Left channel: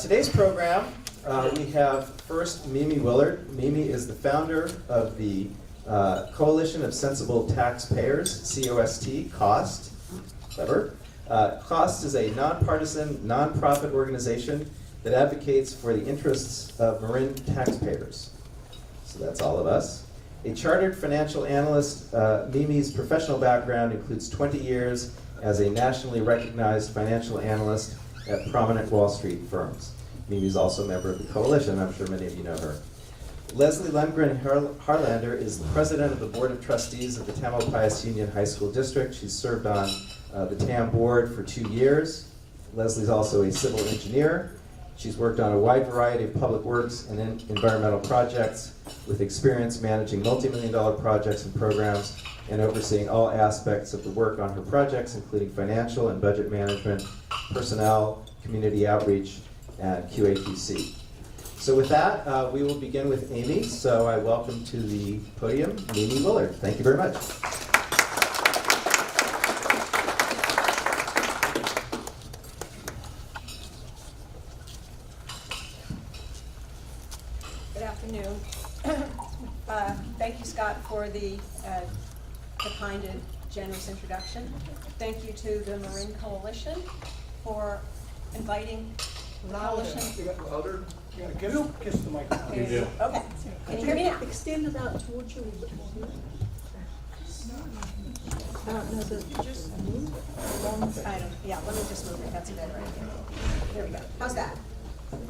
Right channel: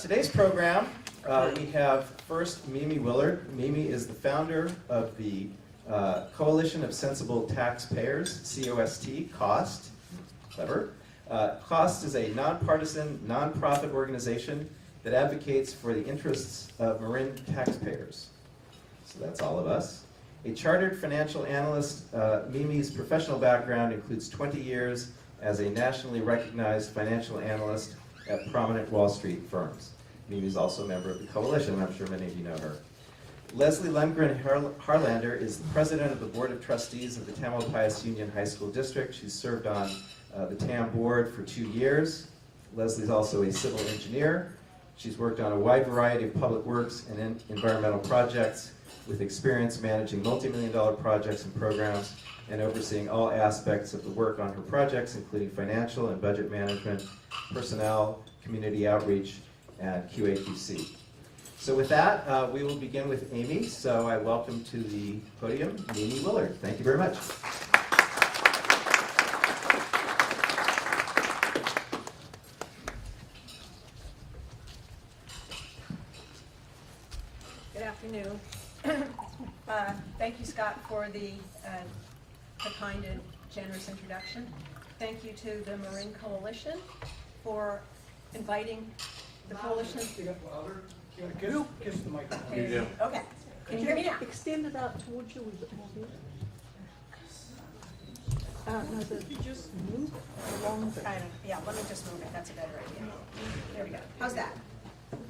Today's program, we have first Mimi Willard. Mimi is the founder of the Coalition of Sensible Taxpayers, COST, COST, clever. COST is a nonpartisan, nonprofit organization that advocates for the interests of Marin taxpayers. So that's all of us. A chartered financial analyst, Mimi's professional background includes 20 years as a nationally recognized financial analyst at prominent Wall Street firms. Mimi is also a member of the coalition. I'm sure many of you know her. Leslie Lundgren Harlander is the president of the Board of Trustees of the Tamalpais Union High School District. She's served on the TAM board for 2 years. Leslie's also a civil engineer. She's worked on a wide variety of public works and environmental projects with experience managing multi-million-dollar projects and programs and overseeing all aspects of the work on her projects, including financial and budget management, personnel, community outreach, and QA/QC. So with that, we will begin with Amy. So I welcome to the podium Mimi Willard. Thank you very much. Good afternoon. Thank you, Scott, for the kind and generous introduction. Thank you to the Marin Coalition for inviting the coalition. You got louder? You gotta kiss the microphone. You do. Okay. Can you hear me now? Extend it out towards you a little bit more. No, but just move along. Yeah, let me just move it. That's a good idea. There we go. How's that?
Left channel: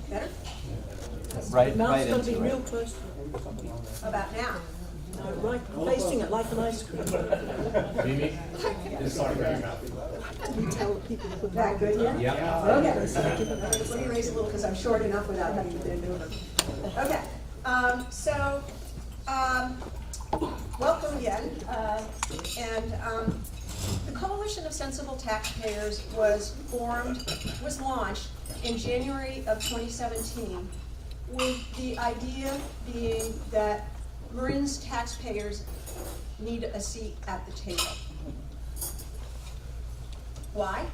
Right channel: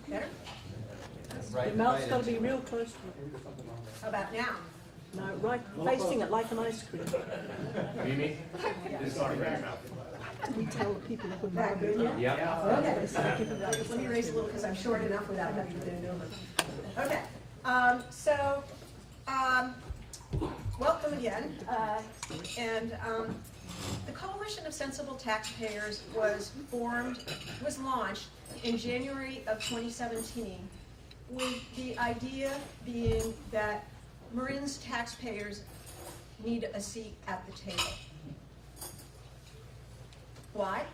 Better? The mouth's going to be real close to it. How about now? No, right, facing it like an ice cream. Mimi? It's not around your mouth. We tell the people to put That good, yeah? Yeah. Okay. Let me raise a little because I'm short enough without having to bend over. Okay. Welcome again. The Coalition of Sensible Taxpayers was launched in January of 2017 with the idea being that Marin's taxpayers need a seat at the table. Why?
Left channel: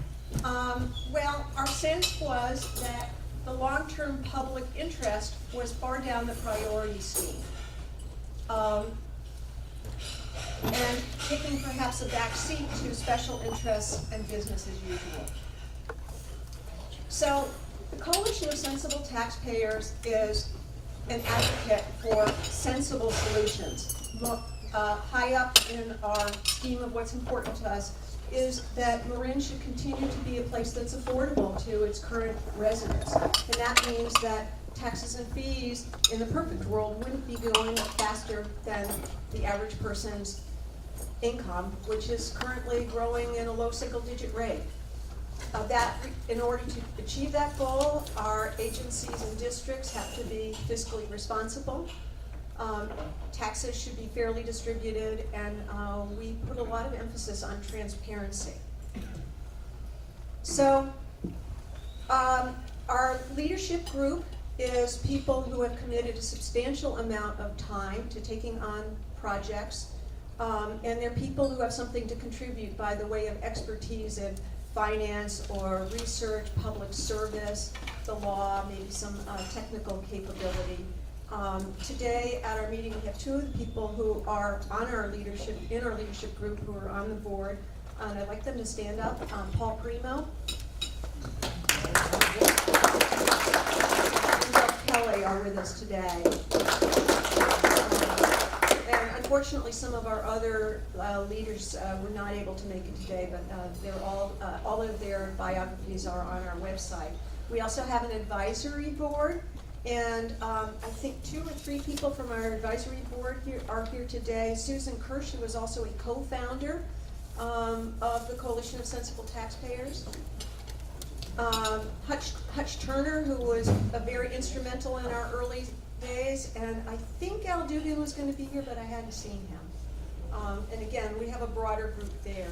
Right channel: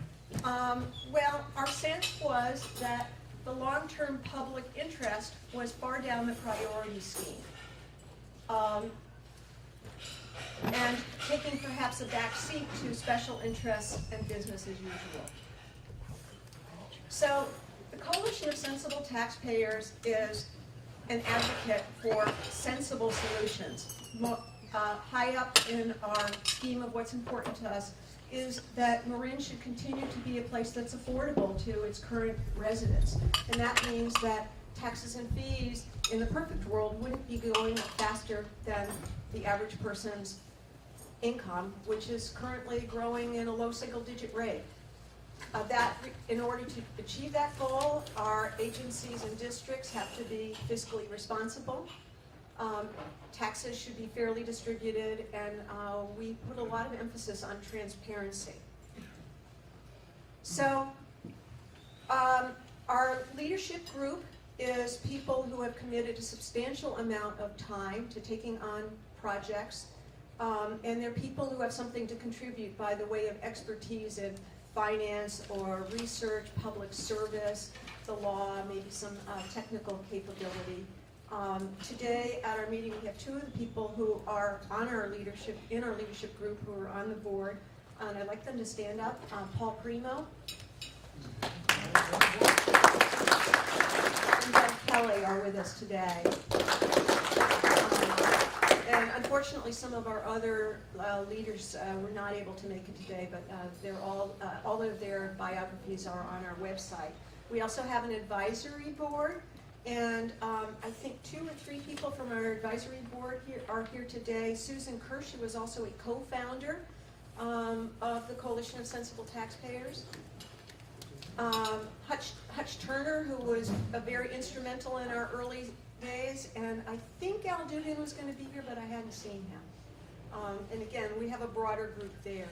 Well, our sense was that the long-term public interest was far down the priority scheme. And taking perhaps a back seat to special interests and business as usual. So the Coalition of Sensible Taxpayers is an advocate for sensible solutions. High up in our scheme of what's important to us is that Marin should continue to be a place that's affordable to its current residents. And that means that taxes and fees in the perfect world wouldn't be going up faster than the average person's income, which is currently growing in a low single-digit rate. In order to achieve that goal, our agencies and districts have to be fiscally responsible. Taxes should be fairly distributed, and we put a lot of emphasis on transparency. So, our leadership group is people who have committed a substantial amount of time to taking on projects, and they're people who have something to contribute by the way of expertise in finance or research, public service, the law, maybe some technical capability. Today at our meeting we have two of the people who are in our leadership group who are on the board, and I'd like them to stand up. Paul Primo and Jeff Kelly are with us today. And unfortunately some of our other leaders were not able to make it today, but they're all of their biographies are on our website. We also have an advisory board. And I think 2 or 3 people from our advisory board are here today. Susan Kirsch, who was also a co-founder of the Coalition of Sensible Taxpayers. Hutch Turner, who was very instrumental in our early days. And I think Al Dugan was going to be here, but I hadn't seen him. And again, we have a broader group there.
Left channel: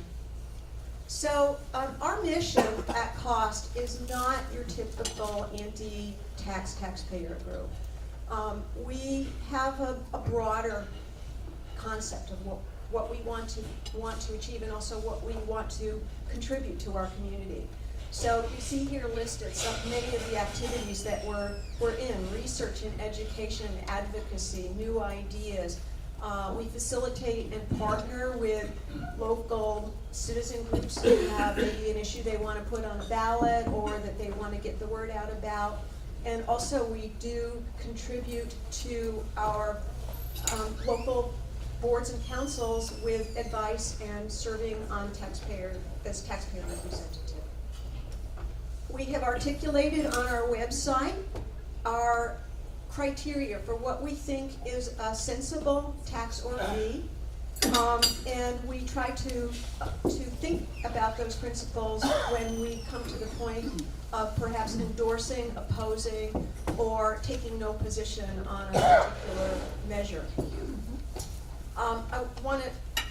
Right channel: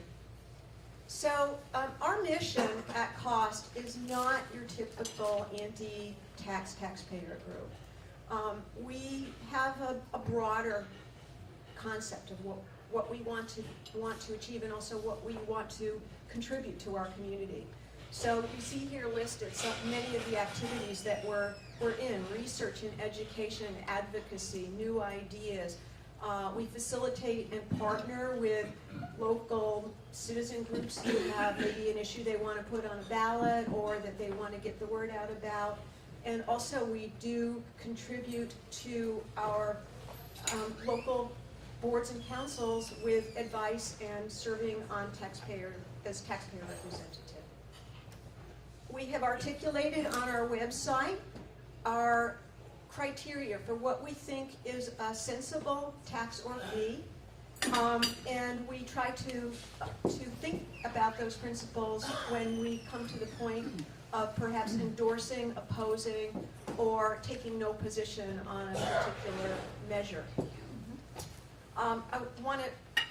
So our mission at COST is not your typical anti-taxpayer group. We have a broader concept of what we want to achieve and also what we want to contribute to our community. So you see here listed many of the activities that we're in: research and education, advocacy, new ideas. We facilitate and partner with local citizen groups who have maybe an issue they want to put on a ballot or that they want to get the word out about. And also we do contribute to our local boards and councils with advice and serving on as taxpayer representative. We have articulated on our website our criteria for what we think is a sensible tax or fee, and we try to think about those principles when we come to the point of perhaps endorsing, opposing, or taking no position on a particular measure.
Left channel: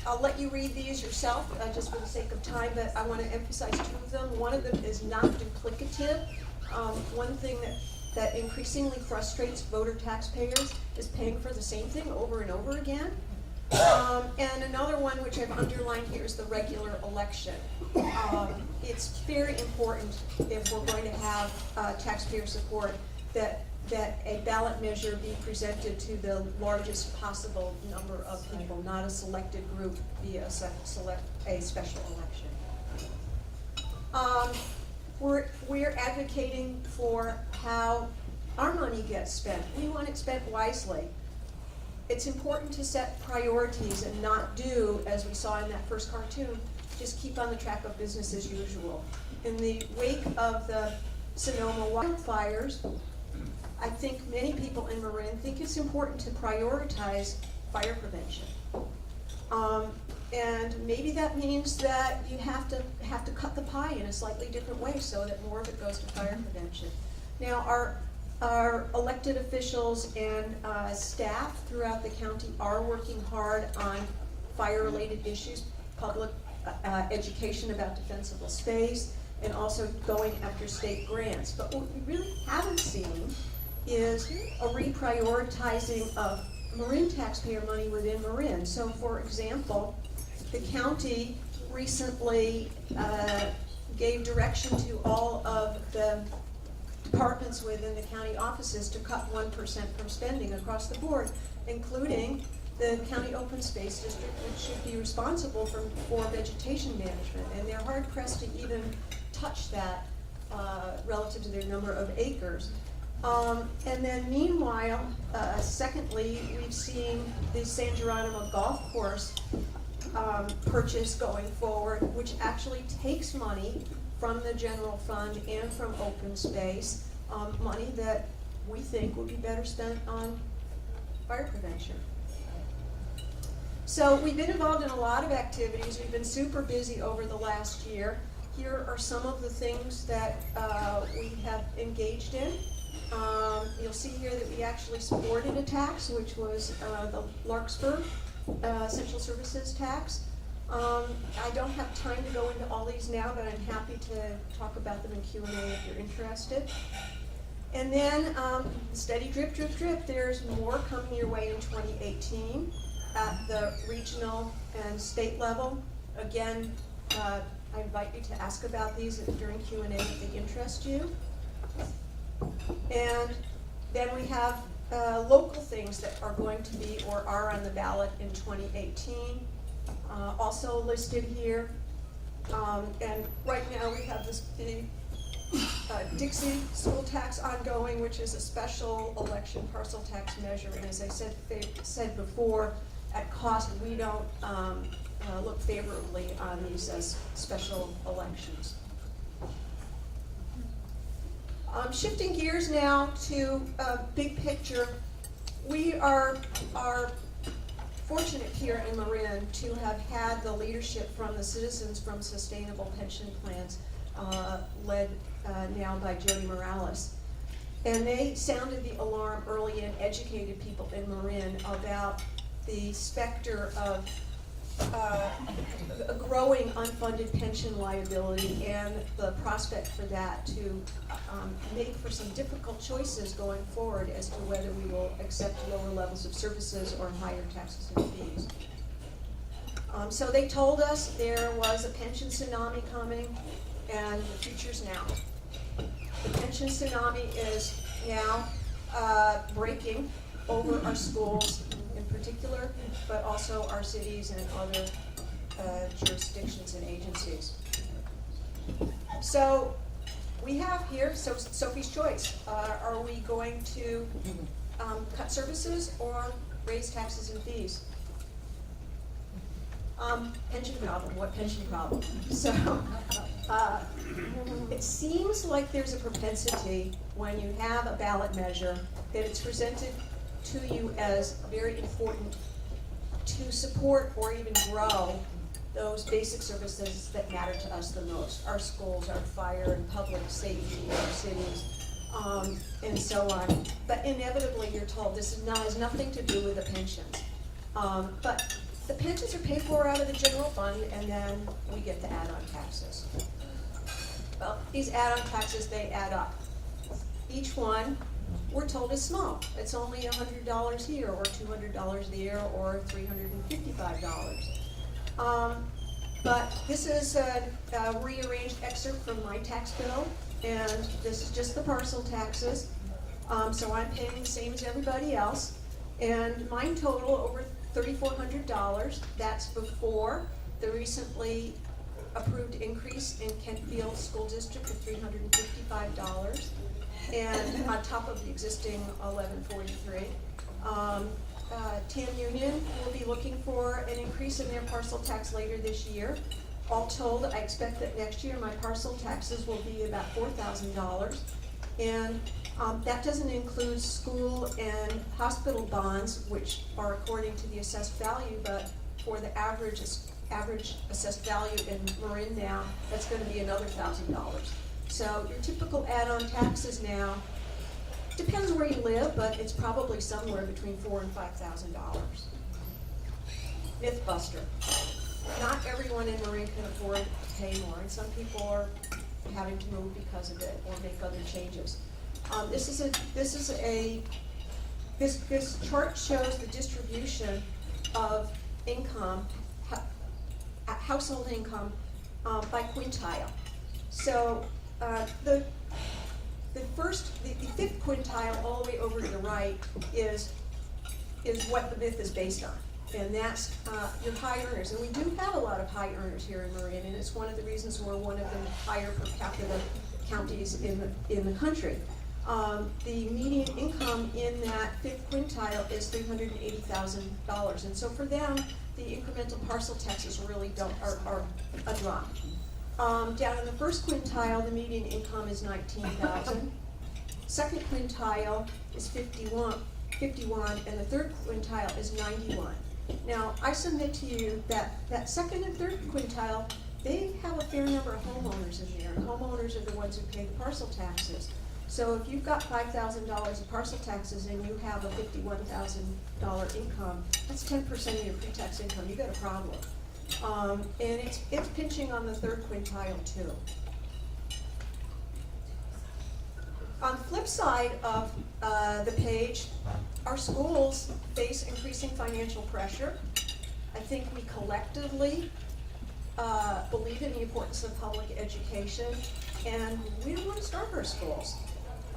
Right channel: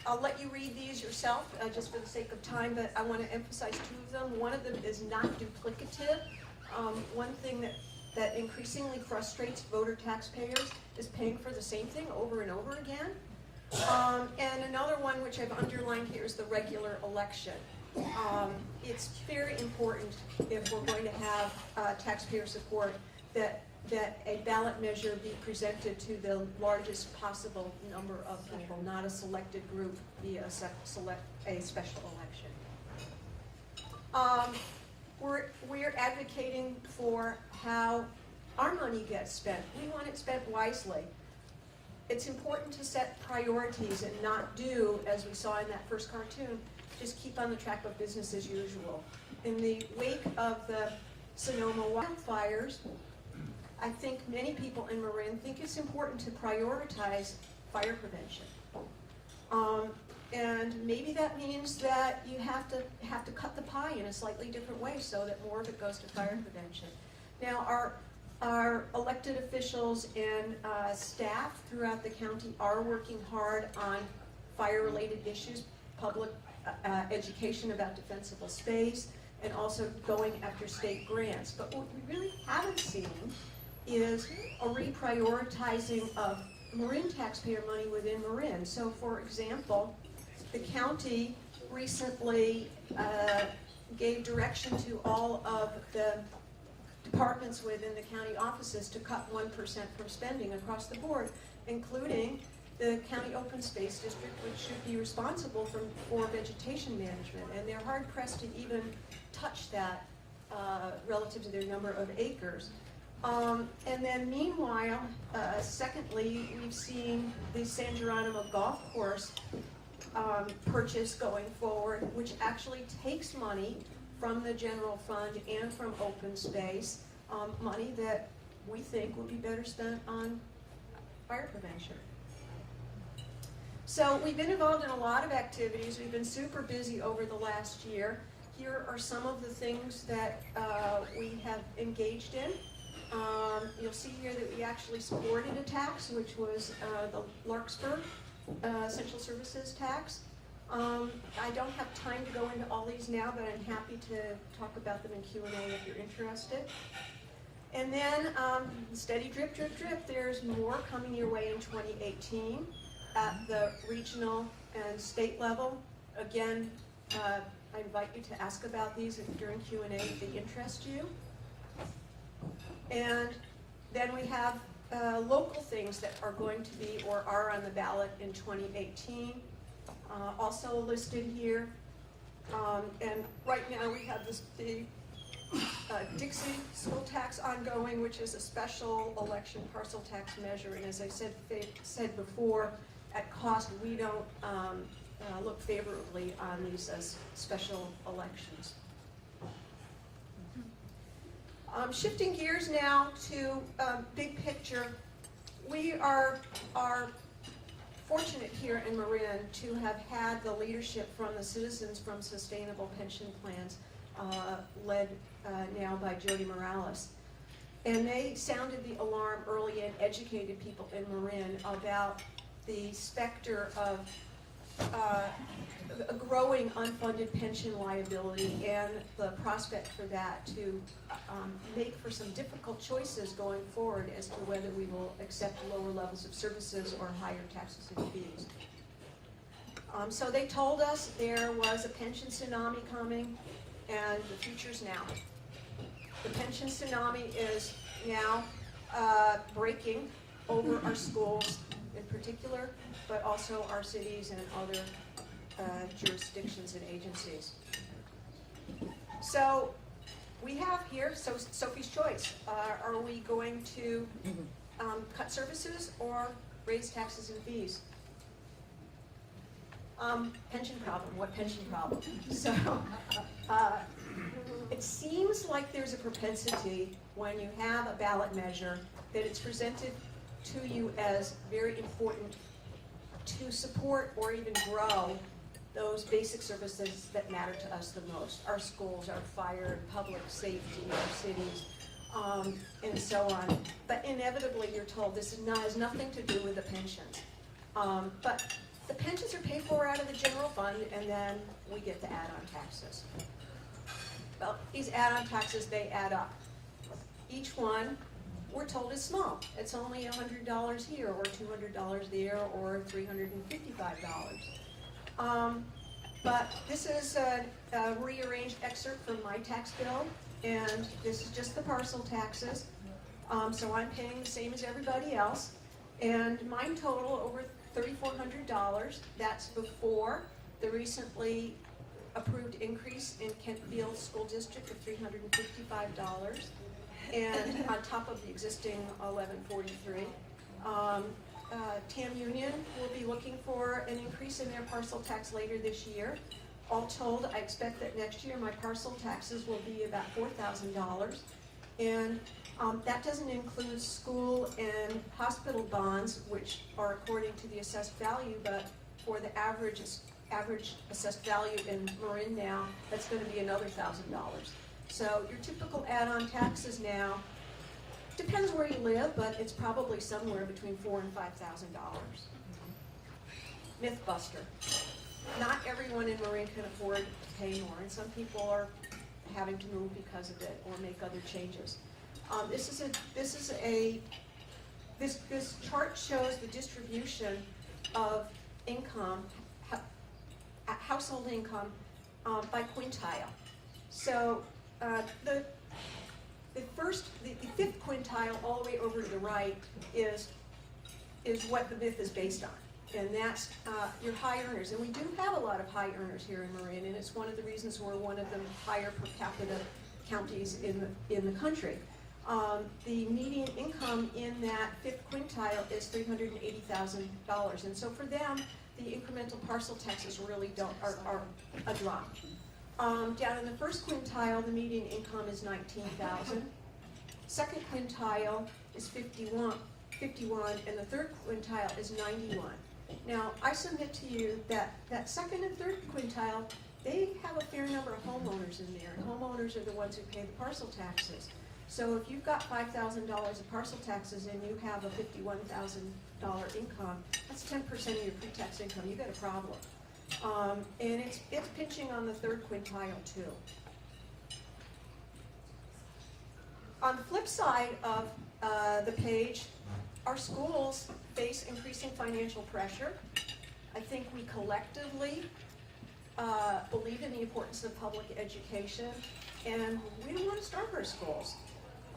I'll let you read these yourself, just for the sake of time, but I want to emphasize two of them. One of them is not duplicative. One thing that increasingly frustrates voter taxpayers is paying for the same thing over and over again. And another one, which I've underlined here, is the regular election. It's very important, if we're going to have taxpayer support, that a ballot measure be presented to the largest possible number of people, not a selected group via a special election. We're advocating for how our money gets spent. We want it spent wisely. It's important to set priorities and not do, as we saw in that first cartoon, just keep on the track of business as usual. In the wake of the Sonoma wildfires, I think many people in Marin think it's important to prioritize fire prevention. And maybe that means that you have to cut the pie in a slightly different way so that more of it goes to fire prevention. Now, our elected officials and staff throughout the county are working hard on fire-related issues, public education about defensible space, and also going after state grants. But what we really haven't seen is a reprioritizing of Marin taxpayer money within Marin. So, for example, the county recently gave direction to all of the departments within the county offices to cut 1% from spending across the board, including the county open space district, which should be responsible for vegetation management. And they're hard pressed to even touch that relative to their number of acres. And then meanwhile, secondly, we've seen the San Geronimo Golf Course purchase going forward, which actually takes money from the general fund and from open space, money that we think would be better spent on fire prevention. So we've been involved in a lot of activities. We've been super busy over the last year. Here are some of the things that we have engaged in. You'll see here that we actually supported a tax, which was the Larkspur Essential Services tax. I don't have time to go into all these now, but I'm happy to talk about them in Q&A if you're interested. And then steady drip, drip, drip. There's more coming your way in 2018 at the regional and state level. Again, I invite you to ask about these during Q&A if they interest you. And then we have local things that are going to be or are on the ballot in 2018, also listed here. And right now we have the Dixie school tax ongoing, which is a special election parcel tax measure. And as I said before, at cost, we don't look favorably on these as special elections. Shifting gears now to big picture, we are fortunate here in Marin to have had the leadership from the Citizens from Sustainable Pension Plans, led now by Jody Morales. And they sounded the alarm early and educated people in Marin about the specter of a growing unfunded pension liability and the prospect for that to make for some difficult choices going forward as to whether we will accept lower levels of services or higher taxes and fees. So they told us there was a pension tsunami coming. and the future's now. The pension tsunami is now breaking over our schools in particular, but also our cities and other jurisdictions and agencies. So we have here Sophie's choice. Are we going to cut services or raise taxes and fees? Pension problem. What pension problem? So it seems like there's a propensity when you have a ballot measure that it's presented to you as very important to support or even grow those basic services that matter to us the most. Our schools, our fire and public safety, our cities, and so on. But inevitably you're told this has nothing to do with the pensions. But the pensions are paid for out of the general fund, and then we get the add-on taxes. Well, these add-on taxes, they add up. Each one, we're told, is small. It's only $100 here, or $200 there, or $355. But this is a rearranged excerpt from my tax bill, and this is just the parcel taxes. So I'm paying the same as everybody else, and mine total over $3,400. That's before the recently approved increase in Kentfield School District of $355, and on top of the existing $1,143. Tam Union will be looking for an increase in their parcel tax later this year. All told, I expect that next year my parcel taxes will be about $4,000, and that doesn't include school and hospital bonds, which are according to the assessed value, but for the average assessed value in Marin now, that's going to be another $1,000. So your typical add-on taxes now, depends where you live, but it's probably somewhere between $4,000 and $5,000. Mythbuster. Not everyone in Marin can afford to pay more, and some people are having to move because of it or make other changes. This chart shows the distribution of income, household income, by quintile. So the fifth quintile all the way over to the right is what the myth is based on. And that's your high earners. And we do have a lot of high earners here in Marin, and it's one of the reasons we're one of the higher per capita counties in the country. The median income in that fifth quintile is $380,000. And so for them, the incremental parcel taxes really are a drop. Down in the first quintile, the median income is $19,000. Second quintile is 51, and the third quintile is 91. Now, I submit to you that second and third quintile, they have a fair number of homeowners in there. And homeowners are the ones who pay the parcel taxes. So if you've got $5,000 in parcel taxes and you have a $51,000 income, that's 10% of your pre-tax income. You've got a problem. And it's pinching on the third quintile too. On the flip side of the page, our schools face increasing financial pressure. I think we collectively believe in the importance of public education, and we don't want to starve our schools.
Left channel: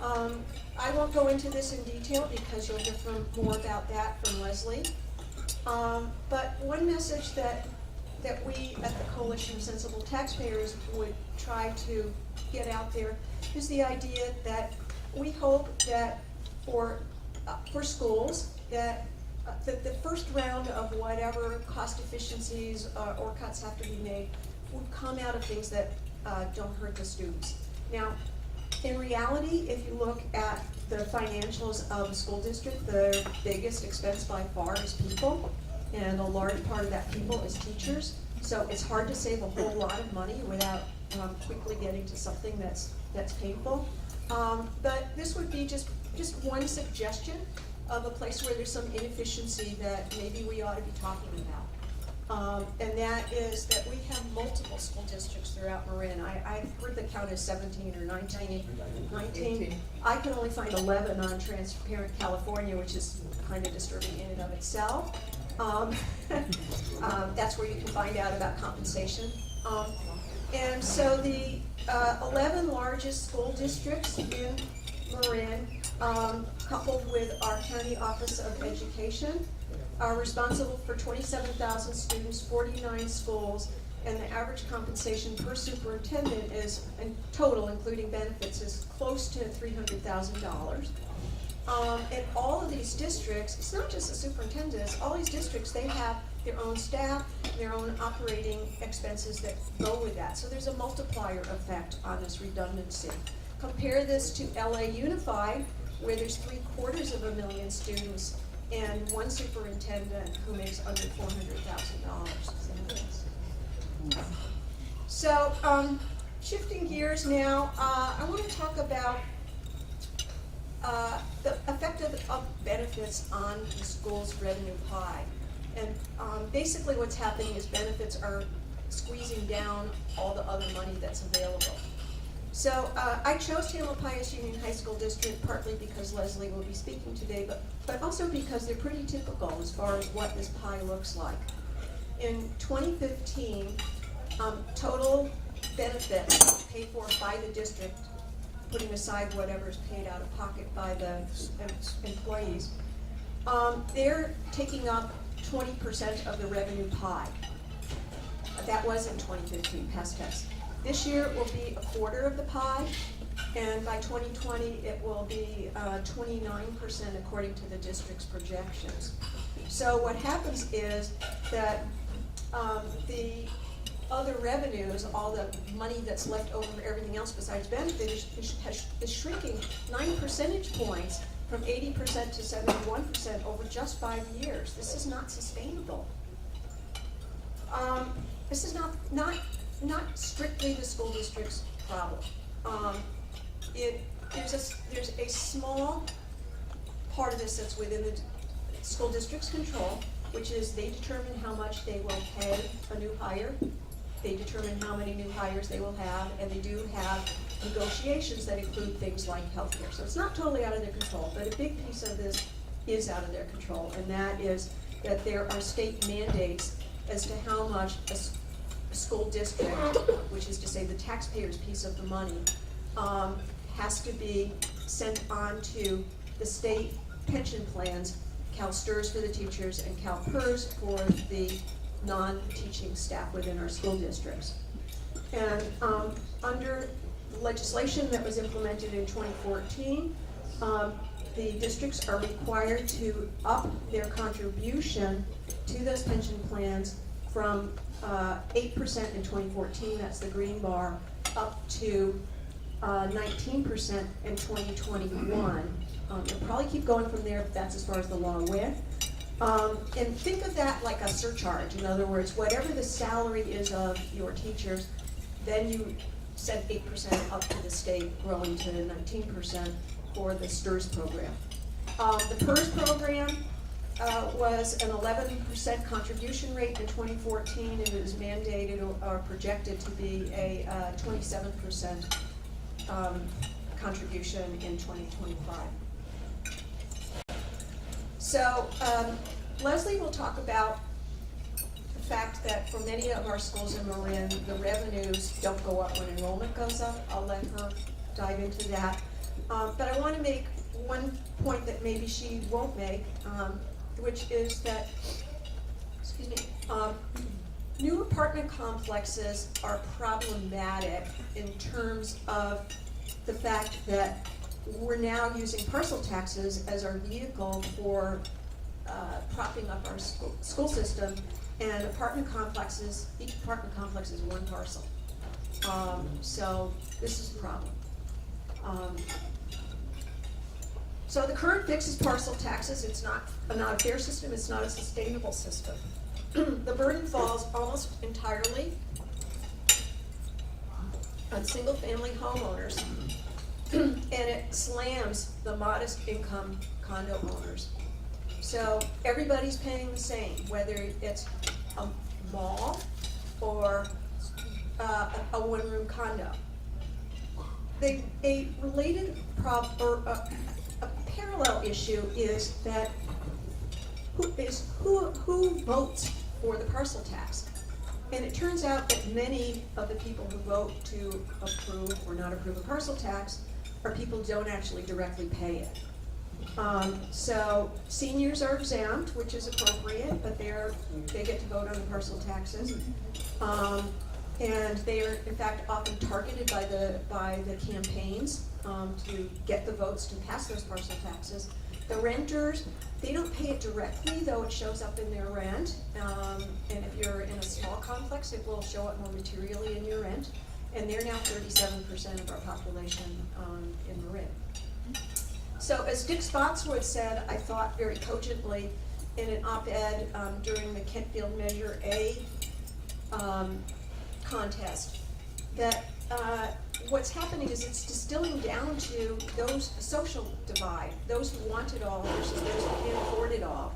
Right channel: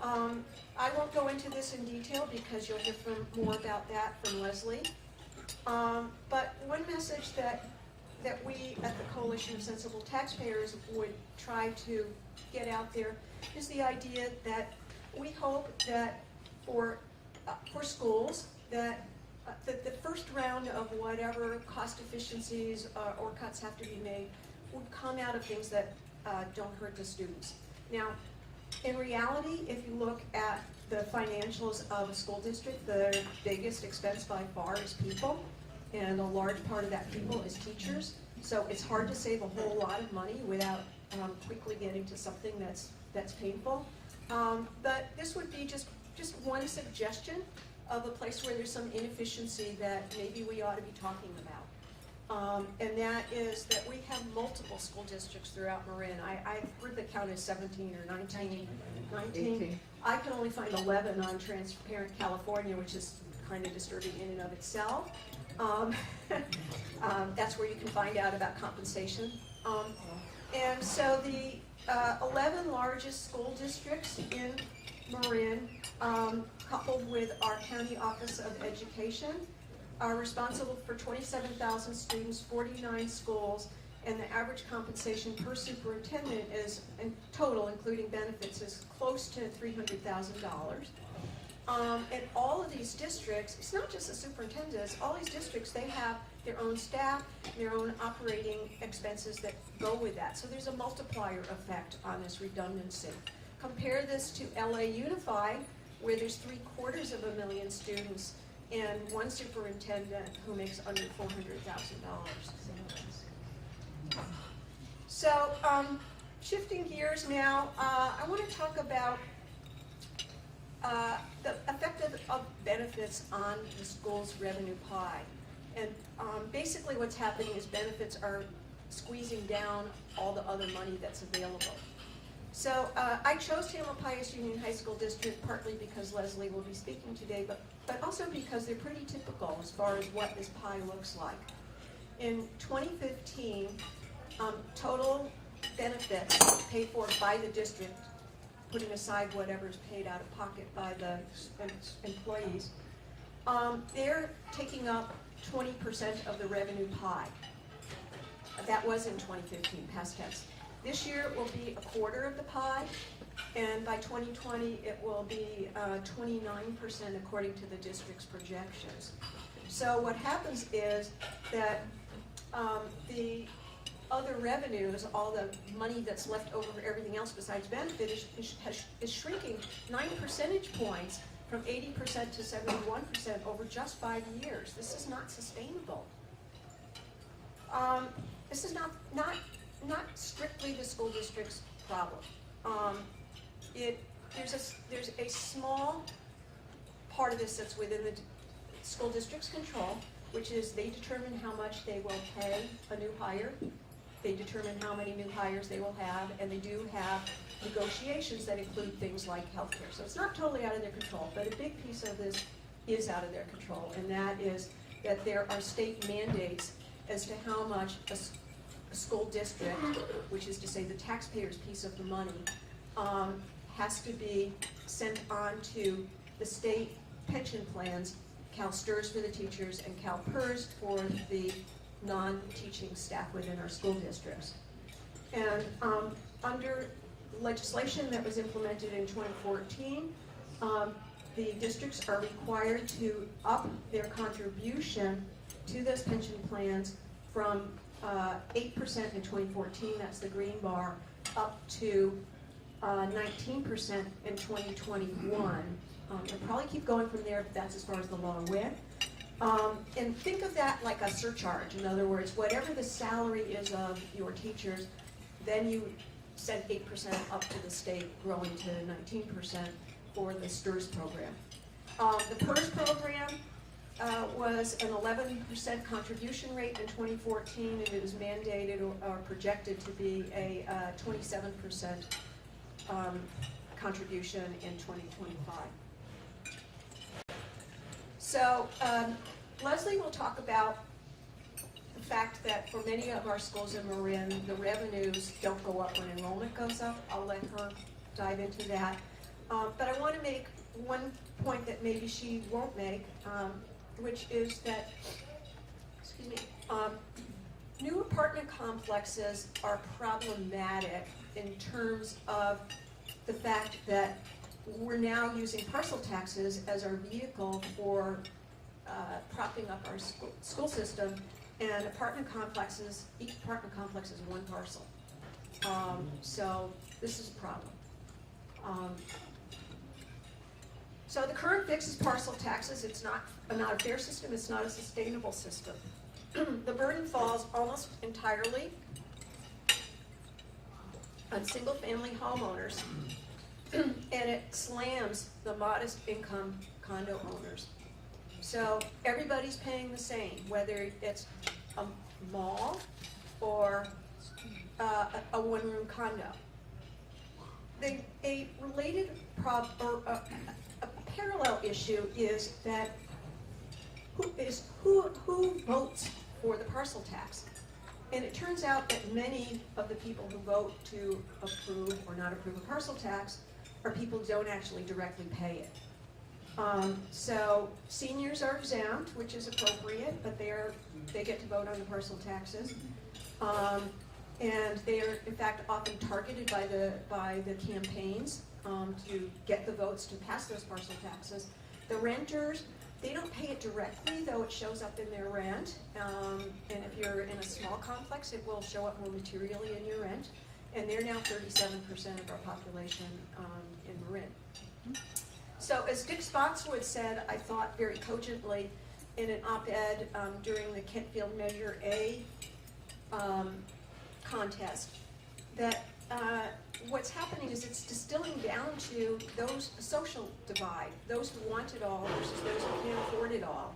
I won't go into this in detail because you'll hear more about that from Leslie. But one message that we at the Coalition of Sensible Taxpayers would try to get out there is the idea that we hope that for schools that the first round of whatever cost efficiencies or cuts have to be made would come out of things that don't hurt the students. Now, in reality, if you look at the financials of a school district, the biggest expense by far is people, and a large part of that people is teachers. So it's hard to save a whole lot of money without quickly getting to something that's painful. But this would be just one suggestion of a place where there's some inefficiency that maybe we ought to be talking about. And that is that we have multiple school districts throughout Marin. I've heard the count is 17 or 19. 19. I can only find 11 on Transparent California, which is kind of disturbing in and of itself. That's where you can find out about compensation. And so the 11 largest school districts in Marin, coupled with our County Office of Education, are responsible for 27,000 students, 49 schools, and the average compensation per superintendent is, in total, including benefits, is close to $300,000. And all of these districts, it's not just the superintendents, all these districts, they have their own staff, their own operating expenses that go with that. So there's a multiplier effect on this redundancy. Compare this to LA Unified, where there's 750,000 students and one superintendent who makes under $400,000. So, shifting gears now, I want to talk about the effect of benefits on the school's revenue pie. And basically what's happening is benefits are squeezing down all the other money that's available. So I chose Tamalpais Union High School District partly because Leslie will be speaking today, but also because they're pretty typical as far as what this pie looks like. In 2015, total benefits paid for by the district, putting aside whatever's paid out of pocket by the employees, they're taking up 20% of the revenue pie. That was in 2015, past tense. This year it will be a quarter of the pie, and by 2020 it will be 29% according to the district's projections. So what happens is that the other revenues, all the money that's left over for everything else besides benefit, is shrinking 9 percentage points from 80% to 71% over just 5 years. This is not sustainable. This is not strictly the school district's problem. There's a small part of this that's within the school district's control, which is they determine how much they will pay a new hire. They determine how many new hires they will have, and they do have negotiations that include things like healthcare. So it's not totally out of their control, but a big piece of this is out of their control, and that is that there are state mandates as to how much a school district, which is to say the taxpayer's piece of the money, has to be sent on to the state pension plans, CalSTRS for the teachers and CalPERS for the non-teaching staff within our school districts. And under legislation that was implemented in 2014, the districts are required to up their contribution to those pension plans from 8% in 2014, that's the green bar, up to 19% in 2021. They'll probably keep going from there, but that's as far as the law went. And think of that like a surcharge. In other words, whatever the salary is of your teachers, then you set 8% up to the state, growing to 19% for the STRS program. The PERS program was an 11% contribution rate in 2014, and it is mandated or projected to be a 27% contribution in 2025. So Leslie will talk about the fact that for many of our schools in Marin, the revenues don't go up when enrollment goes up. I'll let her dive into that. But I want to make one point that maybe she won't make, which is that, new apartment complexes are problematic in terms of the fact that we're now using parcel taxes as our vehicle for propping up our school system, and apartment complexes, each apartment complex is one parcel. So this is a problem. So the current fix is parcel taxes. It's not a fair system. It's not a sustainable system. The burden falls almost entirely on single-family homeowners, and it slams the modest income condo owners. So everybody's paying the same, whether it's a mall or a one-room condo. A related a parallel issue is that who votes for the parcel tax? And it turns out that many of the people who vote to approve or not approve a parcel tax are people who don't actually directly pay it. So seniors are exempt, which is appropriate, but they get to vote on the parcel taxes. And they are, in fact, often targeted by the campaigns to get the votes to pass those parcel taxes. The renters, they don't pay it directly, though it shows up in their rent. And if you're in a small complex, it will show up more materially in your rent. And they're now 37% of our population in Marin. So as Dick Spotswood said, I thought very cogently in an op-ed during the Kentfield Measure A contest, that what's happening is it's distilling down to those social divide, those who want it all versus those who can't afford it all.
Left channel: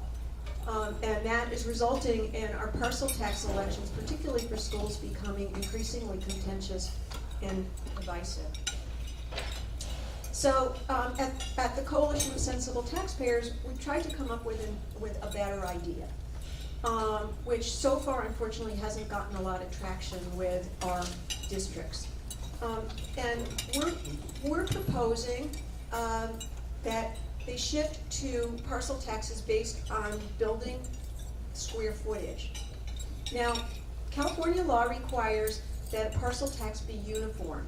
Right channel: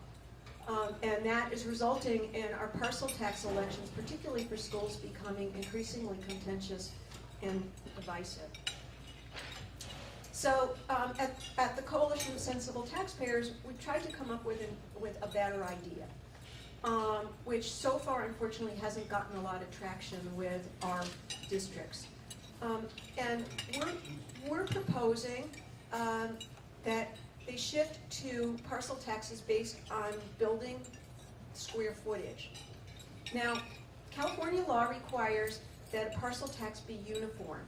And that is resulting in our parcel tax elections, particularly for schools, becoming increasingly contentious and divisive. So at the Coalition of Sensible Taxpayers, we tried to come up with a better idea, which so far unfortunately hasn't gotten a lot of traction with our districts. And we're proposing that they shift to parcel taxes based on building square footage. Now, California law requires that a parcel tax be uniform,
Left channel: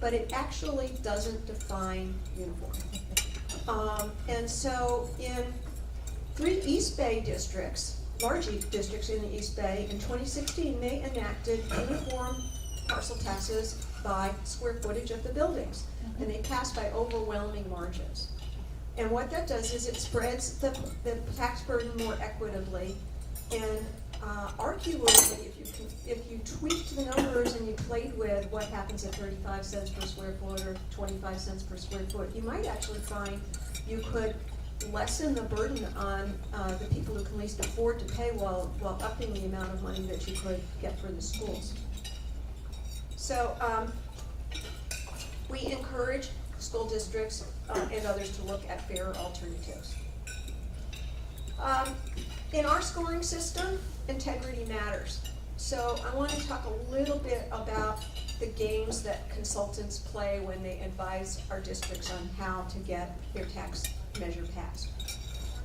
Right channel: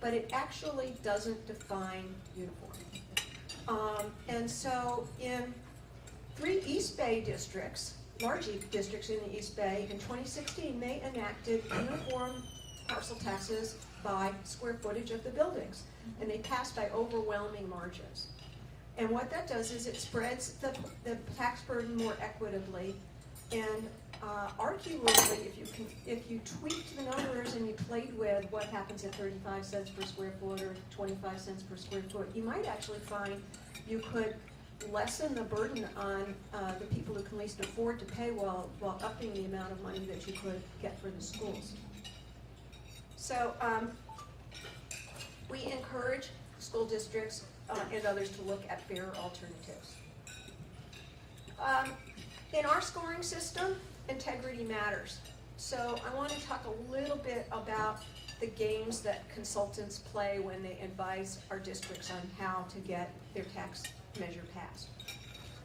but it actually doesn't define uniform. And so in 3 East Bay districts, large districts in the East Bay, in 2016 they enacted uniform parcel taxes by square footage of the buildings, and they passed by overwhelming margins. And what that does is it spreads the tax burden more equitably, and arguably, if you tweaked the numbers and you played with what happens at 35 cents per square foot or 25 cents per square foot, you might actually find you could lessen the burden on the people who can least afford to pay while upping the amount of money that you could get for the schools. So we encourage school districts and others to look at fairer alternatives. In our scoring system, integrity matters. So I want to talk a little bit about the games that consultants play when they advise our districts on how to get their tax measure passed.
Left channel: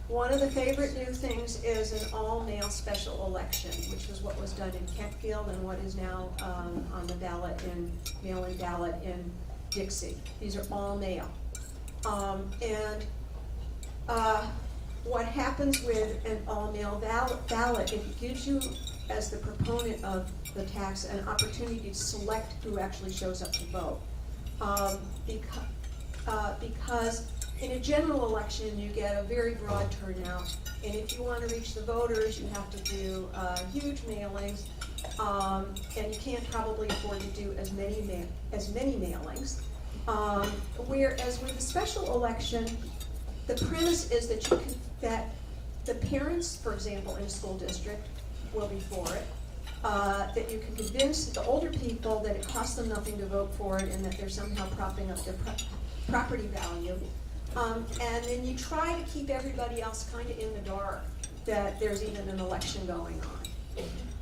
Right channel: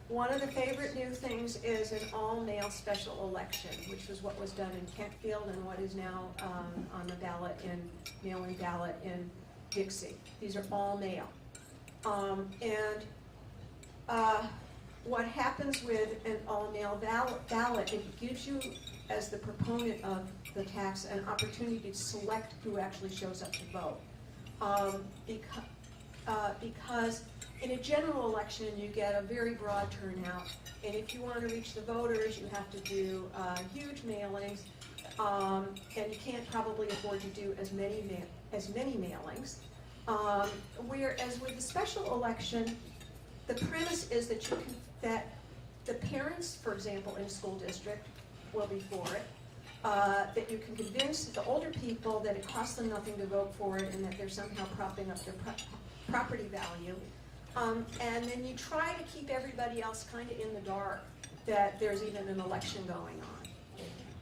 One of the favorite new things is an all-male special election, which was what was done in Kentfield and what is now on the ballot mail-in ballot in Dixie. These are all male. What happens with an all-male ballot, it gives you, as the proponent of the tax, an opportunity to select who actually shows up to vote. Because in a general election, you get a very broad turnout, and if you want to reach the voters, you have to do huge mailings, and you can't probably afford to do as many mailings. Whereas with a special election, the premise is that that the parents, for example, in a school district, will be for it. That you can convince the older people that it costs them nothing to vote for it, and that they're somehow propping up their property value. And then you try to keep everybody else kind of in the dark that there's even an election going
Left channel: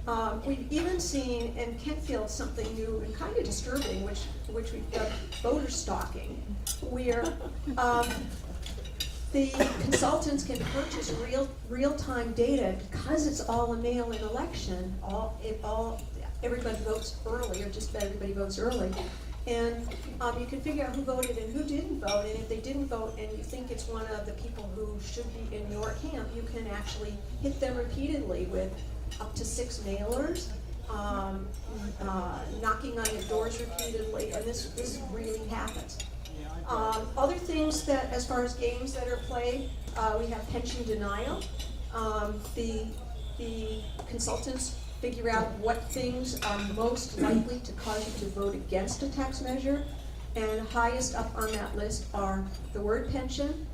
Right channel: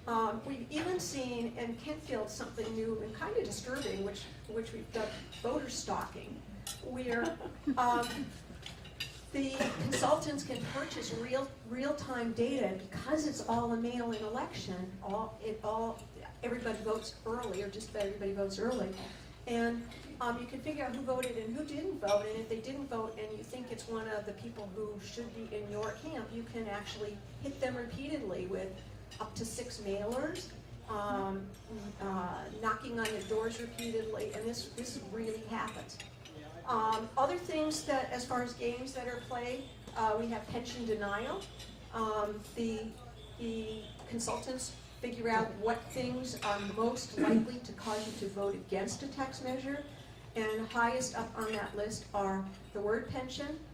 on. We've even seen in Kentfield something new and kind of disturbing, which we've dubbed voter stalking, where the consultants can purchase real-time data because it's all a mail-in election. Everybody votes early, or just about everybody votes early, and you can figure out who voted and who didn't vote. And if they didn't vote, and you think it's one of the people who should be in your camp, you can actually hit them repeatedly with up to 6 mailers, knocking on your doors repeatedly, and this really happens. Other things that, as far as games that are played, we have pension denial. The consultants figure out what things are most likely to cause you to vote against a tax measure, and highest up on that list are the word pension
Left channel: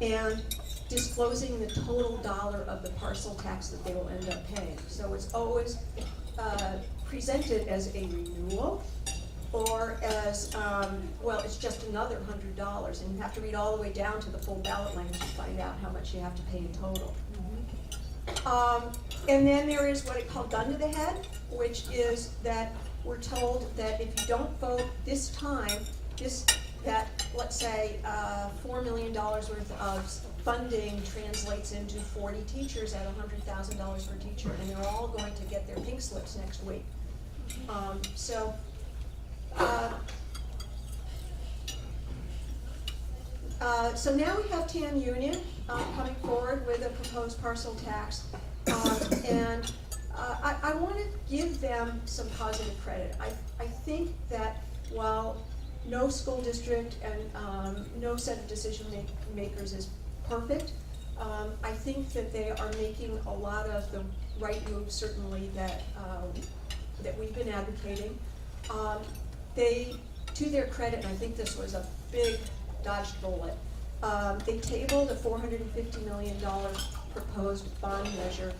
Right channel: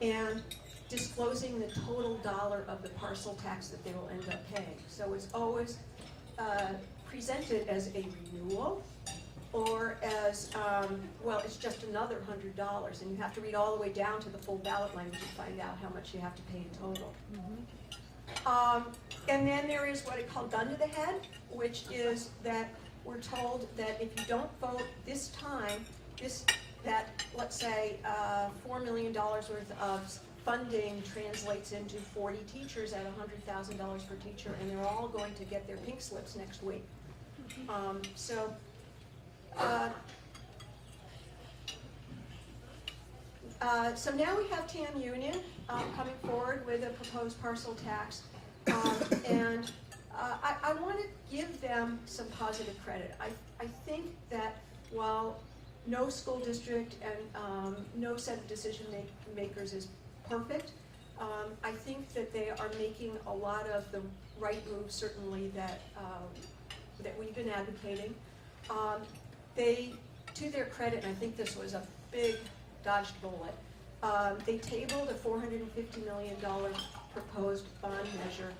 and disclosing the total dollar of the parcel tax that they will end up paying. So it's always presented as a renewal, or as, it's just another $100, and you have to read all the way down to the full ballot language to find out how much you have to pay in total. And then there is what it called gun to the head, which is that we're told that if you don't vote this time, let's say, $4 million worth of funding translates into 40 teachers at $100,000 per teacher, and they're all going to get their pink slips next week. So now we have TAM Union coming forward with a proposed parcel tax, and I want to give them some positive credit. I think that while no school district and no set of decision makers is perfect, I think that they are making a lot of the right moves, certainly that we've been advocating. They, to their credit, and I think this was a big dodged bullet, they tabled a $450 million proposed bond measure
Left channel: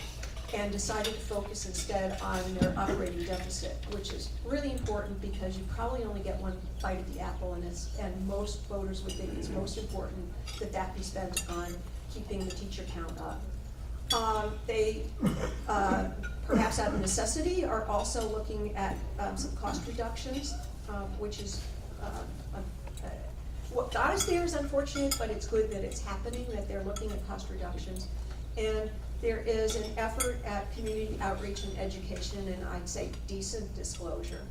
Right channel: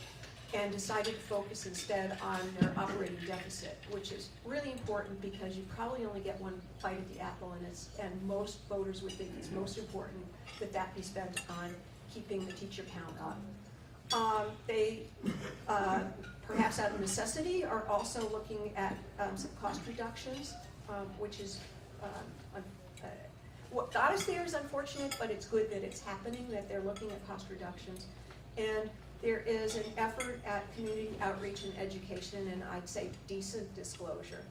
and decided to focus instead on their operating deficit, which is really important because you probably only get one bite of the apple, and most voters would think it's most important that that be spent on keeping the teacher count up. They, perhaps out of necessity, are also looking at some cost reductions, which is what got us there is unfortunate, but it's good that it's happening, that they're looking at cost reductions. And there is an effort at community outreach and education, and I'd say decent disclosure.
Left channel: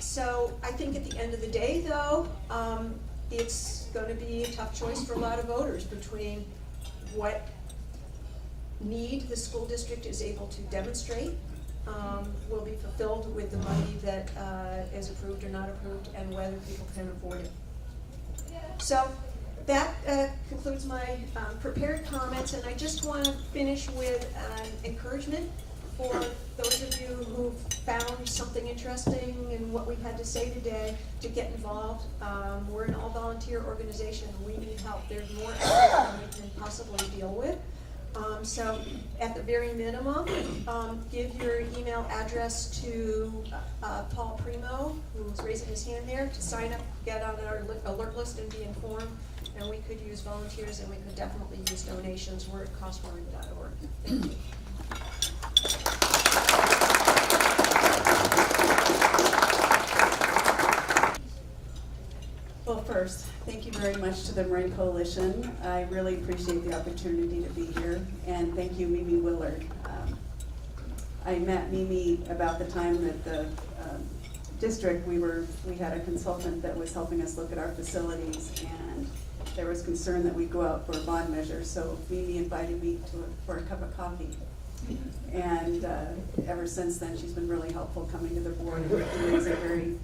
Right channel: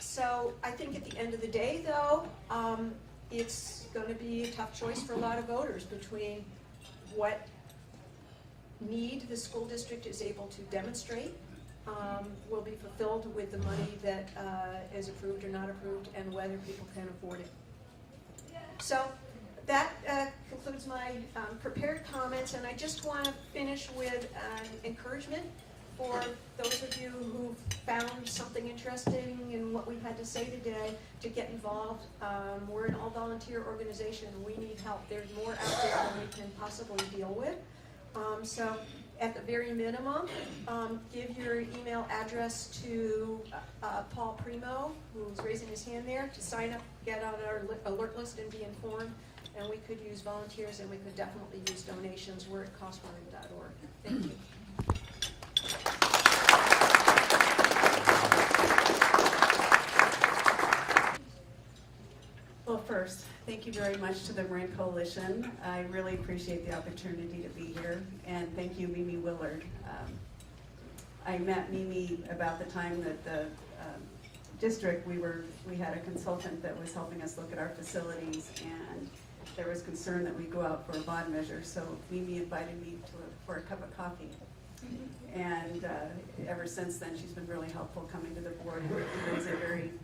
So I think at the end of the day, though, it's going to be a tough choice for a lot of voters between what need the school district is able to demonstrate will be fulfilled with the money that is approved or not approved, and whether people can afford it. So that concludes my prepared comments, and I just want to finish with an encouragement for those of you who've found something interesting in what we've had to say today to get involved. We're an all-volunteer organization. We need help. There's more out there than we can possibly deal with. So at the very minimum, give your email address to Paul Primo, who's raising his hand there, to sign up, get on our alert list and be informed. And we could use volunteers, and we could definitely use donations. We're at costmarin.org. Thank you. Well, first, thank you very much to the Marin Coalition. I really appreciate the opportunity to be here, and thank you, Mimi Willard. I met Mimi about the time that the district, we had a consultant that was helping us look at our facilities, and there was concern that we'd go out for a bond measure, so Mimi invited me for a cup of coffee. And ever since then, she's been really helpful coming to the board and raising very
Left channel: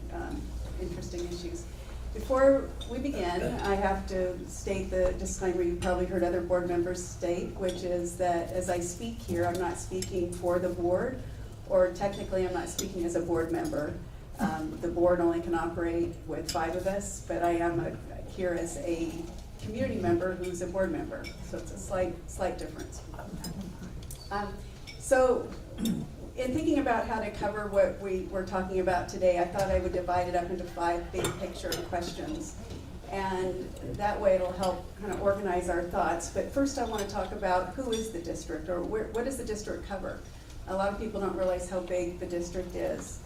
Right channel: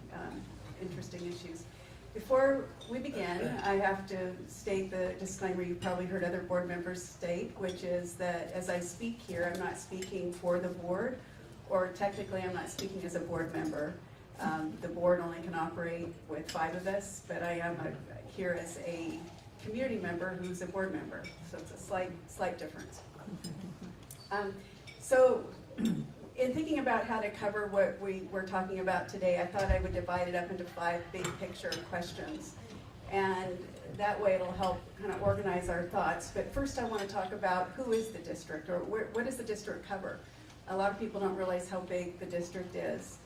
interesting issues. Before we begin, I have to state the disclaimer you probably heard other board members state, which is that as I speak here, I'm not speaking for the board, or technically I'm not speaking as a board member. The board only can operate with 5 of us, but I am here as a community member who's a board member, so it's a slight difference. So in thinking about how to cover what we were talking about today, I thought I would divide it up into 5 big picture questions. And that way it'll help kind of organize our thoughts. But first I want to talk about who is the district, or what does the district cover? A lot of people don't realize how big the district is.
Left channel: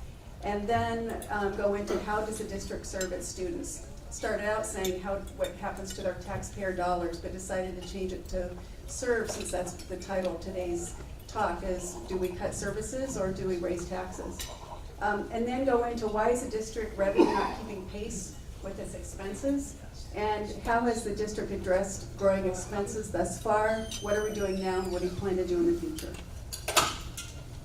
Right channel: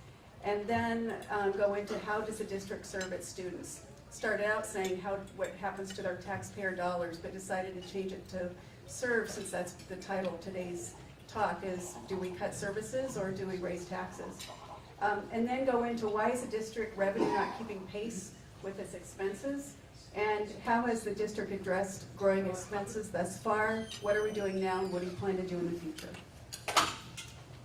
And then go into how does the district serve its students. Started out saying what happens to their taxpayer dollars, but decided to change it to serve, since that's the title of today's talk, is do we cut services or do we raise taxes? And then go into why is the district revenue not keeping pace with its expenses? And how has the district addressed growing expenses thus far? What are we doing now, and what do you plan to do in the future?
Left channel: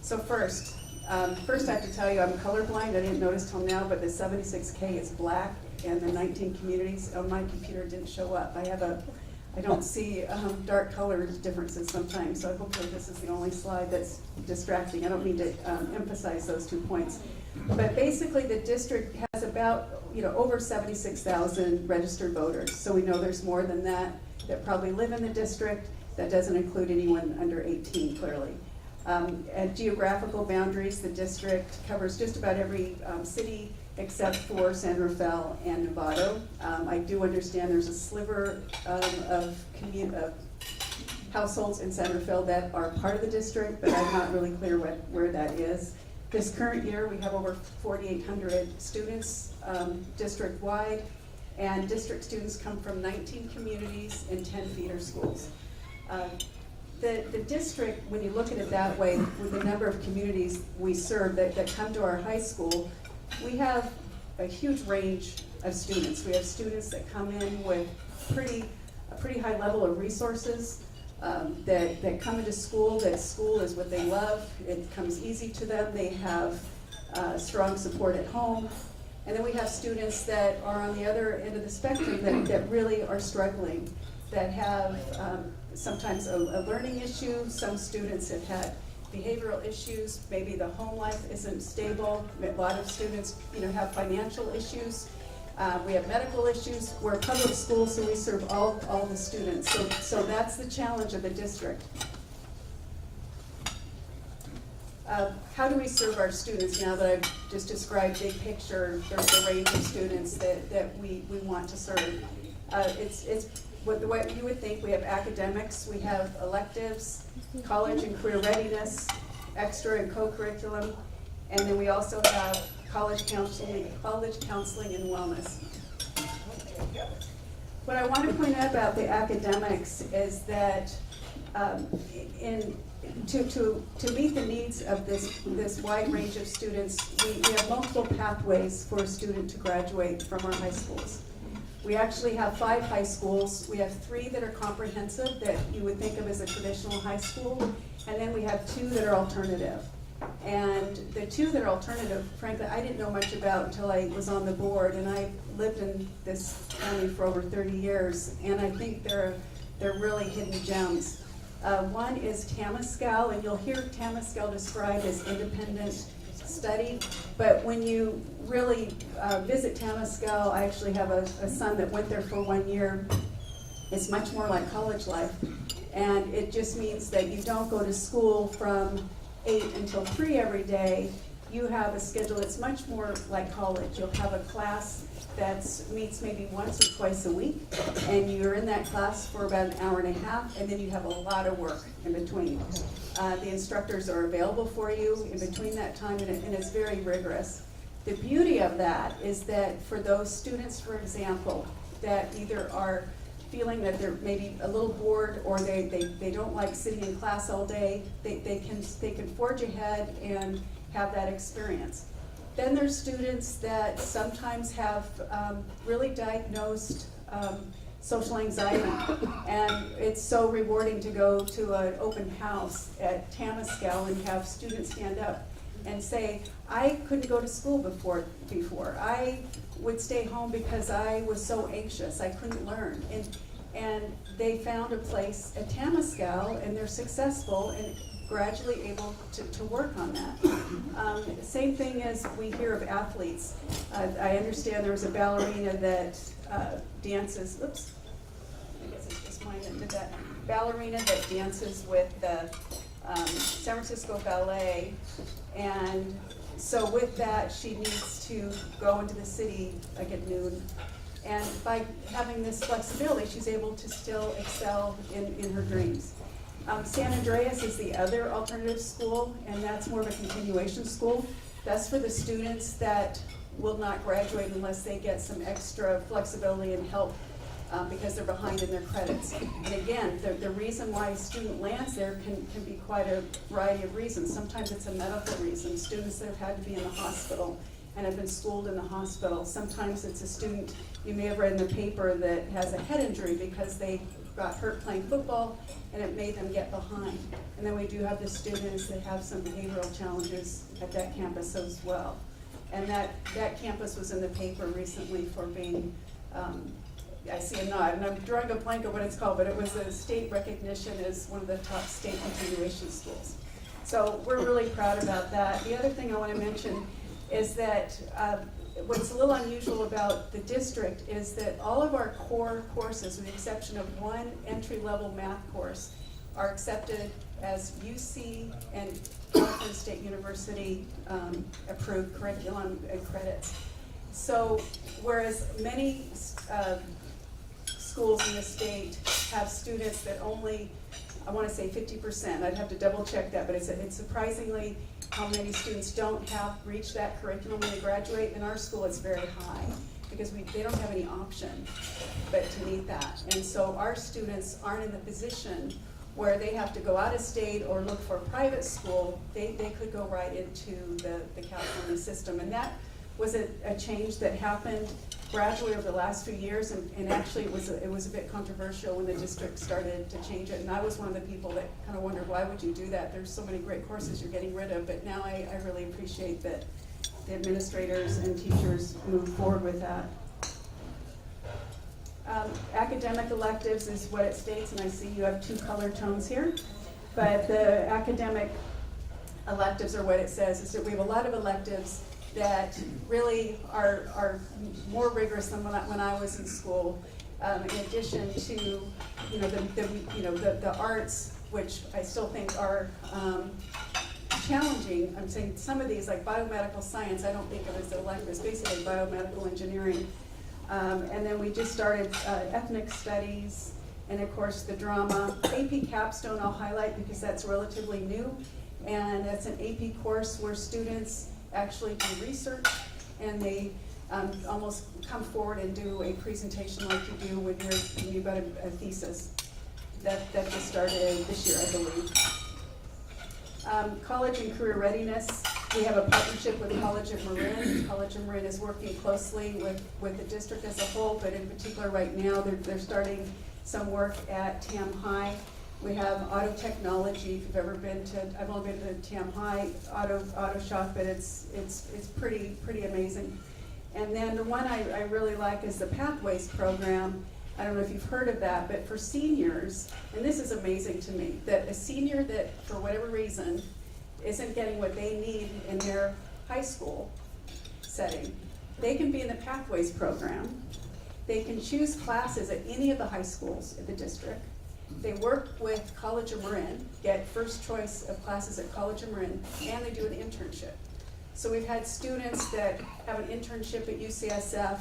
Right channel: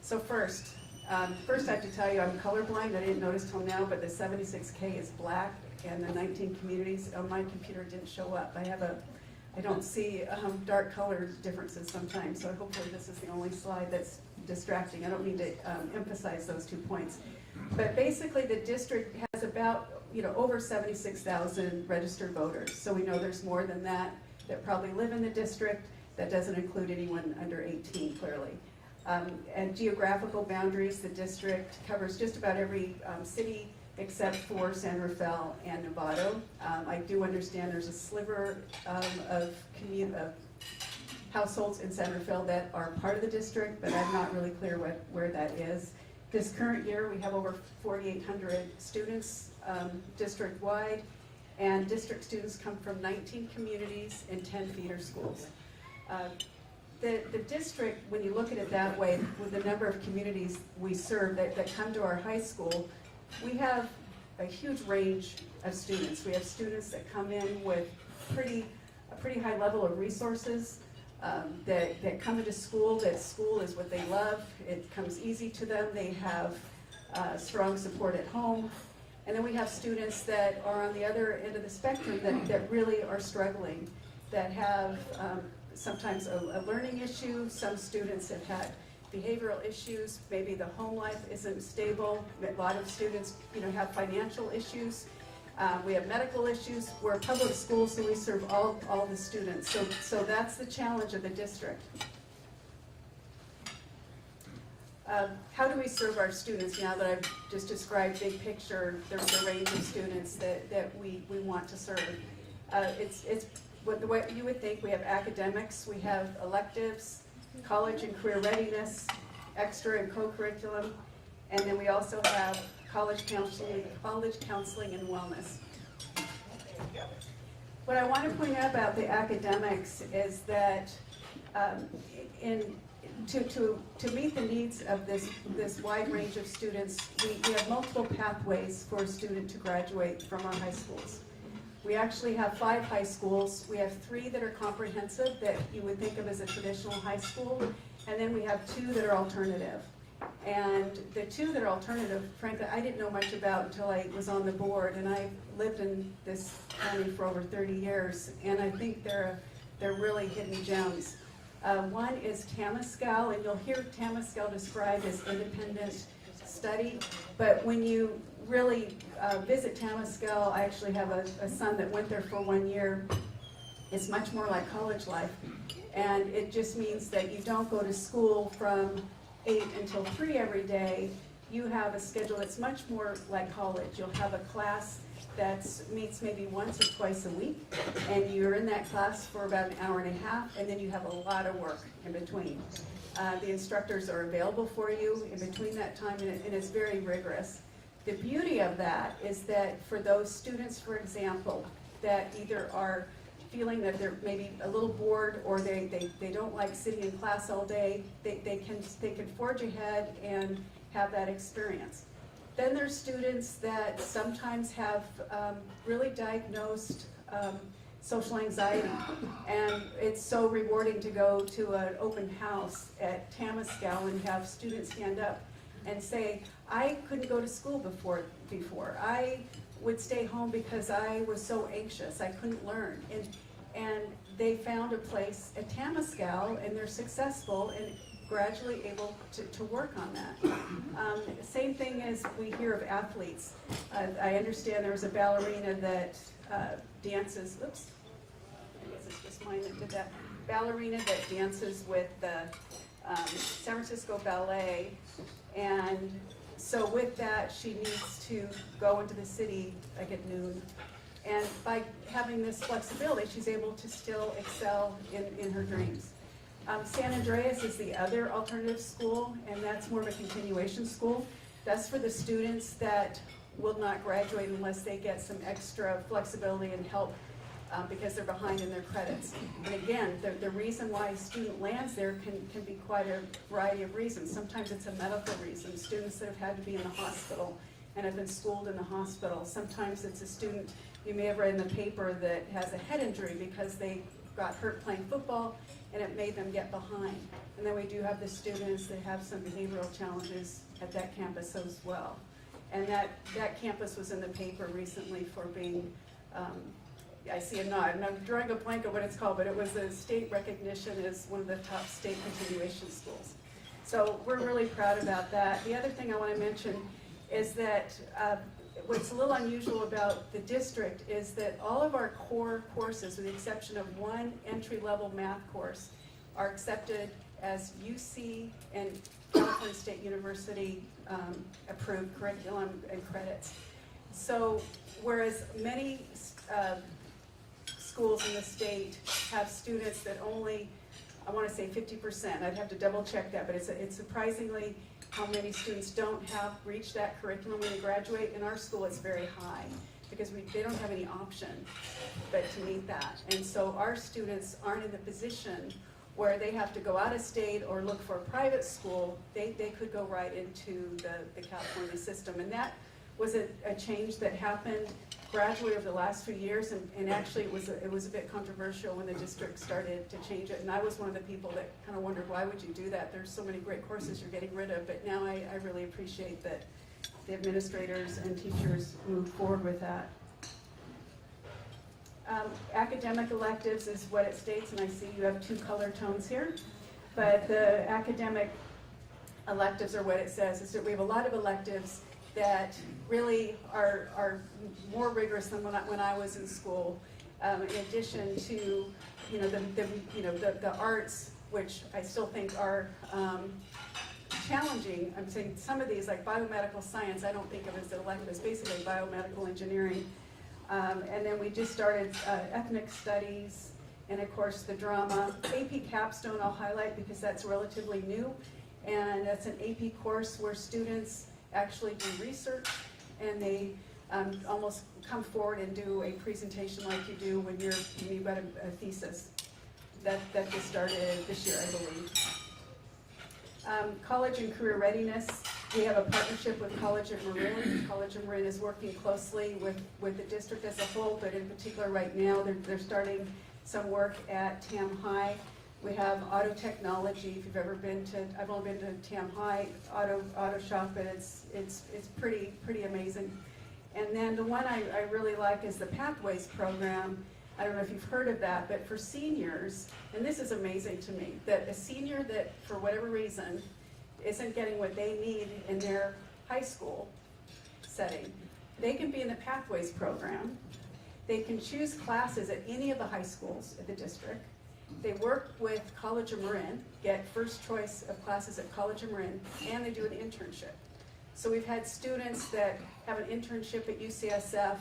So first I have to tell you I'm colorblind. I didn't notice till now, but the 76K is black, and the 19 communities on my computer didn't show up. I don't see dark color differences sometimes, so hopefully this is the only slide that's distracting. I don't need to emphasize those 2 points. But basically the district has about, over 76,000 registered voters. So we know there's more than that probably live in the district. That doesn't include anyone under 18, clearly. At geographical boundaries, the district covers just about every city except for San Rafael and Novato. I do understand there's a sliver of households in Centerville that are part of the district, but I'm not really clear where that is. This current year, we have over 4,800 students district-wide, and district students come from 19 communities and 10 feeder schools. The district, when you look at it that way, with the number of communities we serve that come to our high school, we have a huge range of students. We have students that come in with a pretty high level of resources, that come into school, that school is what they love, it comes easy to them, they have strong support at home. And then we have students that are on the other end of the spectrum that really are struggling, that have sometimes a learning issue. Some students have had behavioral issues, maybe the home life isn't stable. A lot of students, have financial issues. We have medical issues. We're a public school, so we serve all the students. So that's the challenge of the district. How do we serve our students now that I've just described big picture, the range of students that we want to serve? It's the way you would think. We have academics, we have electives, college and career readiness, extra and co-curriculum, and then we also have college counseling and wellness. What I want to point out about the academics is that to meet the needs of this wide range of students, we have multiple pathways for a student to graduate from our high schools. We actually have 5 high schools. We have 3 that are comprehensive that you would think of as a traditional high school, and then we have 2 that are alternative. And the 2 that are alternative, frankly, I didn't know much about until I was on the board, and I lived in this county for over 30 years, and I think they're really hidden gems. One is Tamascal, and you'll hear Tamascal described as independent study, but when you really visit Tamascal, I actually have a son that went there for 1 year. It's much more like college life, and it just means that you don't go to school from 8 until 3 every day. You have a schedule that's much more like college. You'll have a class that meets maybe once or twice a week, and you're in that class for about an hour and a half, and then you have a lot of work in between. The instructors are available for you in between that time, and it's very rigorous. The beauty of that is that for those students, for example, that either are feeling that they're maybe a little bored or they don't like sitting in class all day, they can forge ahead and have that experience. Then there's students that sometimes have really diagnosed social anxiety, and it's so rewarding to go to an open house at Tamascal and have students stand up and say, I couldn't go to school before. I would stay home because I was so anxious, I couldn't learn. And they found a place at Tamascal, and they're successful and gradually able to work on that. Same thing as we hear of athletes. I understand there was a ballerina that dances, oops, I guess it's just mine that did that. Ballerina that dances with the San Francisco Ballet, and so with that, she needs to go into the city like at noon. And by having this flexibility, she's able to still excel in her dreams. San Andreas is the other alternative school, and that's more of a continuation school. That's for the students that will not graduate unless they get some extra flexibility and help because they're behind in their credits. And again, the reason why a student lands there can be quite a variety of reasons. Sometimes it's a medical reason, students that have had to be in the hospital and have been schooled in the hospital. Sometimes it's a student, you may have read in the paper, that has a head injury because they got hurt playing football and it made them get behind. And then we do have the students that have some behavioral challenges at that campus as well. And that campus was in the paper recently for being, I see a nod, and I'm drawing a blank of what it's called, but it was a state recognition as one of the top state continuation schools. So we're really proud about that. The other thing I want to mention is that what's a little unusual about the district is that all of our core courses, with the exception of one entry-level math course, are accepted as UC and California State University approved curriculum and credits. So whereas many schools in the state have students that only I wanna say 50%, I'd have to double check that, but it's surprisingly how many students don't have reached that curriculum when they graduate. In our school, it's very high, because they don't have any option but to meet that. And so our students aren't in the position where they have to go out of state or look for a private school. They could go right into the California system. And that was a change that happened gradually over the last few years, and actually it was a bit controversial when the district started to change it. And I was one of the people that kind of wondered, why would you do that? There's so many great courses you're getting rid of. But now I really appreciate that the administrators and teachers moved forward with that. Academic electives is what it states, and I see you have 2 color tones here. But the academic electives are what it says, is that we have a lot of electives that really are more rigorous than when I was in school. In addition to, the arts, which I still think are challenging. I'm saying some of these, like biomedical science, I don't think of as electives, basically biomedical engineering. And then we just started ethnic studies, and of course the drama. AP Capstone I'll highlight because that's relatively new, and that's an AP course where students actually do research, and they almost come forward and do a presentation like you do when you've got a thesis. That just started this year, I believe. College and career readiness. We have a partnership with College at Marin. College at Marin is working closely with the district as a whole, but in particular right now they're starting some work at Tam High. We have auto technology. If you've ever been to, I've only been to Tam High auto shop, but it's pretty amazing. And then the one I really like is the Pathways program. I don't know if you've heard of that, but for seniors, and this is amazing to me, that a senior that for whatever reason isn't getting what they need in their high school setting, they can be in the Pathways program. They can choose classes at any of the high schools in the district. They work with College of Marin, get first choice of classes at College of Marin, and they do an internship. So we've had students that have an internship at UCSF,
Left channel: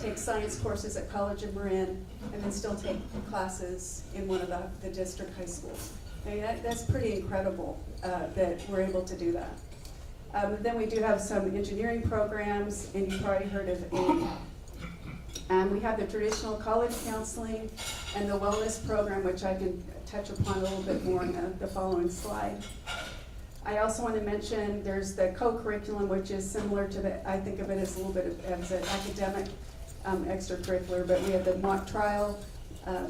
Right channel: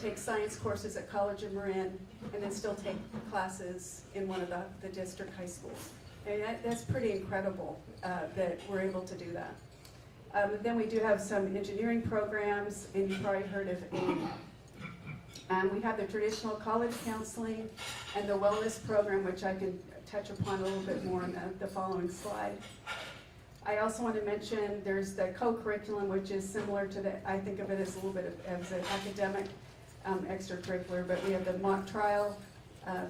take science courses at College of Marin, and then still take classes in one of the district high schools. I mean, that's pretty incredible that we're able to do that. Then we do have some engineering programs, and you've probably heard of AIM. We have the traditional college counseling and the wellness program, which I can touch upon a little bit more in the following slide. I also want to mention there's the co-curriculum, which is similar to I think of it as a little bit as an academic extracurricular, but we have the mock trial.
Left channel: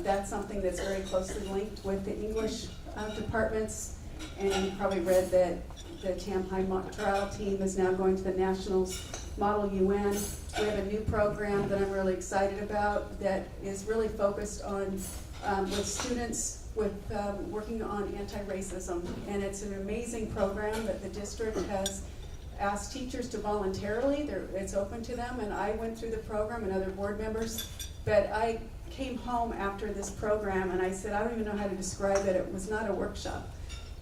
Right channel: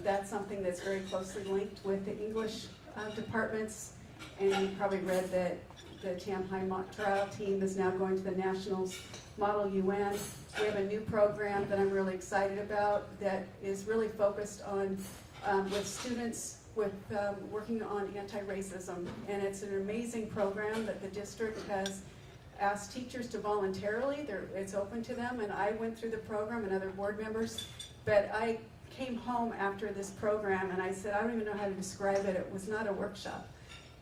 That's something that's very closely linked with the English departments, and you probably read that the Tam High mock trial team is now going to the Nationals Model UN. We have a new program that I'm really excited about that is really focused on with students with working on anti-racism, and it's an amazing program that the district has asked teachers to voluntarily. It's open to them, and I went through the program and other board members, but I came home after this program and I said, I don't even know how to describe it. It was not a workshop.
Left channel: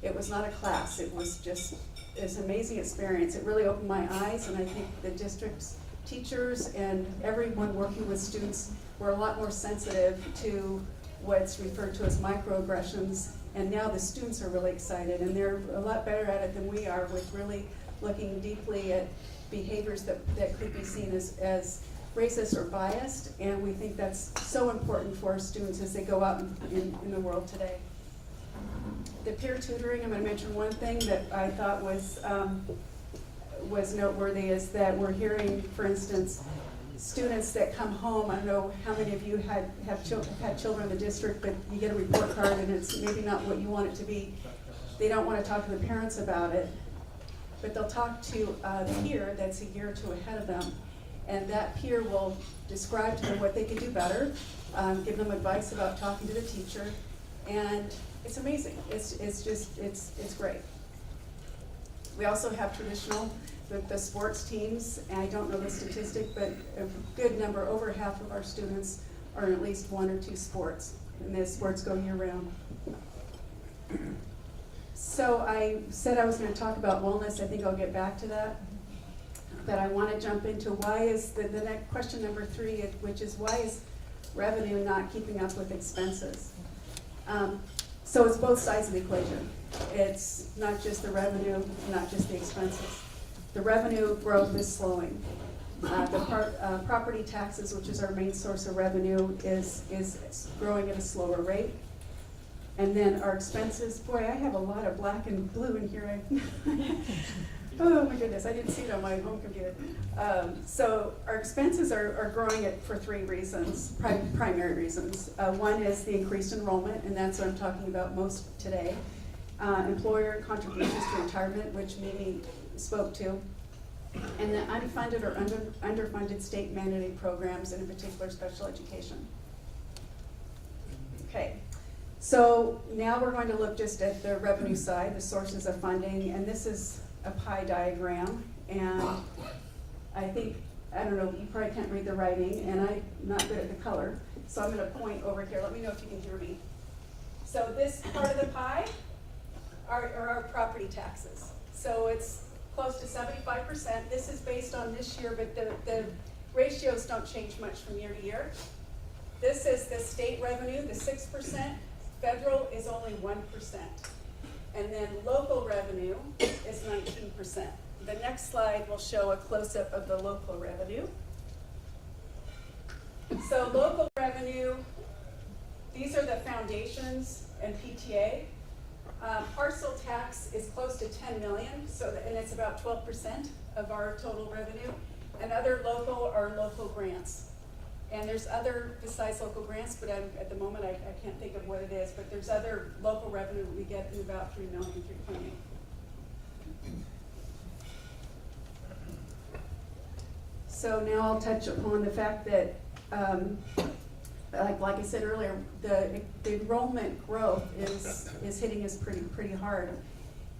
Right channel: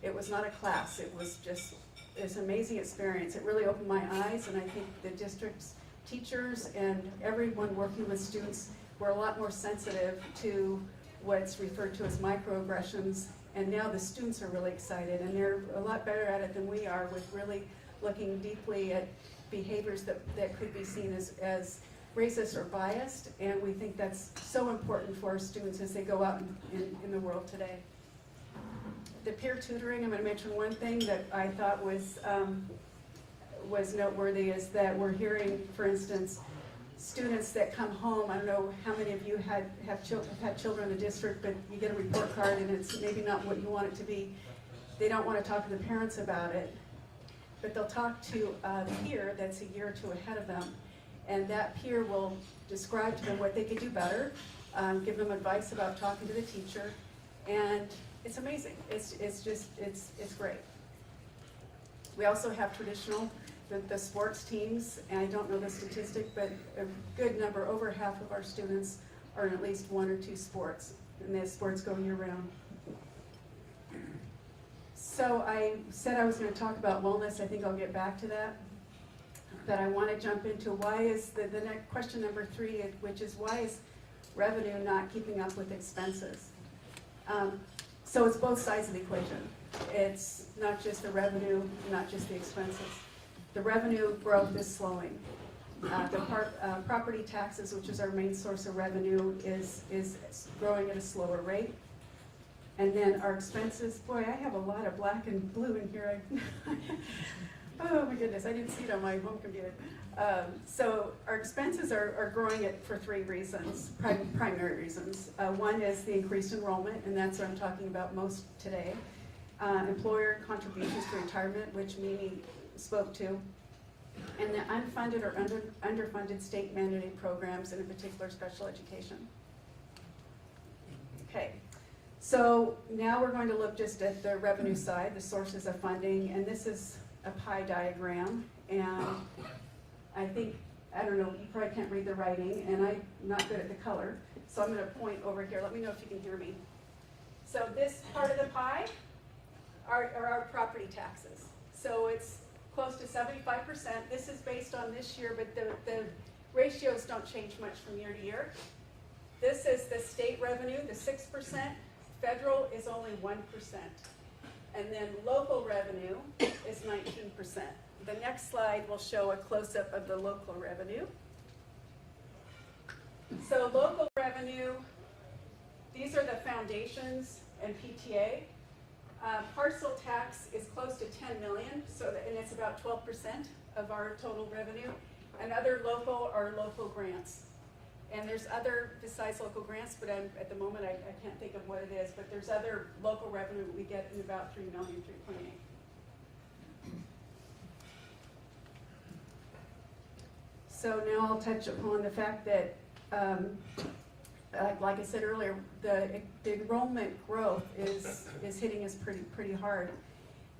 It was not a class. It was just this amazing experience. It really opened my eyes, and I think the district's teachers and everyone working with students were a lot more sensitive to what's referred to as microaggressions, and now the students are really excited, and they're a lot better at it than we are, with really looking deeply at behaviors that could be seen as racist or biased, and we think that's so important for our students as they go out in the world today. The peer tutoring, I'm going to mention one thing that I thought was noteworthy, is that we're hearing, for instance, students that come home. I don't know how many of you have had children in the district, but you get a report card and it's maybe not what you want it to be. They don't want to talk to the parents about it, but they'll talk to a peer that's a year or two ahead of them, and that peer will describe to them what they could do better, give them advice about talking to the teacher, and it's amazing. It's great. We also have traditional with the sports teams, and I don't know the statistic, but a good number, over half of our students are in at least one or two sports, and the sports go year round. So I said I was going to talk about wellness. I think I'll get back to that. But I want to jump into why is the next question number 3, which is why is revenue not keeping up with expenses? So it's both sides of the equation. It's not just the revenue, not just the expenses. The revenue growth is slowing. Property taxes, which is our main source of revenue, is growing at a slower rate. And then our expenses, boy, I have a lot of black and blue in here. Oh my goodness, I didn't see it on my home computer. So our expenses are growing for three reasons, primary reasons. One is the increased enrollment, and that's what I'm talking about most today. Employer contributions to retirement, which Mimi spoke to. And the unfunded or underfunded state mandated programs, and in particular special education. Okay, so now we're going to look just at the revenue side, the sources of funding, and this is a pie diagram. And I think, I don't know, you probably can't read the writing, and I'm not good at the color, so I'm going to point over here. Let me know if you can hear me. So this part of the pie are our property taxes. So it's close to 75%. This is based on this year, but the ratios don't change much from year to year. This is the state revenue, the 6%. Federal is only 1%. And then local revenue is 19%. The next slide will show a close-up of the local revenue. So local revenue, these are the foundations and PTA. Parcel tax is close to 10 million, and it's about 12% of our total revenue. And other local are local grants. And there's other besides local grants, but at the moment I can't think of what it is, but there's other local revenue we get in about 3 million, 3.8. So now I'll touch upon the fact that like I said earlier, the enrollment growth is hitting us pretty hard,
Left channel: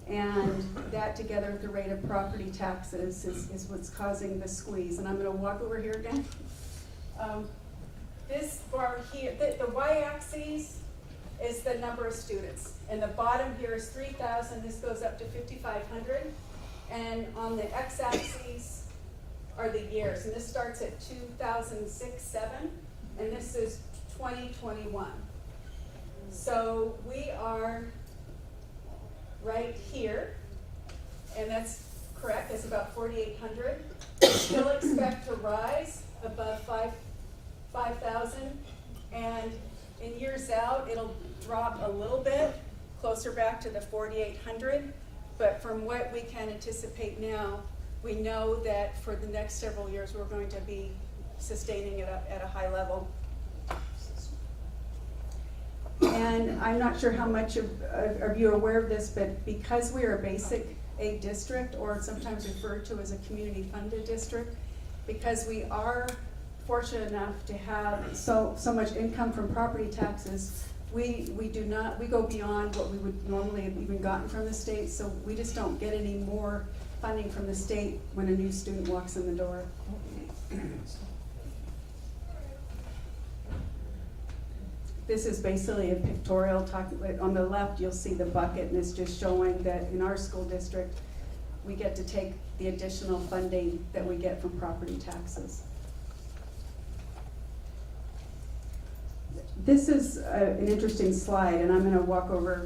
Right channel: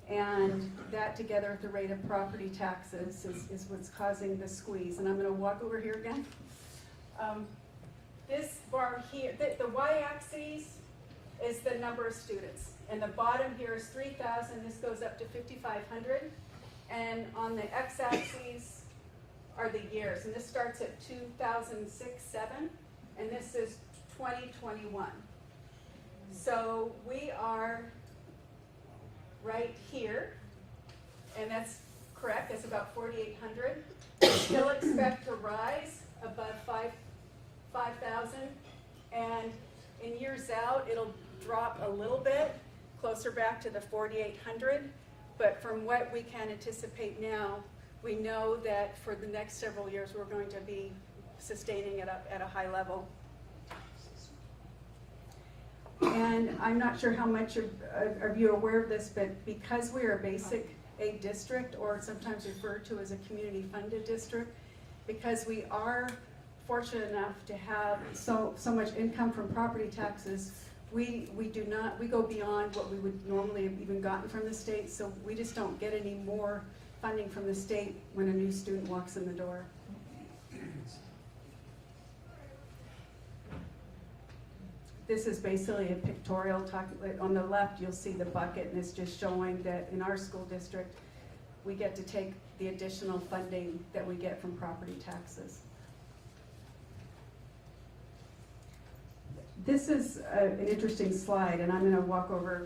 and that together with the rate of property taxes is what's causing the squeeze. And I'm going to walk over here again. This bar here, the y-axis is the number of students, and the bottom here is 3,000. This goes up to 5,500, and on the x-axis are the years, and this starts at 2006-07. and this is 2021. So we are right here, and that's correct, that's about 4,800. Still expect to rise above 5,000, and in years out, it'll drop a little bit, closer back to the 4,800, but from what we can anticipate now, we know that for the next several years, we're going to be sustaining it at a high level. And I'm not sure how much of you are aware of this, but because we are a basic aid district, or sometimes referred to as a community funded district, because we are fortunate enough to have so much income from property taxes, we go beyond what we would normally have even gotten from the state, so we just don't get any more funding from the state when a new student walks in the door. This is basically a pictorial talking. On the left, you'll see the bucket, and it's just showing that in our school district, we get to take the additional funding that we get from property taxes. This is an interesting slide, and I'm going to walk over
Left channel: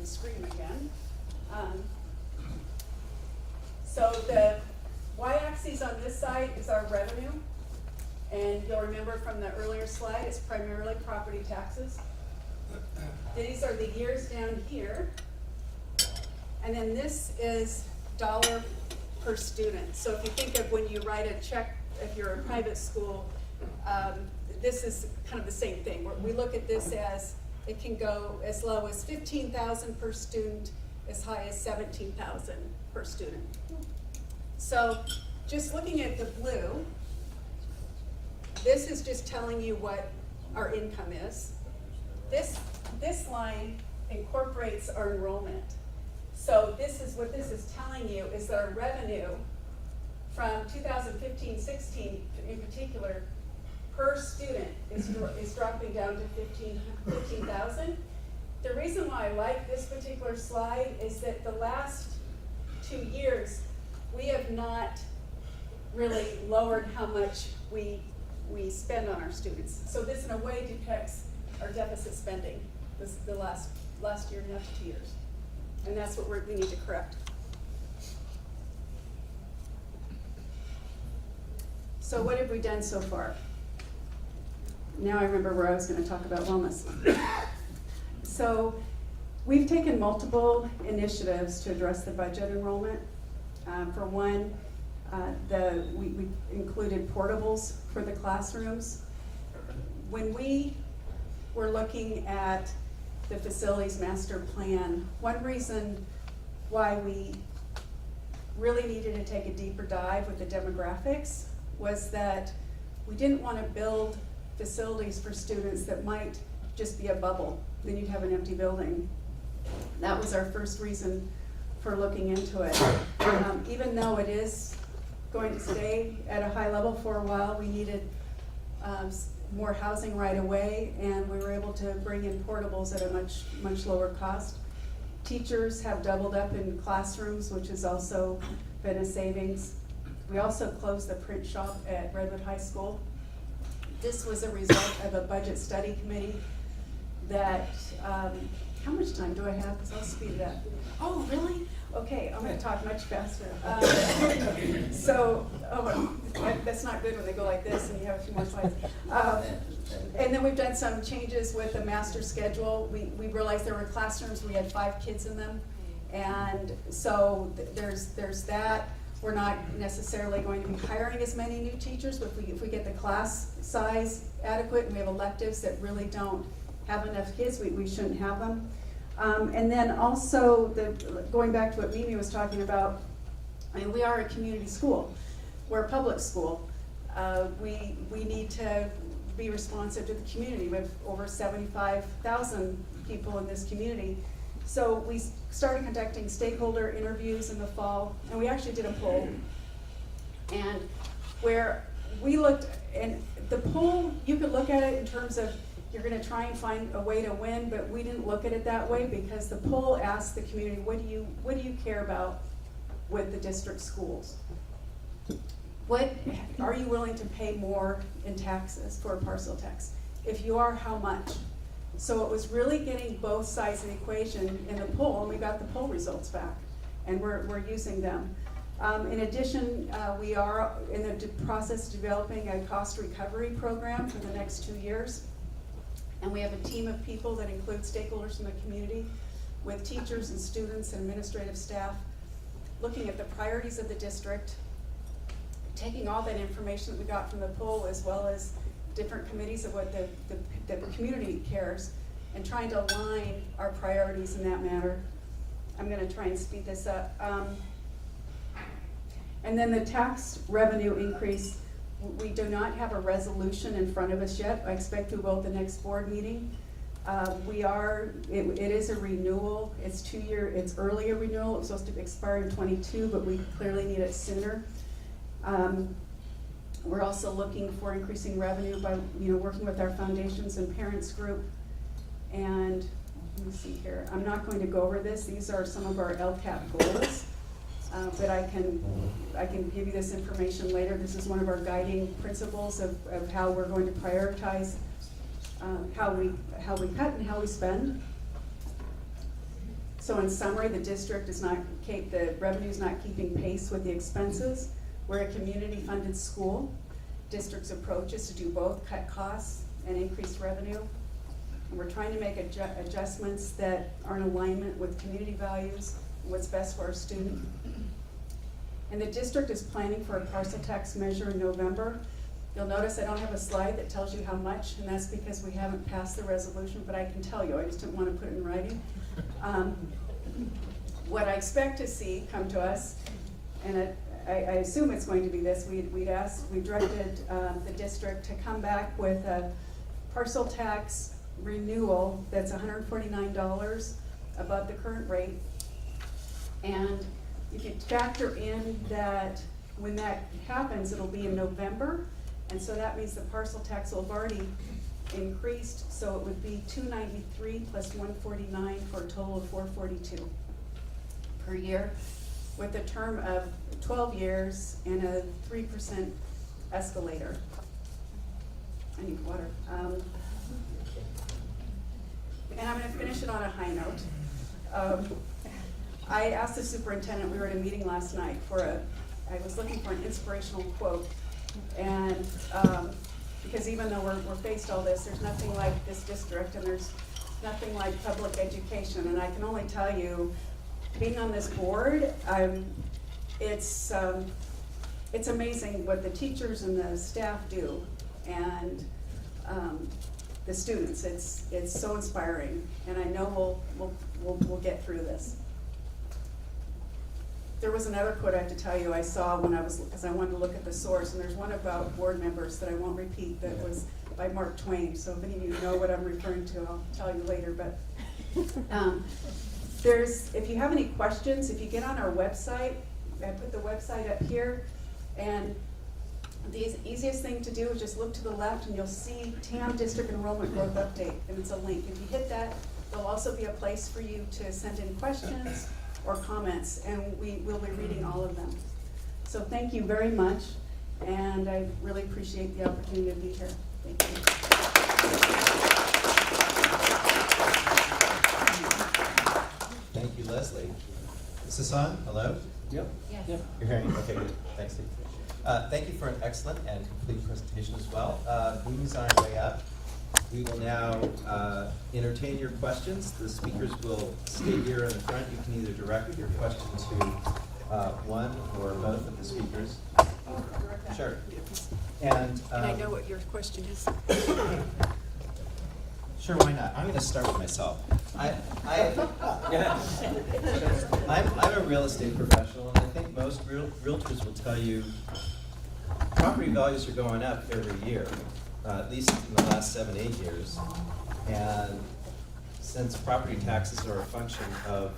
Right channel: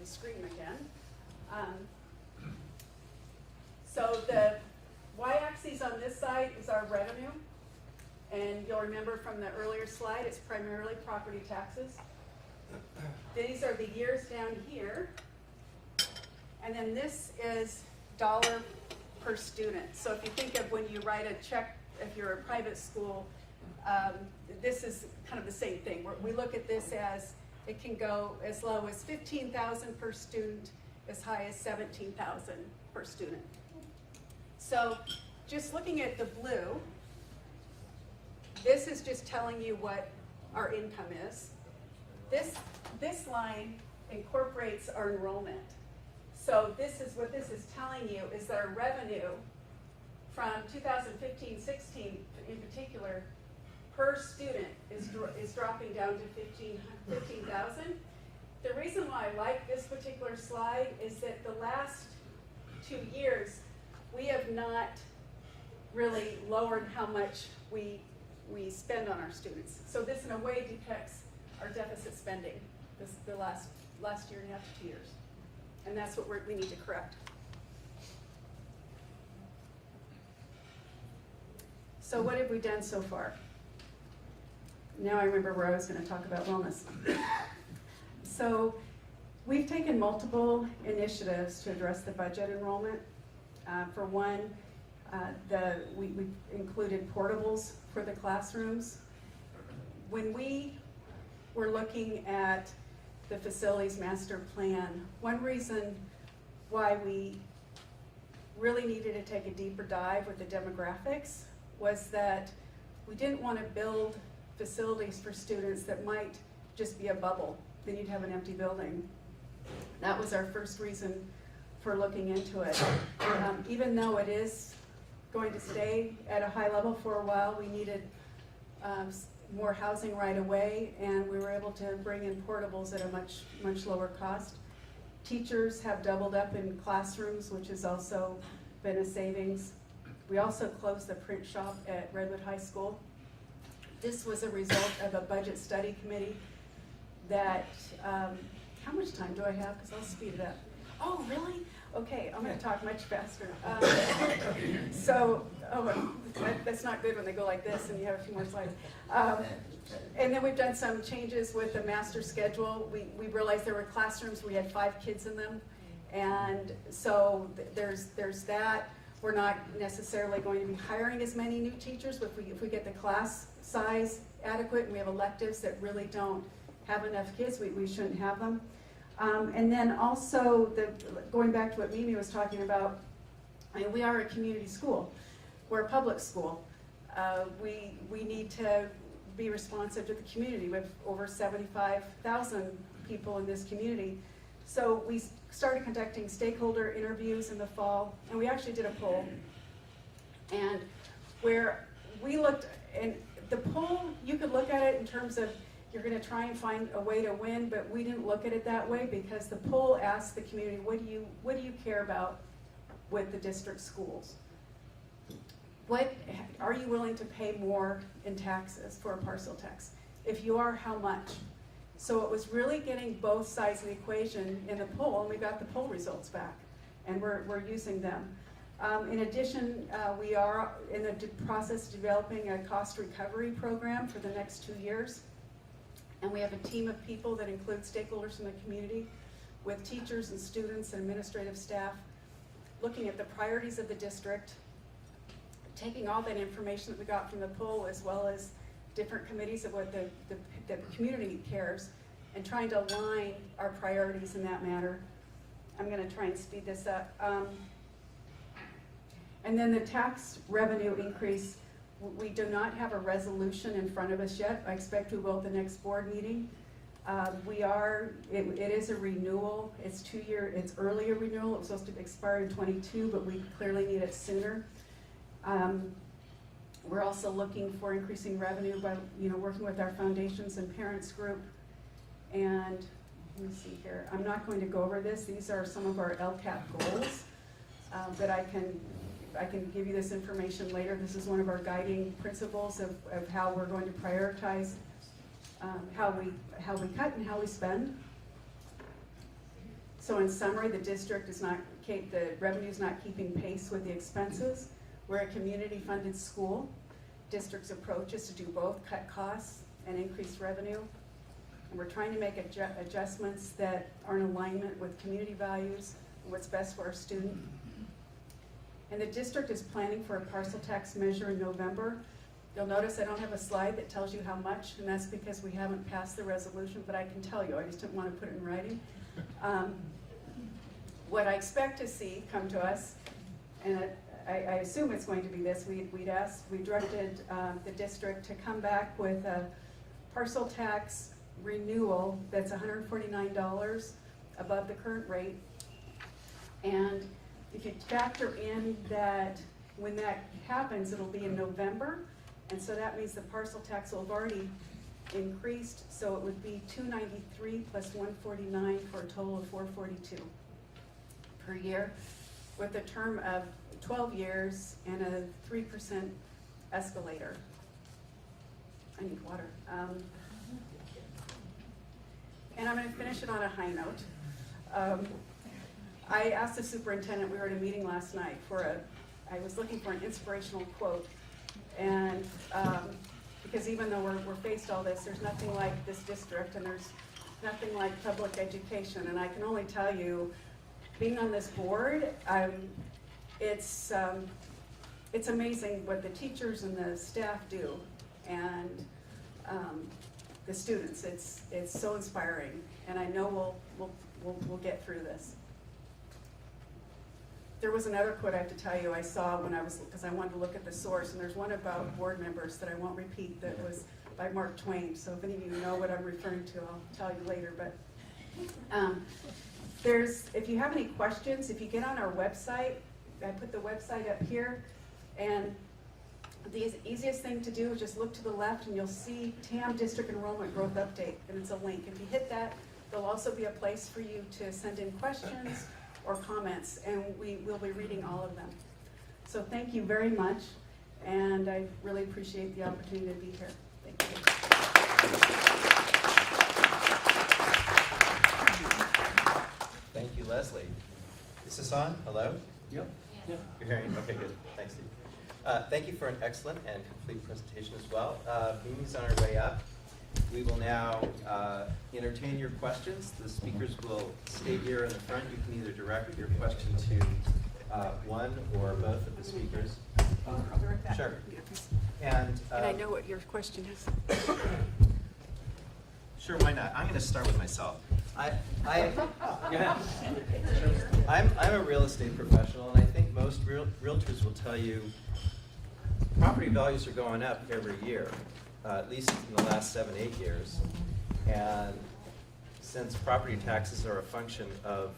the screen again. So the y-axis on this side is our revenue. And you'll remember from the earlier slide, it's primarily property taxes. These are the years down here. And then this is dollar per student. So if you think of when you write a check, if you're a private school, this is kind of the same thing. We look at this as it can go as low as 15,000 per student, as high as 17,000 per student. So just looking at the blue, this is just telling you what our income is. This line incorporates our enrollment. So this is what this is telling you is that our revenue from 2015-16 in particular per student is dropping down to 15,000. The reason why I like this particular slide is that the last 2 years we have not really lowered how much we spend on our students. So this in a way depicts our deficit spending the last last year and a half to 2 years. And that's what we need to correct. So what have we done so far? Now I remember where I was gonna talk about wellness. So we've taken multiple initiatives to address the budget enrollment. For one, we included portables for the classrooms. When we were looking at the facilities master plan, one reason why we really needed to take a deeper dive with the demographics was that we didn't want to build facilities for students that might just be a bubble. Then you'd have an empty building. That was our first reason for looking into it. Even though it is going to stay at a high level for a while, we needed more housing right away, and we were able to bring in portables at a much lower cost. Teachers have doubled up in classrooms, which has also been a savings. We also closed the print shop at Redwood High School. This was a result of a budget study committee that, how much time do I have? Because I'll speed it up. Oh, really? Okay, I'm gonna talk much faster. That's not good when they go like this and you have a few more slides. And then we've done some changes with the master schedule. We realized there were classrooms, we had 5 kids in them. And so there's that. We're not necessarily going to be hiring as many new teachers, but if we get the class size adequate and we have electives that really don't have enough kids, we shouldn't have them. And then also, going back to what Mimi was talking about, I mean, we are a community school. We're a public school. We need to be responsive to the community. We have over 75,000 people in this community. So we started conducting stakeholder interviews in the fall, and we actually did a poll. And where we looked, and the poll, you could look at it in terms of you're gonna try and find a way to win, but we didn't look at it that way because the poll asked the community, what do you care about with the district schools? What are you willing to pay more in taxes for a parcel tax? If you are, how much? So it was really getting both sides of the equation in the poll, and we got the poll results back, and we're using them. In addition, we are in the process of developing a cost recovery program for the next 2 years. And we have a team of people that include stakeholders from the community with teachers and students and administrative staff, looking at the priorities of the district, taking all that information that we got from the poll as well as different committees of what the community cares, and trying to align our priorities in that matter. I'm gonna try and speed this up. And then the tax revenue increase, we do not have a resolution in front of us yet. I expect we will at the next board meeting. It is a renewal. It's 2 year, it's earlier renewal. It was supposed to expire in 22, but we clearly need it sooner. We're also looking for increasing revenue by, working with our foundations and parents group. And let me see here. I'm not going to go over this. These are some of our LCAP goals that I can give you this information later. This is one of our guiding principles of how we're going to prioritize how we cut and how we spend. So in summary, the district the revenue is not keeping pace with the expenses. We're a community-funded school. District's approach is to do both, cut costs and increase revenue. And we're trying to make adjustments that are in alignment with community values and what's best for our student. And the district is planning for a parcel tax measure in November. You'll notice I don't have a slide that tells you how much, and that's because we haven't passed the resolution, but I can tell you, I just didn't want to put it in writing. What I expect to see come to us, and I assume it's going to be this, we directed the district to come back with a parcel tax renewal that's $149 above the current rate. And if you factor in that when that happens, it'll be in November, and so that means the parcel tax will have already increased, so it would be $293 plus $149 for a total of $442 per year, with a term of 12 years and a 3% escalator. I need water. And I'm going to finish it on a high note. I asked the superintendent, we were at a meeting last night I was looking for an inspirational quote. And because even though we're faced all this, there's nothing like this district and there's nothing like public education. And I can only tell you, being on this board, it's amazing what the teachers and the staff do. And the students, it's so inspiring. And I know we'll get through this. There was another quote I have to tell you I saw because I wanted to look at the source, and there's one about board members that I won't repeat that was by Mark Twain. So if any of you know what I'm referring to, I'll tell you later. But if you have any questions, if you get on our website, I put the website up here, and the easiest thing to do is just look to the left and you'll see TAM District Enrollment Growth Update, and it's a link. If you hit that, there'll also be a place for you to send in questions or comments, and we will be reading all of them. So thank you very much, and I really appreciate the opportunity to be here. Thank you. Thank you, Leslie. Is this on? Hello? Yep. You're hearing? Okay, good. Thanks, Steve. Thank you for an excellent and complete presentation as well. Mimi's on our way up. We will now entertain your questions. The speakers will stay here in the front. You can either direct your question to one or both of the speakers. Sure. And I know what your question is. sure, why not? I'm going to start with myself. I'm a real estate professional, and I think most realtors will tell you property values are going up every year. At least in the last 7-8 years. And since property taxes are a function of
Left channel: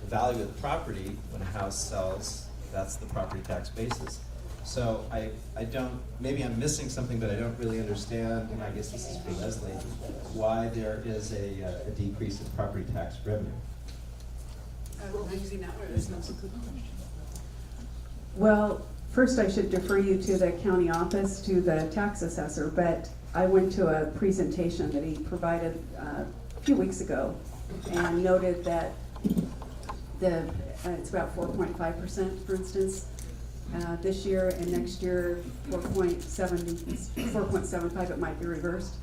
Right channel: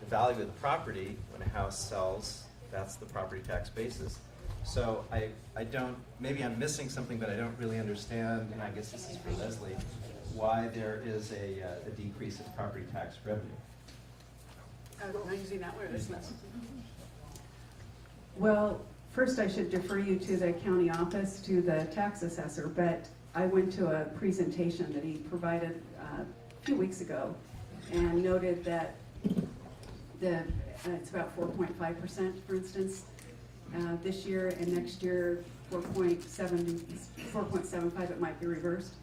the value of the property, when a house sells, that's the property tax basis. So I don't, maybe I'm missing something, but I don't really understand, and I guess this is for Leslie, why there is a decrease in property tax revenue. I'm using that one. Well, first I should defer you to the county office, to the tax assessor, but I went to a presentation that he provided a few weeks ago and noted that it's about 4.5%, for instance, this year, and next year 4.75, it might be reversed.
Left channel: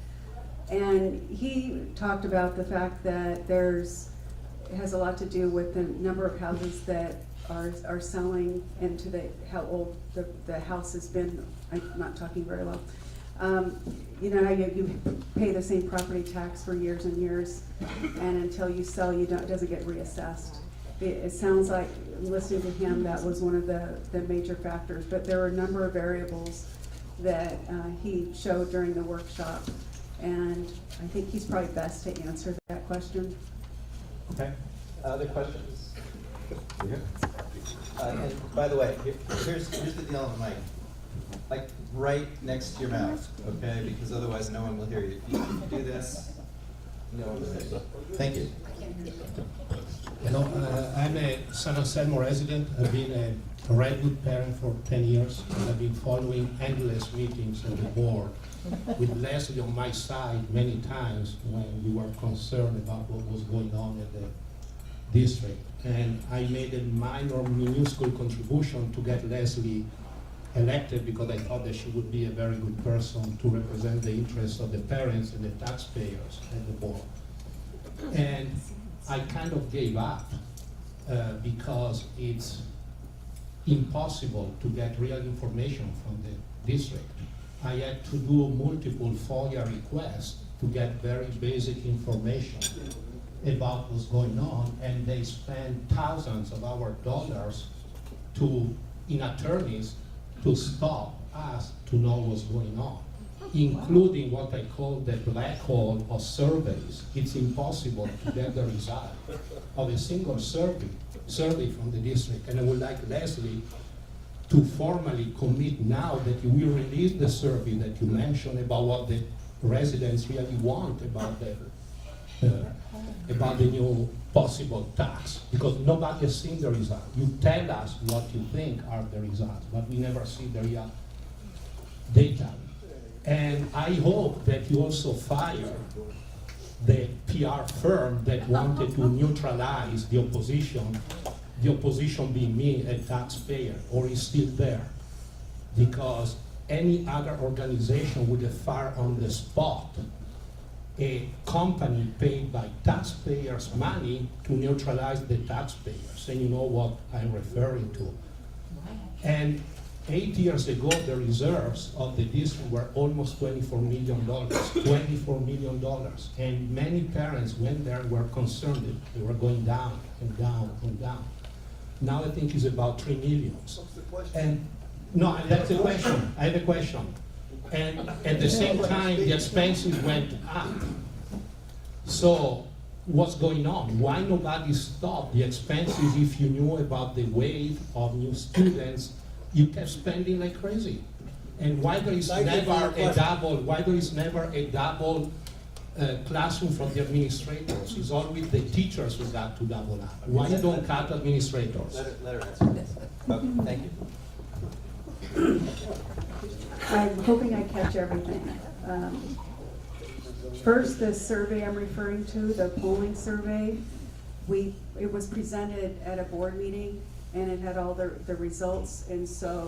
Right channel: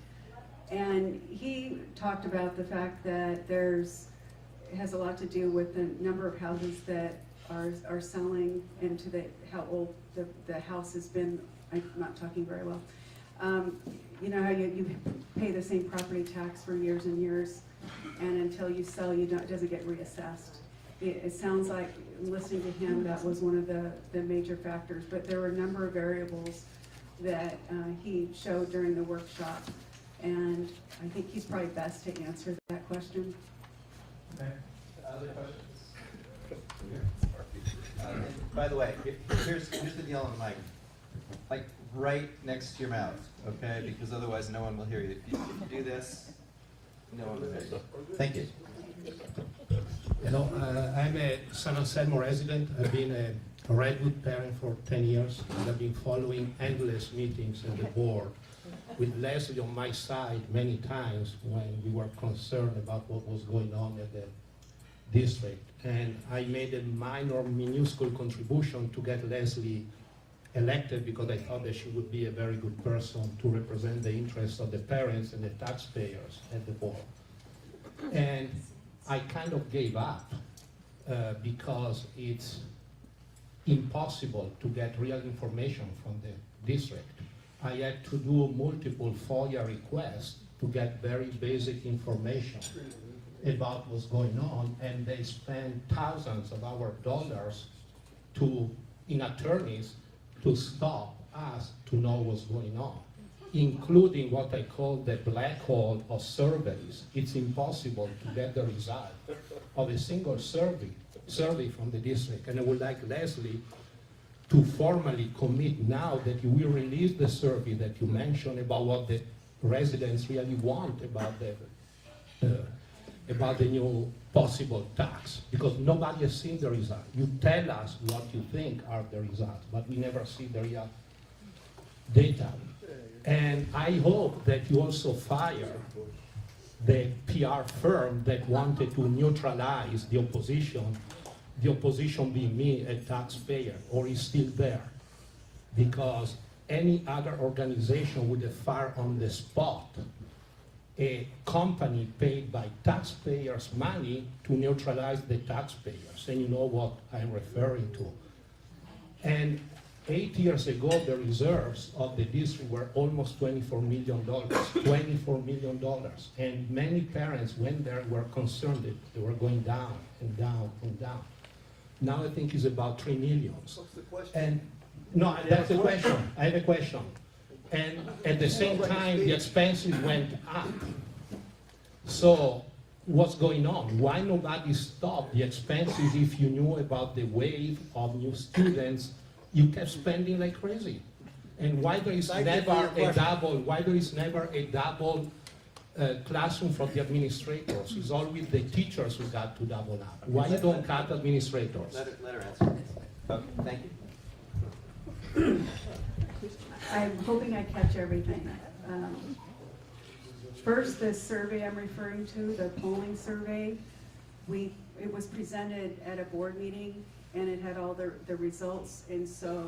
And he talked about the fact that it has a lot to do with the number of houses that are selling, and to how old the house has been. I'm not talking very well. You know how you pay the same property tax for years and years, and until you sell, it doesn't get reassessed. It sounds like, listening to him, that was one of the major factors, but there were a number of variables that he showed during the workshop, and I think he's probably best to answer that question. Okay. Other questions? And by the way, here's the deal on the mic. Like right next to your mouth, okay? Because otherwise no one will hear you. If you do this, no one will hear you. Thank you. Hello, I'm a San Anselmo resident. I've been a Redwood parent for 10 years, and I've been following endless meetings at the board with Leslie on my side many times when we were concerned about what was going on at the district. And I made a minuscule contribution to get Leslie elected because I thought that she would be a very good person to represent the interests of the parents and the taxpayers at the board. And I kind of gave up because it's impossible to get real information from the district. I had to do multiple FOIA requests to get very basic information about what's going on, and they spend thousands of our dollars in attorneys to stop us to know what's going on, including what I call the black hole of surveys. It's impossible to get the result of a single survey from the district. And I would like Leslie to formally commit now that you will release the survey that you mentioned about what the residents really want about the new possible tax, because nobody has seen the result. You tell us what you think are the results, but we never see the real data. And I hope that you also fire the PR firm that wanted to neutralize the opposition being me, a taxpayer, or is still there. Because any other organization would have fired on the spot a company paid by taxpayers' money to neutralize the taxpayers. And you know what I'm referring to. And 8 years ago, the reserves of the district were almost $24 million, $24 million. And many parents went there were concerned that they were going down and down and down. Now I think it's about 3 million. What's the question? And no, that's the question. I have a question. And at the same time, the expenses went up. So what's going on? Why nobody stopped the expenses if you knew about the wave of new students? You kept spending like crazy. And why there is Thank you for your never a double classroom for the administrators? It's always the teachers who got to double up. Why you don't cut administrators? Let her answer. Okay, thank you. I'm hoping I catch everything. First, the survey I'm referring to, the polling survey, it was presented at a board meeting, and it had all the results, and so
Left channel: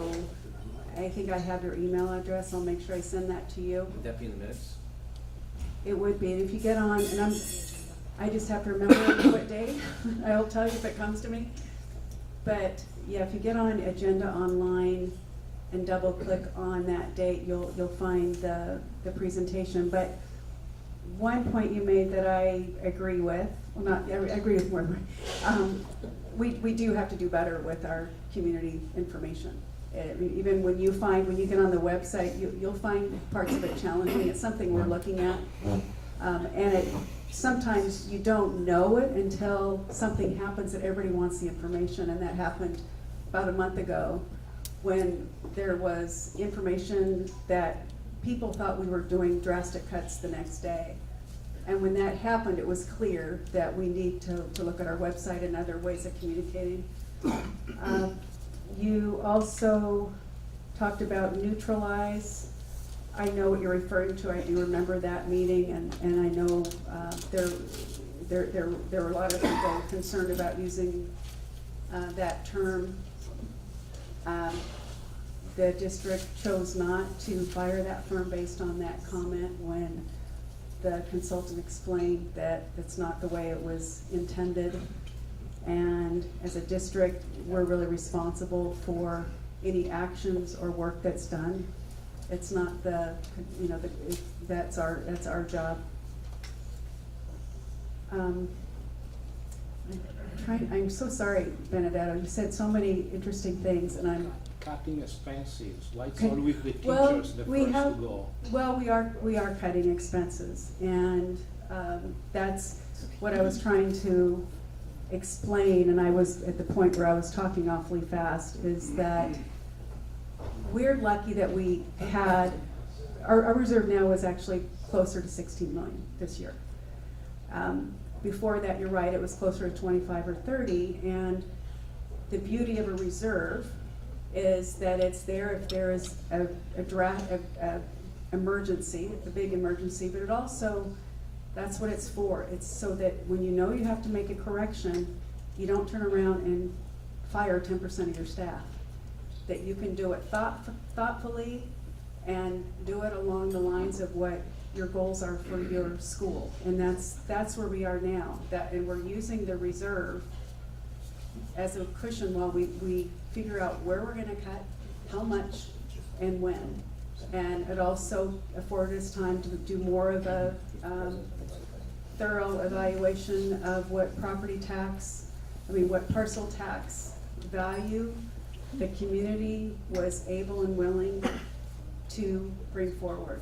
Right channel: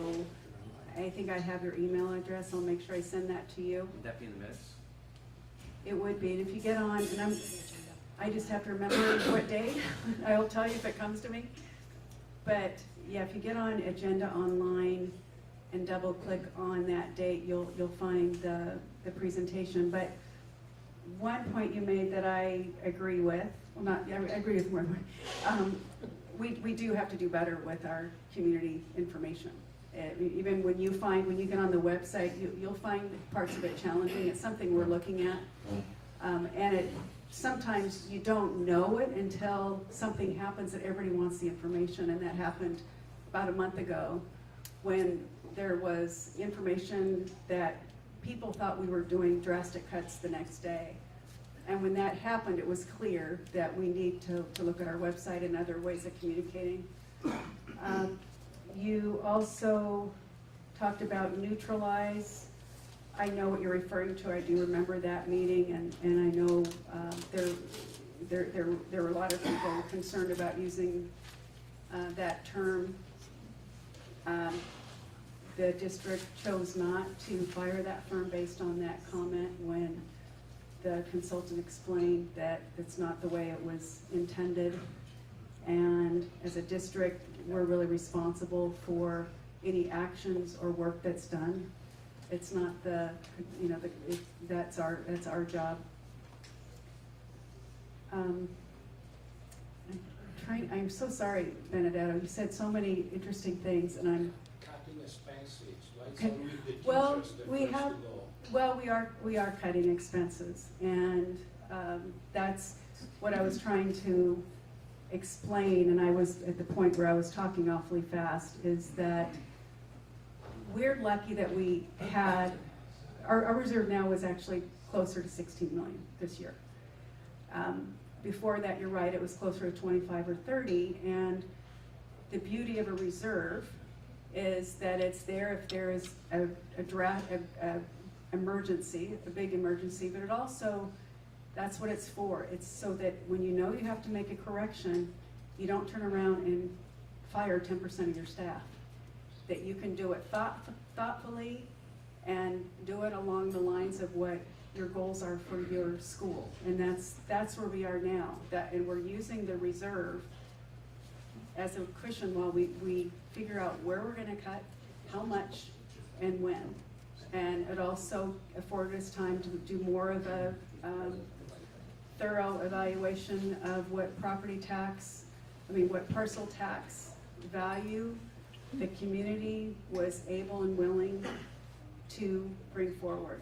I think I have your email address. I'll make sure I send that to you. Would that be in the minutes? It would be, and if you get on, and I just have to remember what day, I'll tell you if it comes to me. But yeah, if you get on Agenda Online and double click on that date, you'll find the presentation. But one point you made that I agree with, well, not, I agree with more than we do have to do better with our community information. Even when you get on the website, you'll find parts of it challenging. It's something we're looking at. And sometimes you don't know it until something happens that everybody wants the information. And that happened about a month ago when there was information that people thought we were doing drastic cuts the next day. And when that happened, it was clear that we need to look at our website and other ways of communicating. You also talked about neutralize. I know what you're referring to. I do remember that meeting, and I know there were a lot of people concerned about using that term. The district chose not to fire that firm based on that comment when the consultant explained that it's not the way it was intended. And as a district, we're really responsible for any actions or work that's done. It's not that's our job. I'm so sorry, Benedetto. You said so many interesting things, and I'm Cutting expenses, like Okay. always the Well, teachers, the we first have- to go. Well, we are cutting expenses, and that's what I was trying to explain, and I was at the point where I was talking awfully fast, is that we're lucky that we had, our reserve now is actually closer to 16 million this year. Before that, you're right, it was closer to 25 or 30, and the beauty of a reserve is that it's there if there is a emergency, a big emergency, but it also, that's what it's for. It's so that when you know you have to make a correction, you don't turn around and fire 10% of your staff. That you can do it thoughtfully and do it along the lines of what your goals are for your school. And that's where we are now. And we're using the reserve as a cushion while we figure out where we're gonna cut, how much, and when. And it also afforded us time to do more of a thorough evaluation of what what parcel tax value the community was able and willing to bring forward.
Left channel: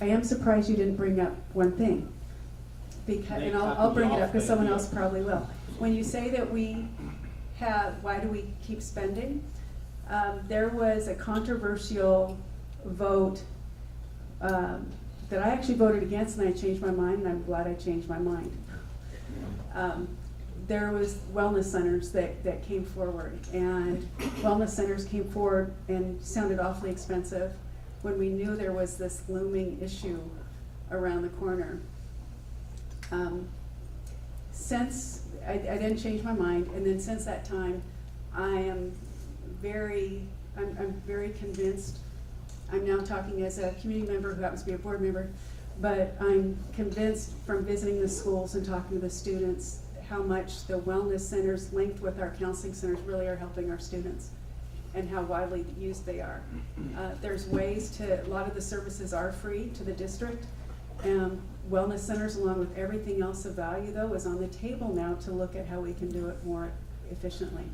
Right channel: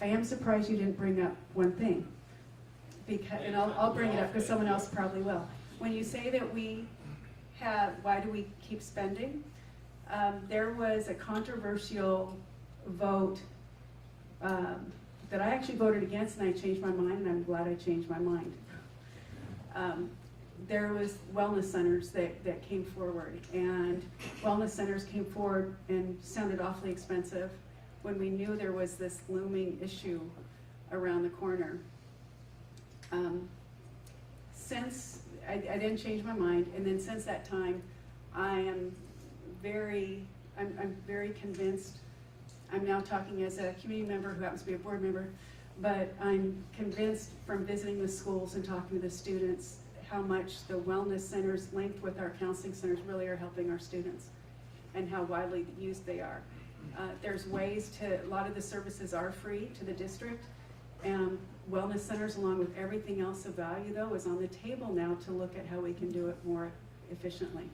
I am surprised you didn't bring up one thing. And I'll bring it up because someone else probably will. When you say that why do we keep spending? There was a controversial vote that I actually voted against, and I changed my mind, and I'm glad I changed my mind. There was wellness centers that came forward, and wellness centers came forward and sounded awfully expensive when we knew there was this looming issue around the corner. Since I then changed my mind, and then since that time, I'm very convinced. I'm now talking as a community member who happens to be a board member, but I'm convinced from visiting the schools and talking to the students how much the wellness centers linked with our counseling centers really are helping our students and how widely used they are. There's ways to, a lot of the services are free to the district. Wellness centers, along with everything else of value though, is on the table now to look at how we can do it more efficiently.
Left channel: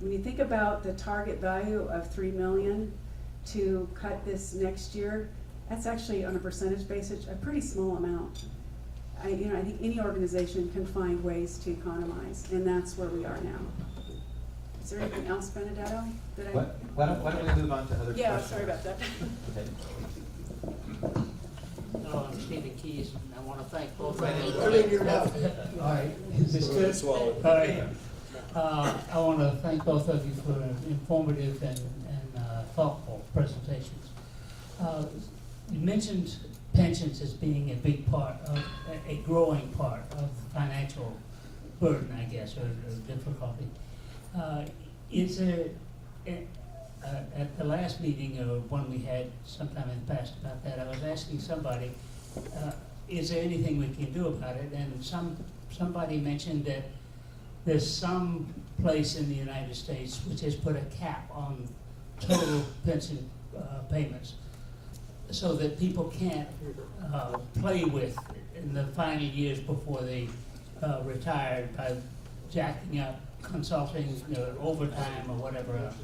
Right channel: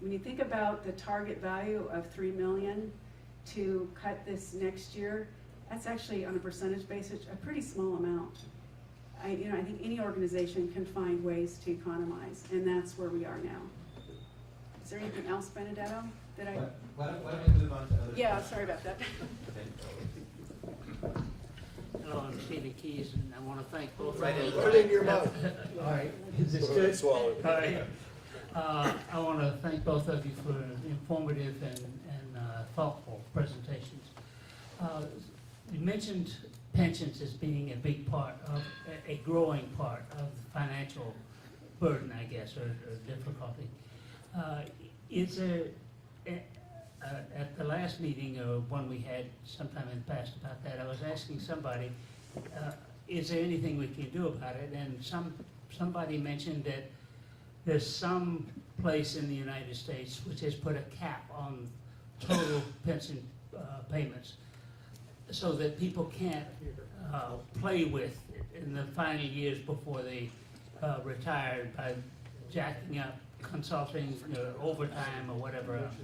When you think about the target value of $3 million to cut this next year, that's actually on a percentage basis a pretty small amount. I think any organization can find ways to economize, and that's where we are now. Is there anything else, Benedetto, that I? Why don't we move on to other Yeah, questions? sorry about that. Okay. Hello, I'm Stevie Keys, and I want to thank both. Right. Put it in your mouth. Hi, is this good? Hi. I want to thank both of you for informative and thoughtful presentations. You mentioned pensions as being a big part of, a growing part of financial burden, I guess, or difficulty. Is there, at the last meeting or one we had sometime in the past about that, I was asking somebody, is there anything we can do about it? And somebody mentioned that there's some place in the United States which has put a cap on total pension payments so that people can't play with in the final years before they retire by jacking up consulting, overtime or whatever else.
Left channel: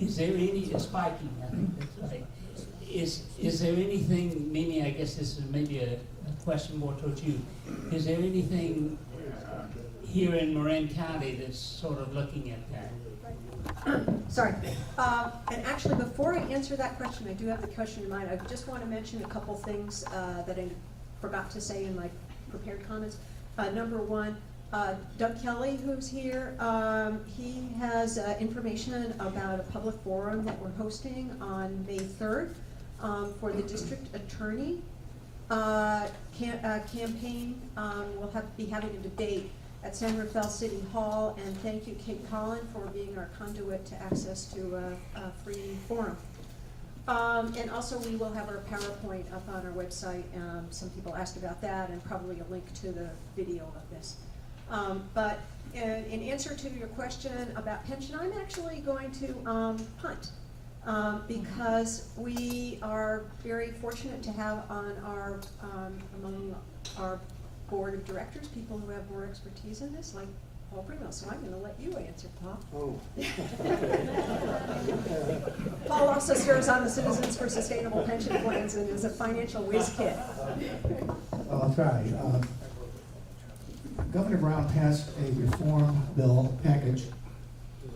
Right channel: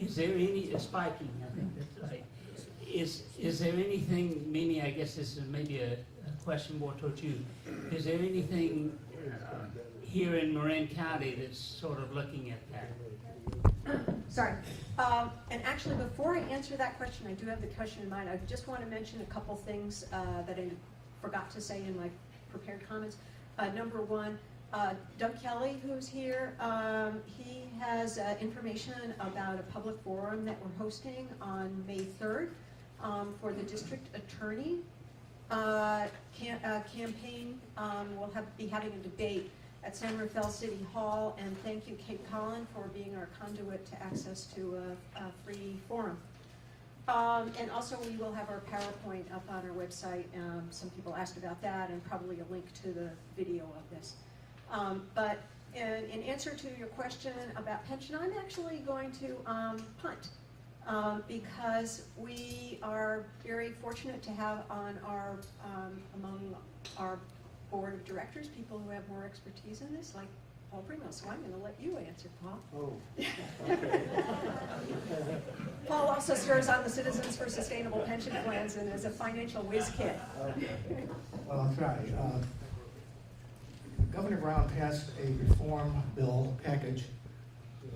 Is there any, spiking, I think that's right. Is there anything, Mimi, I guess this is maybe a question more towards you. Is there anything here in Marin County that's sort of looking at that? Sorry. And actually, before I answer that question, I do have the question in mind. I just want to mention a couple things that I forgot to say in my prepared comments. Number one, Doug Kelly, who's here, he has information about a public forum that we're hosting on May 3rd for the district attorney campaign. We'll be having a debate at San Rafael City Hall, and thank you, Kate Collin, for being our conduit to access to a free forum. And also, we will have our PowerPoint up on our website. Some people asked about that, and probably a link to the video of this. But in answer to your question about pension, I'm actually going to punt because we are very fortunate to have on our among our board of directors people who have more expertise in this, like Paul Primo. So I'm going to let you answer, Paul. Oh. Paul also serves on the Citizens for Sustainable Pension Plans and is a financial whiz kid. Well, I'll try. Governor Brown passed a reform bill package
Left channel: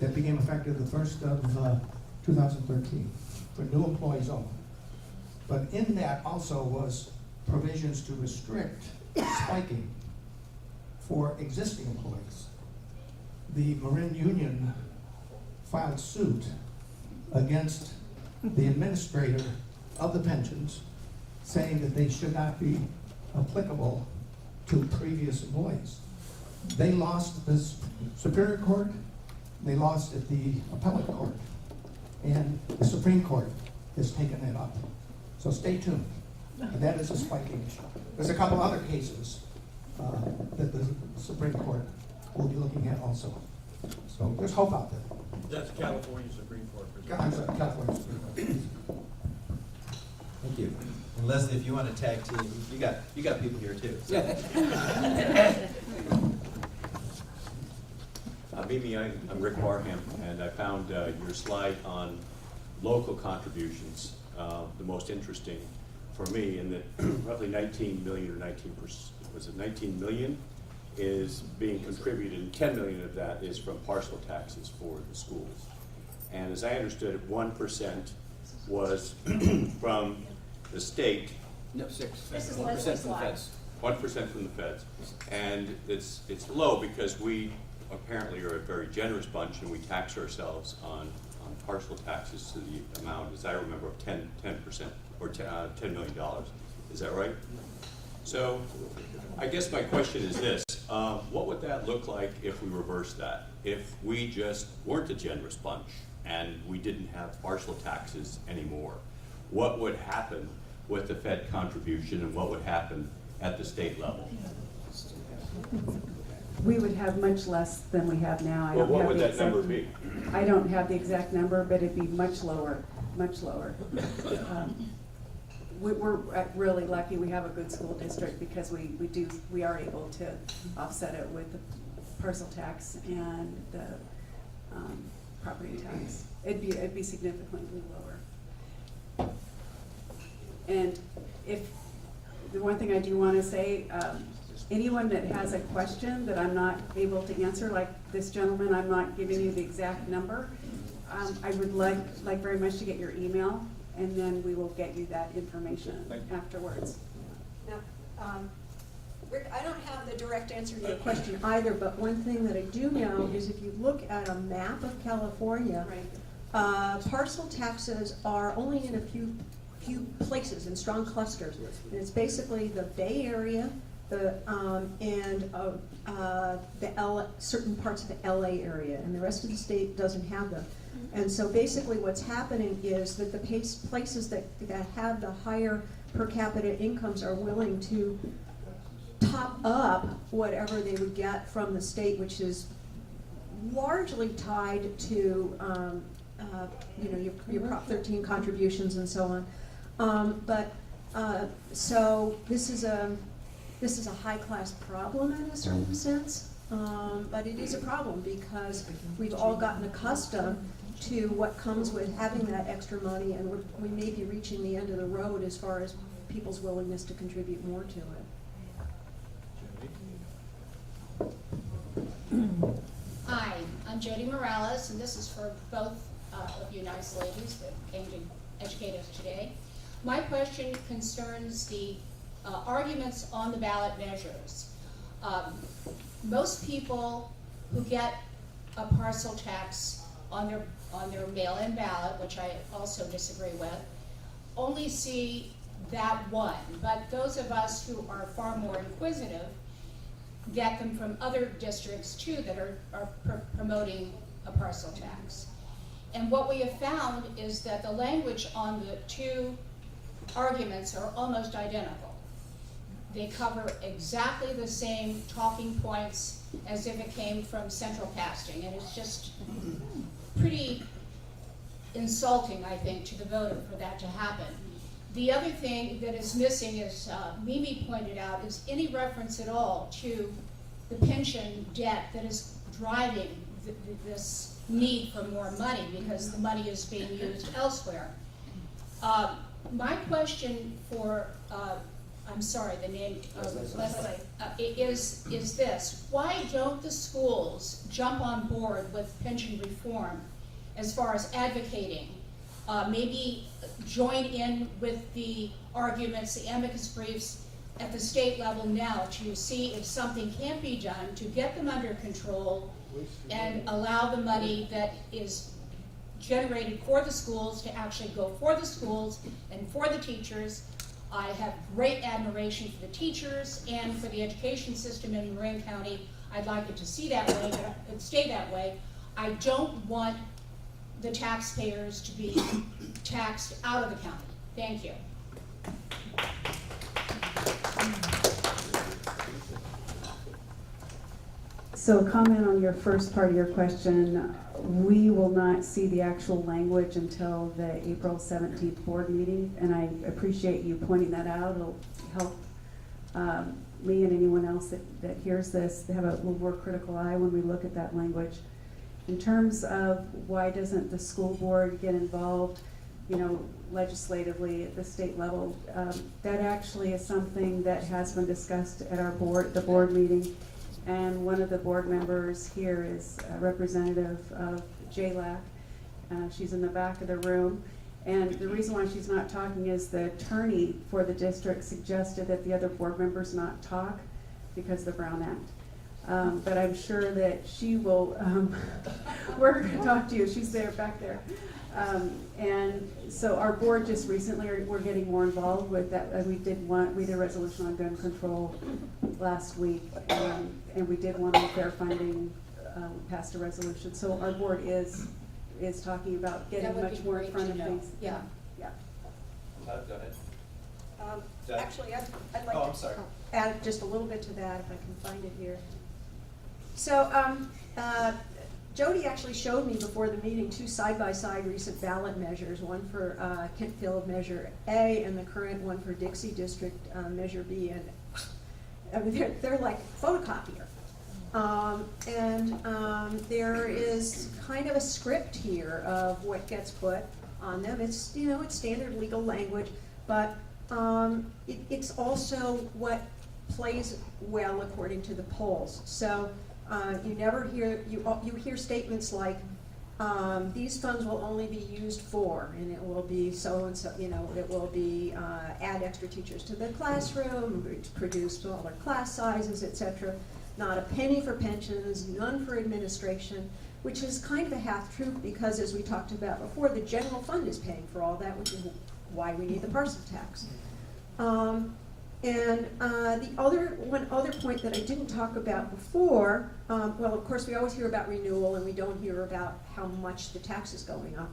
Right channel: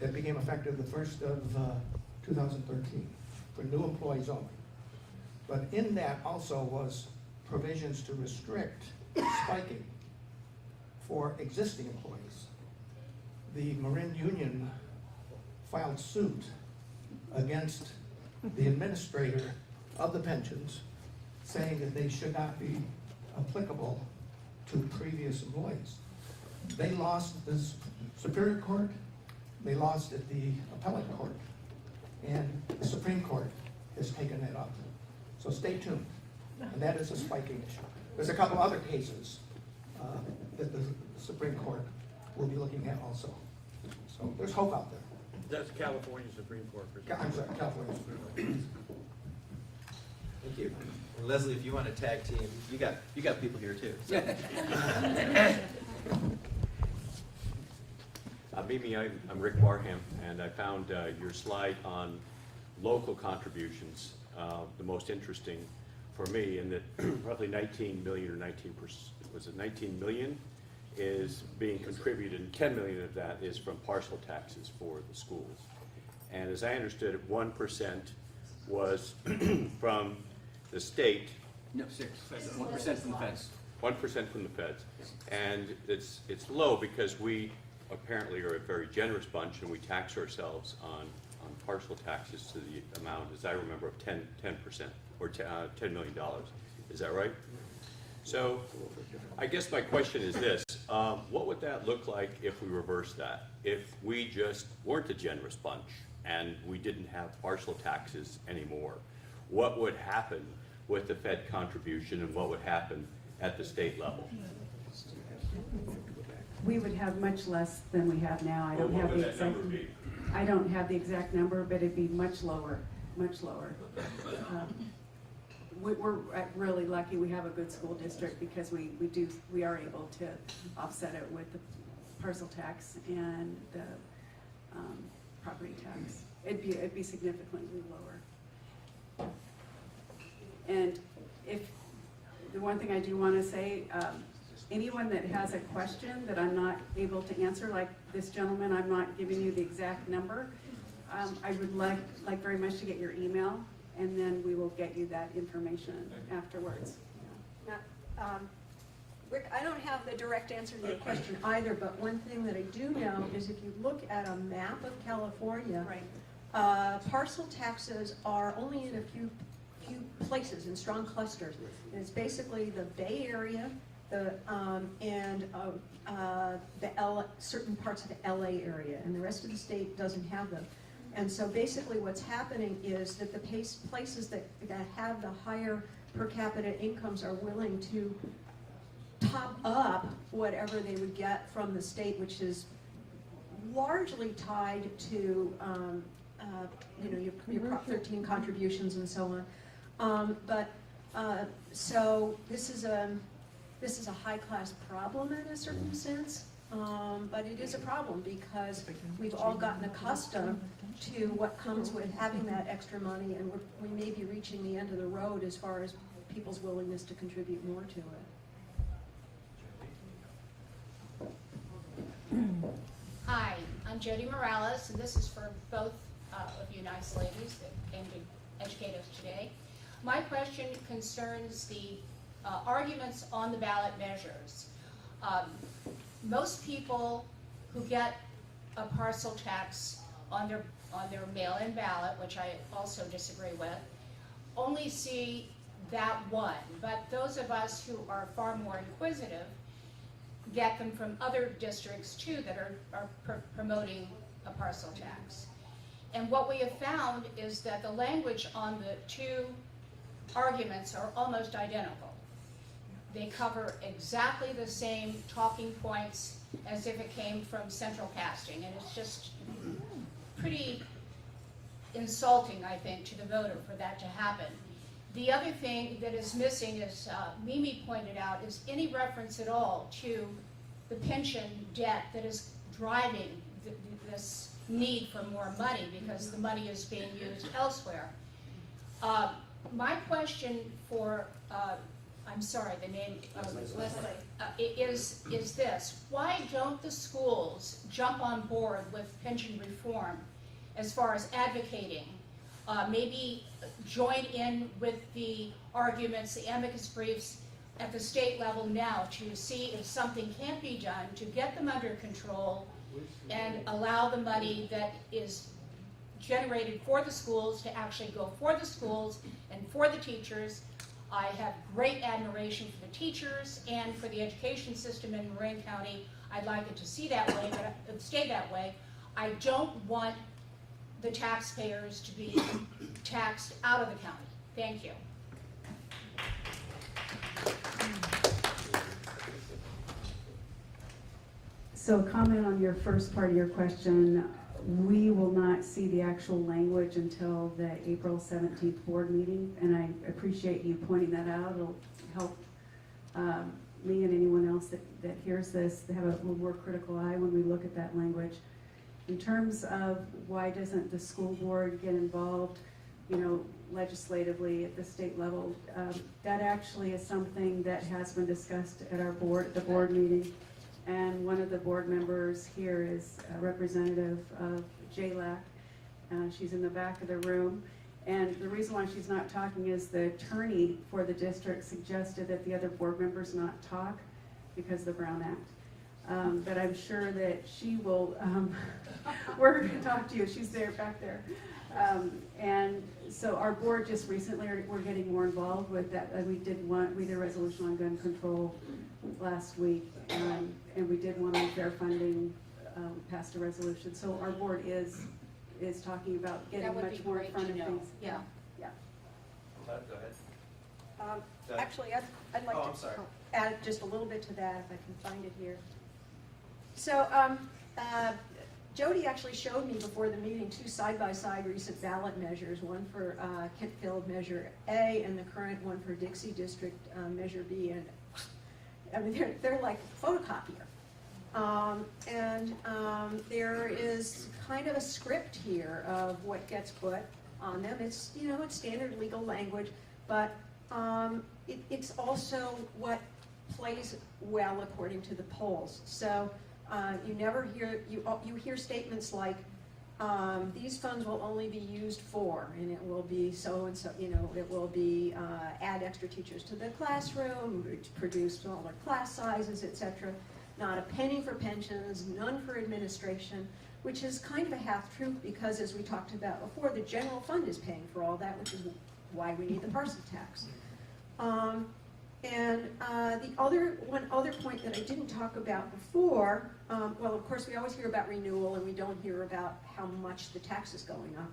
that became effective the 1st of 2013 for new employees only. But in that also was provisions to restrict spiking for existing employees. The Marin Union filed suit against the administrator of the pensions, saying that they should not be applicable to previous employees. They lost at the Superior Court, they lost at the Appellate Court, and the Supreme Court has taken it up. So stay tuned. And that is a spiking issue. There's a couple other cases that the Supreme Court will be looking at also. So there's hope out there. That's California Supreme Court. I'm sorry, California Supreme Court. Thank you. And Leslie, if you want to tag team, you got people here too. So. Mimi, I'm Rick Barham, and I found your slide on local contributions the most interesting for me, in that roughly 19 million or 19 million is being contributed, and 10 million of that is from parcel taxes for the schools. And as I understood it, 1% was from the state. No, 1% from the feds. 1% from the feds. And it's low because we apparently are a very generous bunch, and we tax ourselves on parcel taxes to the amount, as I remember, of 10% or $10 million. Is that right? So I guess my question is this, what would that look like if we reversed that? If we just weren't a generous bunch and we didn't have partial taxes anymore? What would happen with the Fed contribution and what would happen at the state level? We would have much less than we have now. I Well, don't what have would the that number exact- be? I don't have the exact number, but it'd be much lower, much lower. We're really lucky we have a good school district because we are able to offset it with the parcel tax and the property tax. It'd be significantly lower. And if, the one thing I do want to say, anyone that has a question that I'm not able to answer, like this gentleman, I'm not giving you the exact number. I would like very much to get your email, and then we will get you that information afterwards. Now, Rick, I don't have the direct answer to your question either, but one thing that I do know is if you look at a map of California, parcel taxes are only in a few places, in strong clusters. And it's basically the Bay Area, certain parts of the LA area, and the rest of the state doesn't have them. And so basically what's happening is that the places that have the higher per capita incomes are willing to top up whatever they would get from the state, which is largely tied to your Prop 13 contributions and so on. So this is a high-class problem in a certain sense, but it is a problem because we've all gotten accustomed to what comes with having that extra money, and we may be reaching the end of the road as far as people's willingness to contribute more to it. Hi, I'm Jody Morales, and this is for both of you nice ladies that came to educate us today. My question concerns the arguments on the ballot measures. Most people who get a parcel tax on their mail-in ballot, which I also disagree with, only see that one. But those of us who are far more inquisitive get them from other districts too that are promoting a parcel tax. And what we have found is that the language on the two arguments are almost identical. They cover exactly the same talking points as if it came from central casting, and it's just pretty insulting, I think, to the voter for that to happen. The other thing that is missing, as Mimi pointed out, is any reference at all to the pension debt that is driving this need for more money because the money is being used elsewhere. My question for, I'm sorry, the name is this: why don't the schools jump on board with pension reform as far as advocating? Maybe join in with the arguments, the amicus briefs at the state level now to see if something can be done to get them under control and allow the money that is generated for the schools to actually go for the schools and for the teachers. I have great admiration for the teachers and for the education system in Marin County. I'd like it to stay that way. I don't want the taxpayers to be taxed out of the county. Thank you. So comment on your first part of your question. We will not see the actual language until the April 17th board meeting, and I appreciate you pointing that out. It'll help me and anyone else that hears this to have a little more critical eye when we look at that language. In terms of why doesn't the school board get involved, legislatively at the state level, that actually is something that has been discussed at our the board meeting. And one of the board members here is a representative of JLAC. She's in the back of the room. And the reason why she's not talking is the attorney for the district suggested that the other board members not talk because of the Brown Act. But I'm sure that she will, we're going to talk to you. She's there, back there. And so our board just recently, we're getting more involved with that. We did a resolution on gun control last week, and we did one on fair funding, passed a resolution. So our board is talking about getting That would much be more in great front to of know. things. Yeah. Yeah. Todd, go ahead. Um, Actually, I'd like Oh, to I'm sorry. add just a little bit to that if I can find it here. So, Jody actually showed me before the meeting two side-by-side recent ballot measures, one for Kentfield Measure A and the current one for Dixie District Measure B. And I mean, they're like photocopier. There is kind of a script here of what gets put on them. It's, you know, it's standard legal language, but it's also what plays well according to the polls. So you never hear, you hear statements like, these funds will only be used for, and it will be so-and-so, you know, it will be add extra teachers to the classroom, produce smaller class sizes, etc. Not a penny for pensions, none for administration, which is kind of a half-truth because, as we talked about before, the general fund is paying for all that, which is why we need the parcel tax. One other point that I didn't talk about before, well, of course, we always hear about renewal and we don't hear about how much the tax is going up.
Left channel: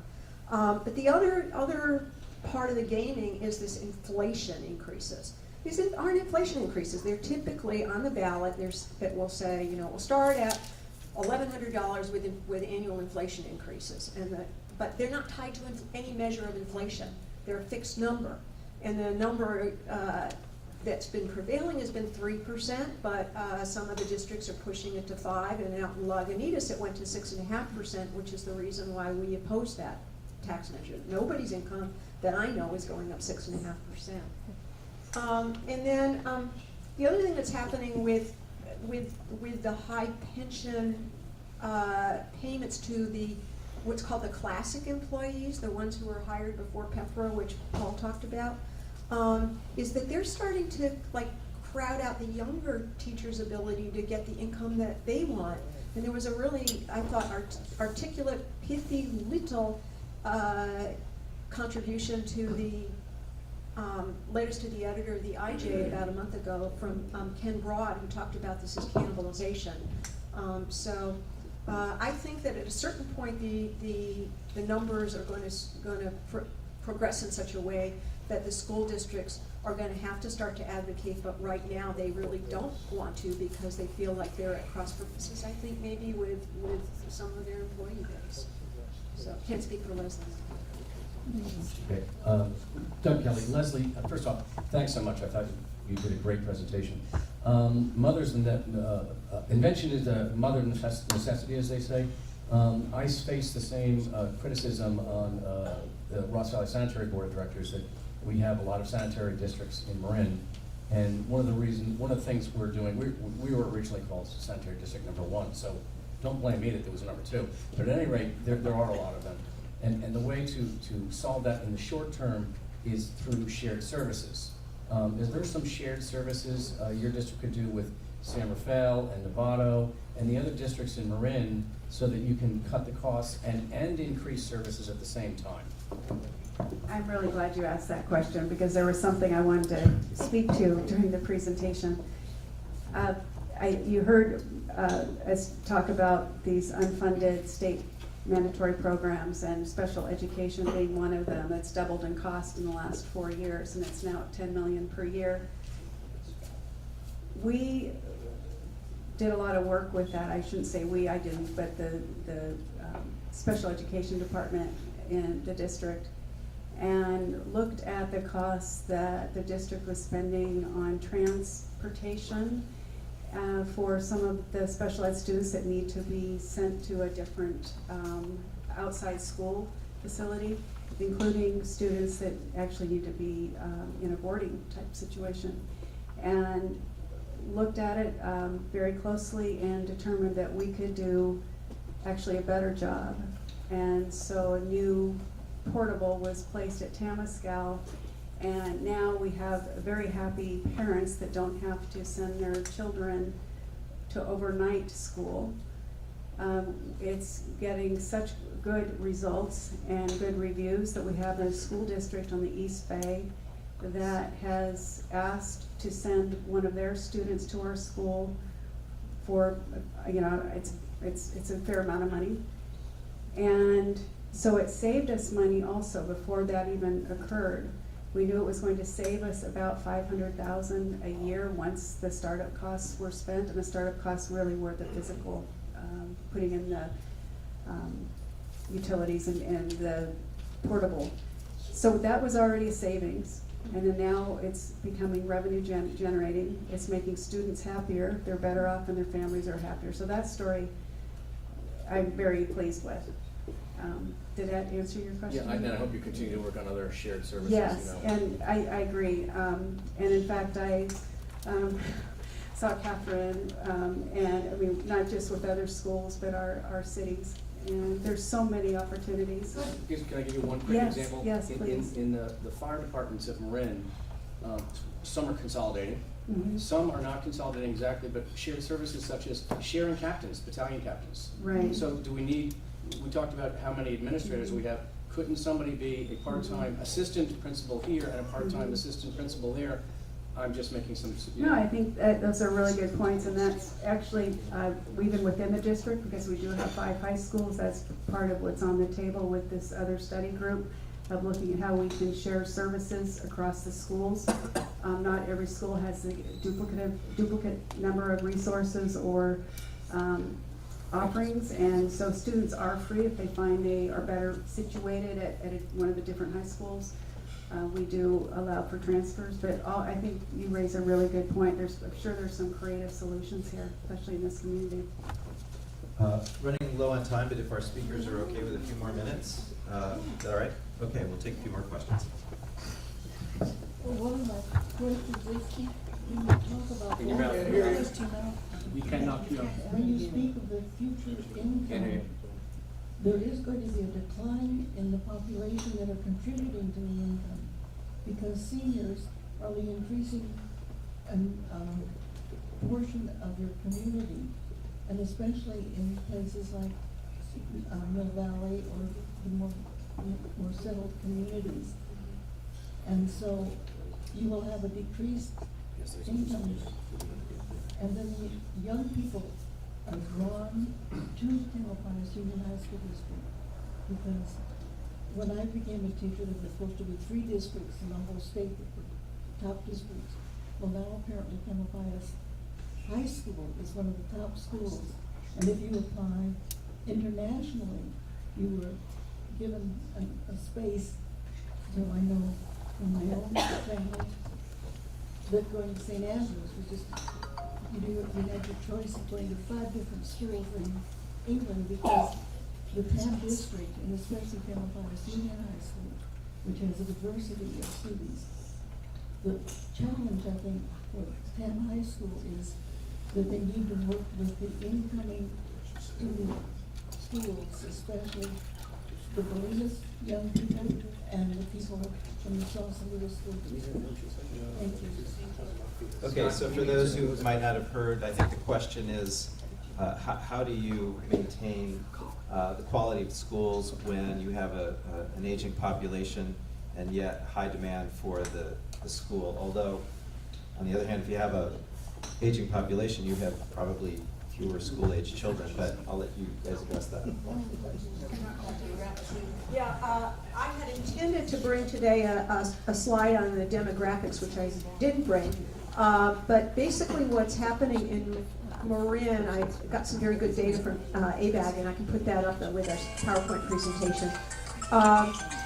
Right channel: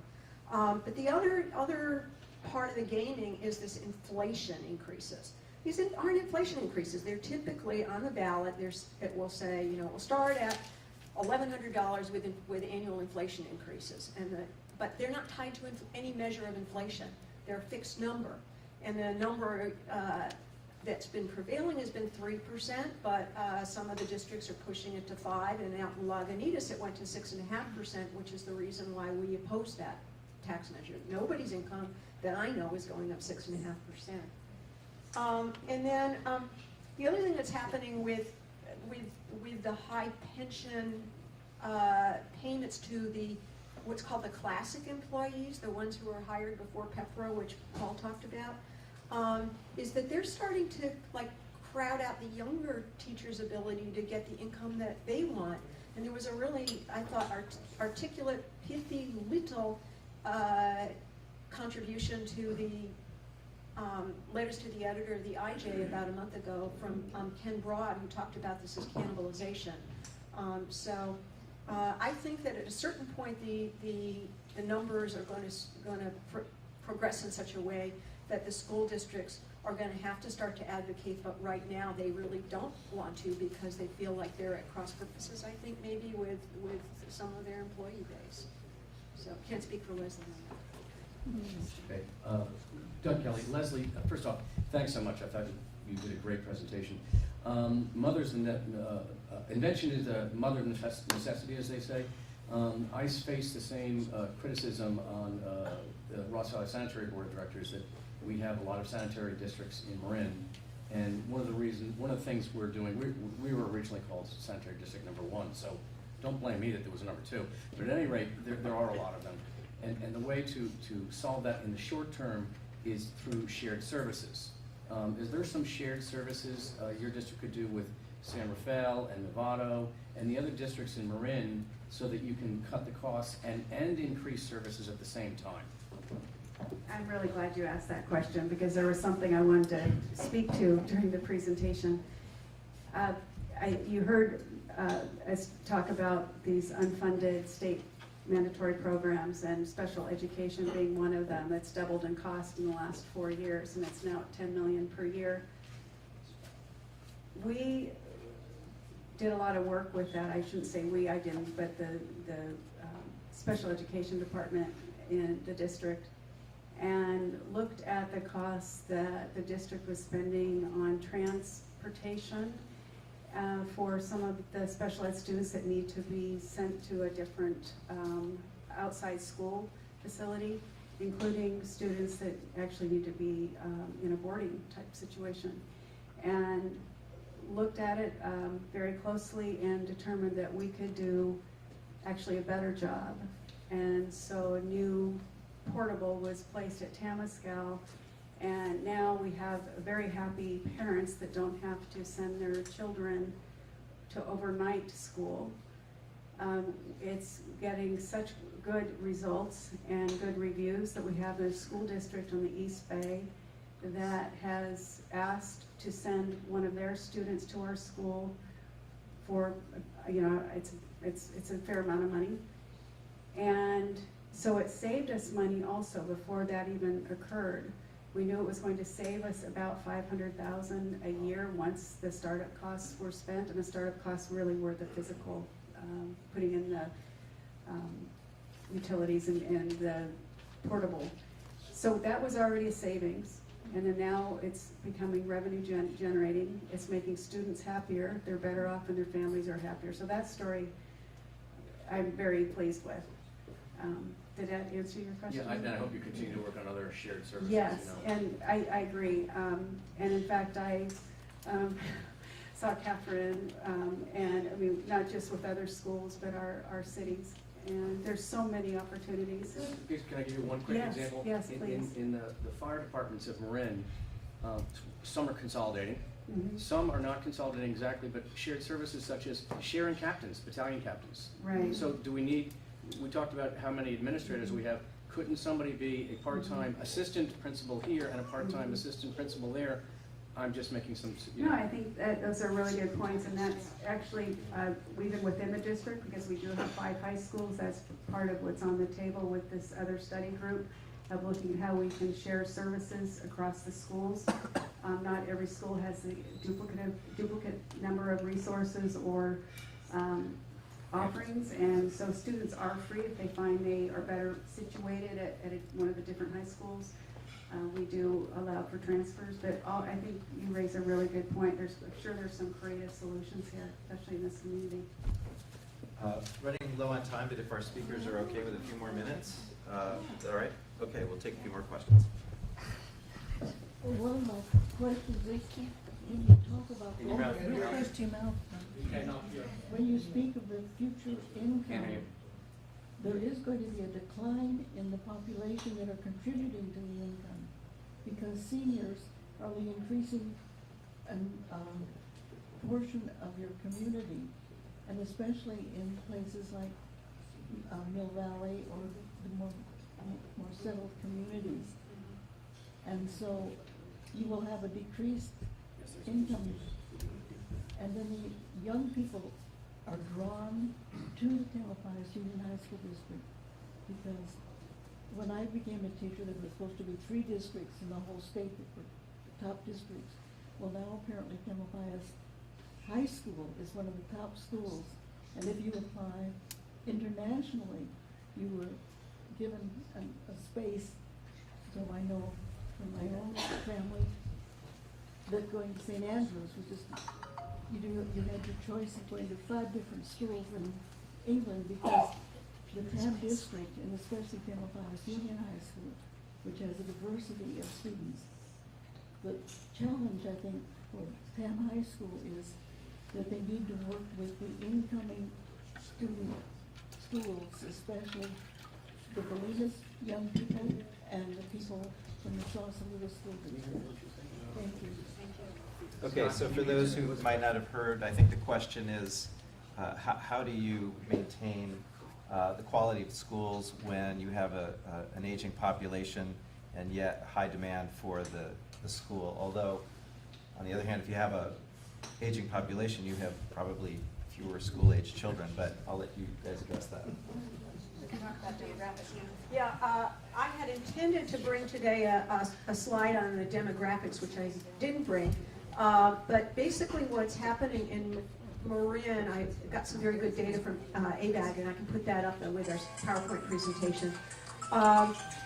But the other part of the gaming is this inflation increases. These aren't inflation increases. They're typically on the ballot. It will say, you know, we'll start at $1,100 with annual inflation increases, but they're not tied to any measure of inflation. They're a fixed number, and the number that's been prevailing has been 3%, but some of the districts are pushing it to 5%, and out in Lagunitas it went to 6.5%, which is the reason why we oppose that tax measure. Nobody's income that I know is going up 6.5%. And then the other thing that's happening with the high pension payments to what's called the classic employees, the ones who were hired before PEPRA, which Paul talked about, is that they're starting to like crowd out the younger teachers' ability to get the income that they want. And there was a really, I thought, articulate, pithy little contribution to the letters to the editor of the IJ about a month ago from Ken Broad, who talked about this as cannibalization. I think that at a certain point the numbers are going to progress in such a way that the school districts are going to have to start to advocate, but right now they really don't want to because they feel like they're at cross purposes, I think, maybe with some of their employee base. So can't speak for Leslie. Okay. Doug Kelly, Leslie, first off, thanks so much. I thought you did a great presentation. Invention is a mother of necessity, as they say. I face the same criticism on the Ross Valley Sanitary Board of Directors that we have a lot of sanitary districts in Marin, and one of the things we're doing, we were originally called Sanitary District number 1, so don't blame me that there was a number 2. But at any rate, there are a lot of them. And the way to solve that in the short term is through shared services. Is there some shared services your district could do with San Rafael and Novato and the other districts in Marin so that you can cut the costs and increase services at the same time? I'm really glad you asked that question because there was something I wanted to speak to during the presentation. You heard us talk about these unfunded state mandatory programs and special education being one of them. It's doubled in cost in the last 4 years, and it's now at $10 million per year. We did a lot of work with that. I shouldn't say we, I didn't, but the special education department in the district, and looked at the costs that the district was spending on transportation for some of the special ed students that need to be sent to a different outside school facility, including students that actually need to be in a boarding type situation. And looked at it very closely and determined that we could do actually a better job. And so a new portable was placed at Tamascal, and now we have very happy parents that don't have to send their children to overnight school. It's getting such good results and good reviews, that we have a school district on the East Bay that has asked to send one of their students to our school for, it's a fair amount of money. And so it saved us money also before that even occurred. We knew it was going to save us about $500,000 a year once the startup costs were spent, and the startup costs really were the physical, putting in the utilities and the portable. So that was already a savings, and then now it's becoming revenue generating. It's making students happier, they're better off, and their families are happier. So that story I'm very pleased with. Did that answer your question? Yeah, and I hope you continue to work on other shared services. Yes, you know. and I agree. And in fact, I saw Catherine, and I mean, not just with other schools, but our cities. And there's so many opportunities. Can I give you one quick Yes, example? yes, please. In the fire departments of Marin, some are consolidating. Mhm. Some are not consolidating exactly, but shared services such as sharing captains, battalion captains. Right. So do we talked about how many administrators we have. Couldn't somebody be a part-time assistant principal here and a part-time assistant principal there? I'm just making some. No, I think that those are really good points, and that's actually, even within the district, because we do have 5 high schools, that's part of what's on the table with this other study group, of looking at how we can share services across the schools. Not every school has the duplicate number of resources or offerings, and so students are free if they find they are better situated at one of the different high schools. We do allow for transfers, but I think you raise a really good point. I'm sure there's some creative solutions here, especially in this community. Running low on time, but if our speakers are okay with a few more minutes, is that all right? Okay, we'll take a few more questions. One of my questions is, when you talk about In your mouth, in your mouth. you cannot hear. When you speak of the future Can't hear income, you. there is going to be a decline in the population that are contributing to the income, because seniors are the increasing portion of your community, and especially in places like Mill Valley or the more settled communities. And so you will have a decreased income, and then the young people are drawn to Tamalpais Union High School District, because when I became a teacher, there were supposed to be 3 districts in the whole state that were top districts. Well, now apparently Tamalpais High School is one of the top schools, and if you apply internationally, you were given a space. So I know in my own family that going to St. Andrews was just, you had your choice of going to 5 different schools in England, because the TAM district, and especially Tamalpais Union High School, which has a diversity of students, the challenge, I think, for TAM High School is that they need to work with the incoming student schools, especially the Bolinas young people and the people from the Sausalito School District. Thank you. Okay, so for those who might not have heard, I think the question is, how do you maintain the quality of schools when you have an aging population and yet high demand for the school? Although, on the other hand, if you have a aging population, you have probably fewer school-age children, but I'll let you guys address that. Yeah, I had intended to bring today a slide on the demographics, which I didn't bring. But basically what's happening in Marin, I got some very good data from ABAG, and I can put that up with a PowerPoint presentation.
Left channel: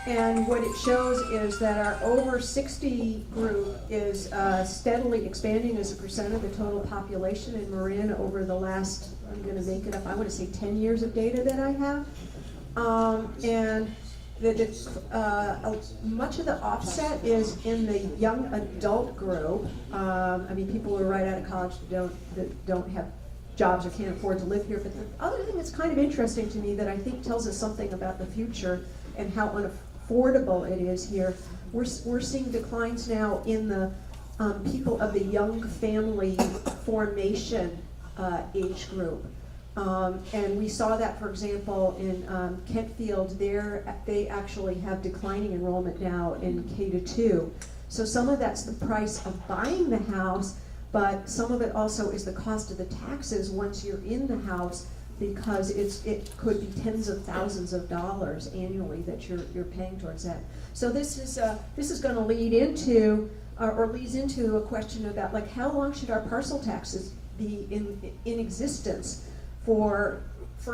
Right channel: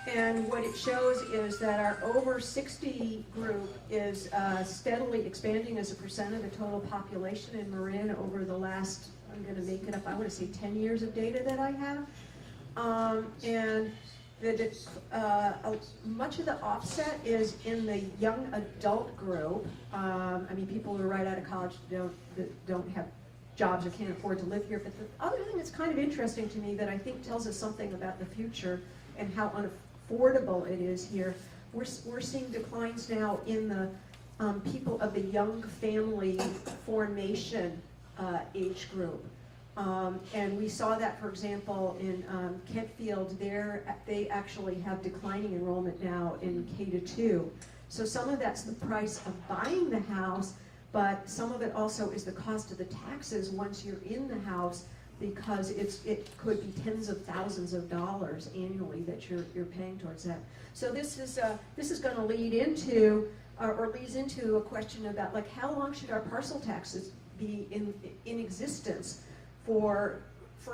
And what it shows is that our over 60 group is steadily expanding as a percent of the total population in Marin over the last, I'm going to make it up, I want to say 10 years of data that I have. And much of the offset is in the young adult group. I mean, people who are right out of college that don't have jobs or can't afford to live here. But the other thing that's kind of interesting to me that I think tells us something about the future and how unaffordable it is here, we're seeing declines now in the people of the young family formation age group. And we saw that, for example, in Kentfield, they actually have declining enrollment now in K-2. So some of that's the price of buying the house, but some of it also is the cost of the taxes once you're in the house, because it could be tens of thousands of dollars annually that you're paying towards that. So this is going to lead into or leads into a question about, like, how long should our parcel taxes be in existence for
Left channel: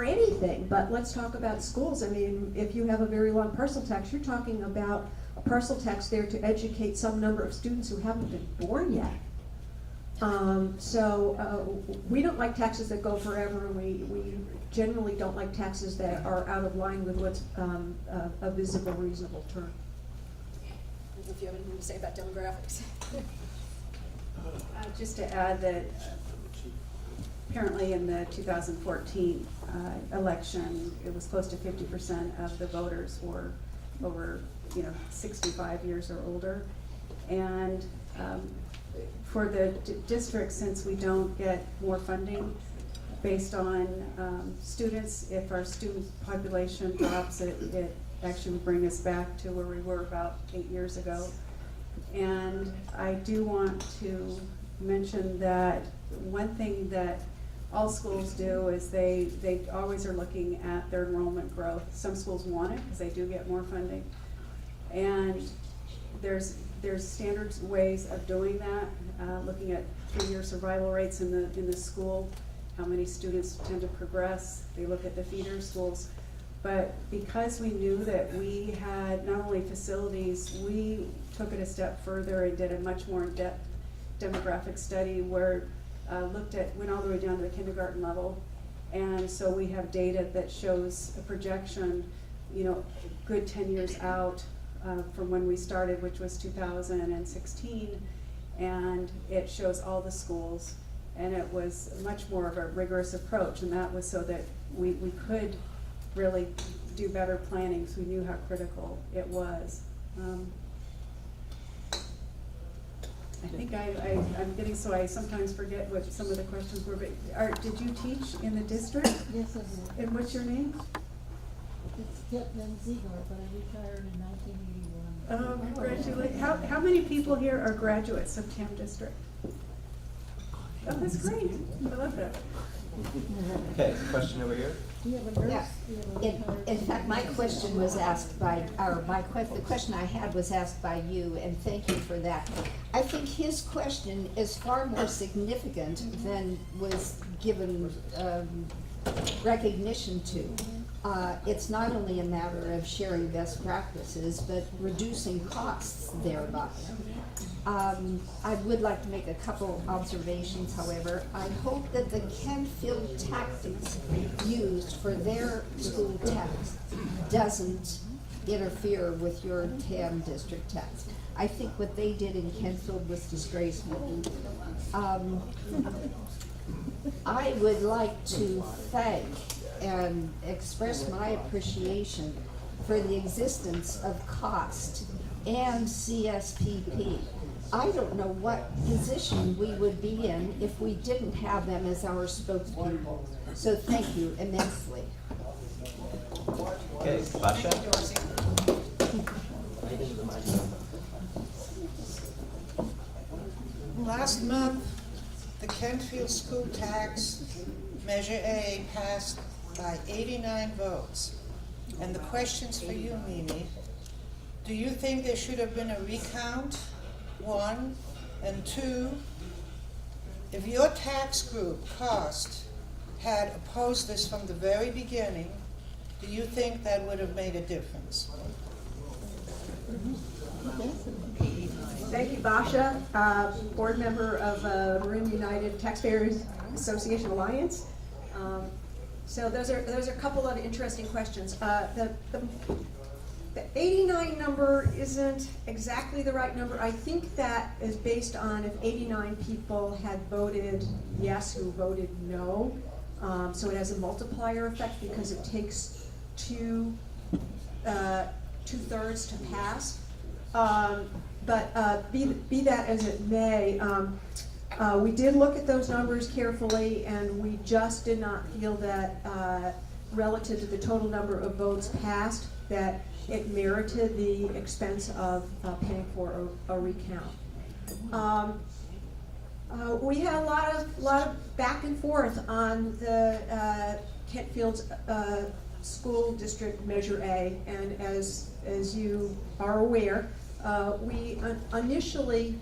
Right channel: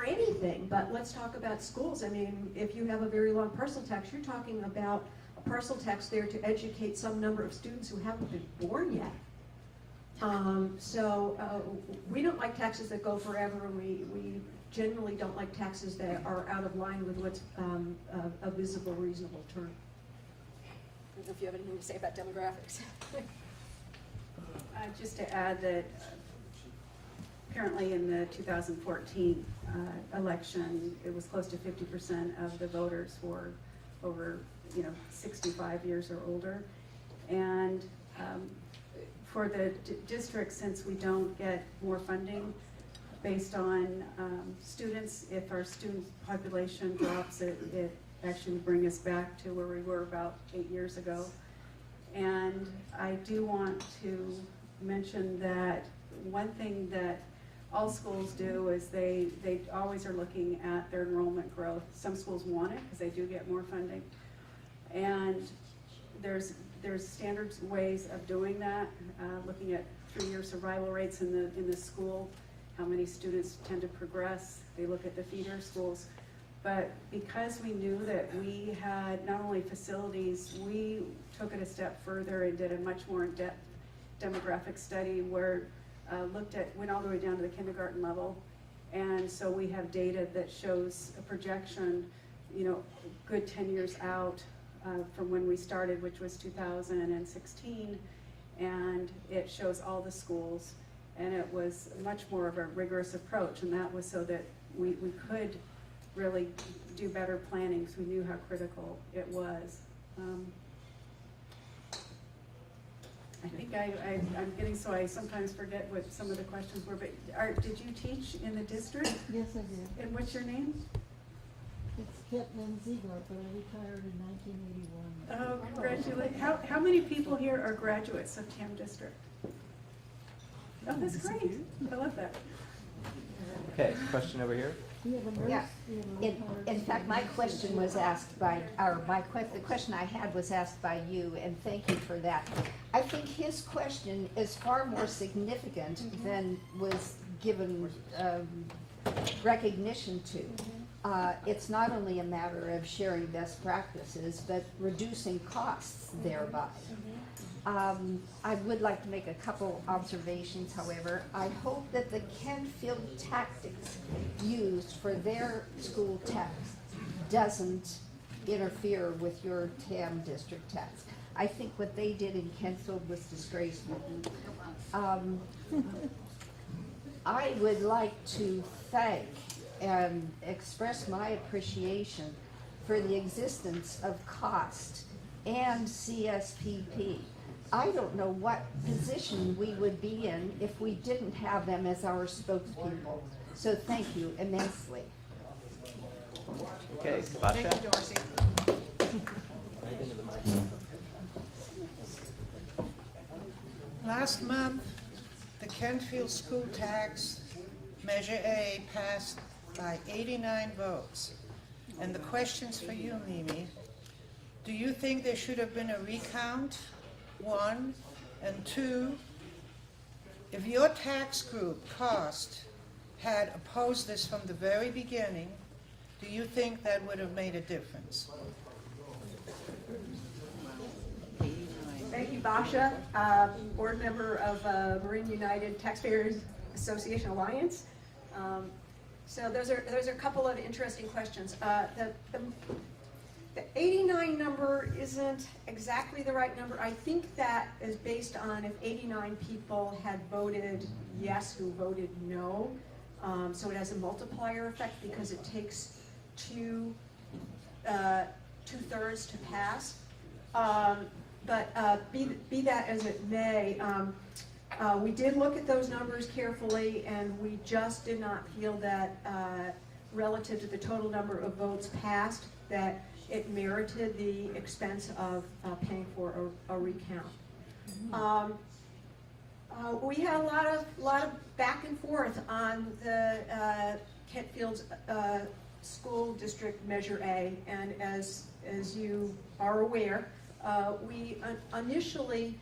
anything? But let's talk about schools. I mean, if you have a very long parcel tax, you're talking about a parcel tax there to educate some number of students who haven't been born yet. We don't like taxes that go forever. We generally don't like taxes that are out of line with what's a visible, reasonable term. I don't know if you have anything to say about demographics. Just to add that apparently in the 2014 election, it was close to 50% of the voters were over 65 years or older. And for the district, since we don't get more funding based on students, if our student population drops, it actually would bring us back to where we were about 8 years ago. And I do want to mention that one thing that all schools do is they always are looking at their enrollment growth. Some schools want it because they do get more funding. And there's standard ways of doing that, looking at 3-year survival rates in the school, how many students tend to progress. They look at the feeder schools. But because we knew that we had not only facilities, we took it a step further and did a much more in-depth demographic study where went all the way down to the kindergarten level. And so we have data that shows a projection, good 10 years out from when we started, which was 2016. And it shows all the schools. And it was much more of a rigorous approach. And that was so that we could really do better planning because we knew how critical it was. I think I'm getting, so I sometimes forget what some of the questions were, but did you teach in the district? Yes, I did. And what's your name? It's Pittman Ziegler, but I retired in 1981. Oh, congratulations. How many people here are graduates of TAM District? Oh, that's great. I love that. Okay, question over here. Do you have a nurse? Yeah. Do you have a retired In fact, my question was asked by, the question I had was asked by you, and thank you for that. I think his question is far more significant than was given recognition to. It's not only a matter of sharing best practices, but reducing costs thereby. I would like to make a couple observations, however. I hope that the Kentfield tactics used for their school tax doesn't interfere with your TAM district tax. I think what they did in Kentfield was disgraceful. I would like to thank and express my appreciation for the existence of COST and CSPP. I don't know what position we would be in if we didn't have them as our spokespeople. So thank you immensely. Okay, Basha? Last month, the Kentfield school tax, Measure A, passed by 89 votes. And the question's for you, Mimi. Do you think there should have been a recount, 1, and 2? If your tax group, COST, had opposed this from the very beginning, do you think that would have made a difference? Thank you, Basha, board member of Marin United Taxpayers Association Alliance. So those are a couple of interesting questions. The 89 number isn't exactly the right number. I think that is based on if 89 people had voted yes who voted no. So it has a multiplier effect because it takes two-thirds to pass. But be that as it may, We did look at those numbers carefully, and we just did not feel that, relative to the total number of votes passed, that it merited the expense of paying for a recount. We had a lot of back and forth on the Kentfield's school district Measure A, and as you are aware, we initially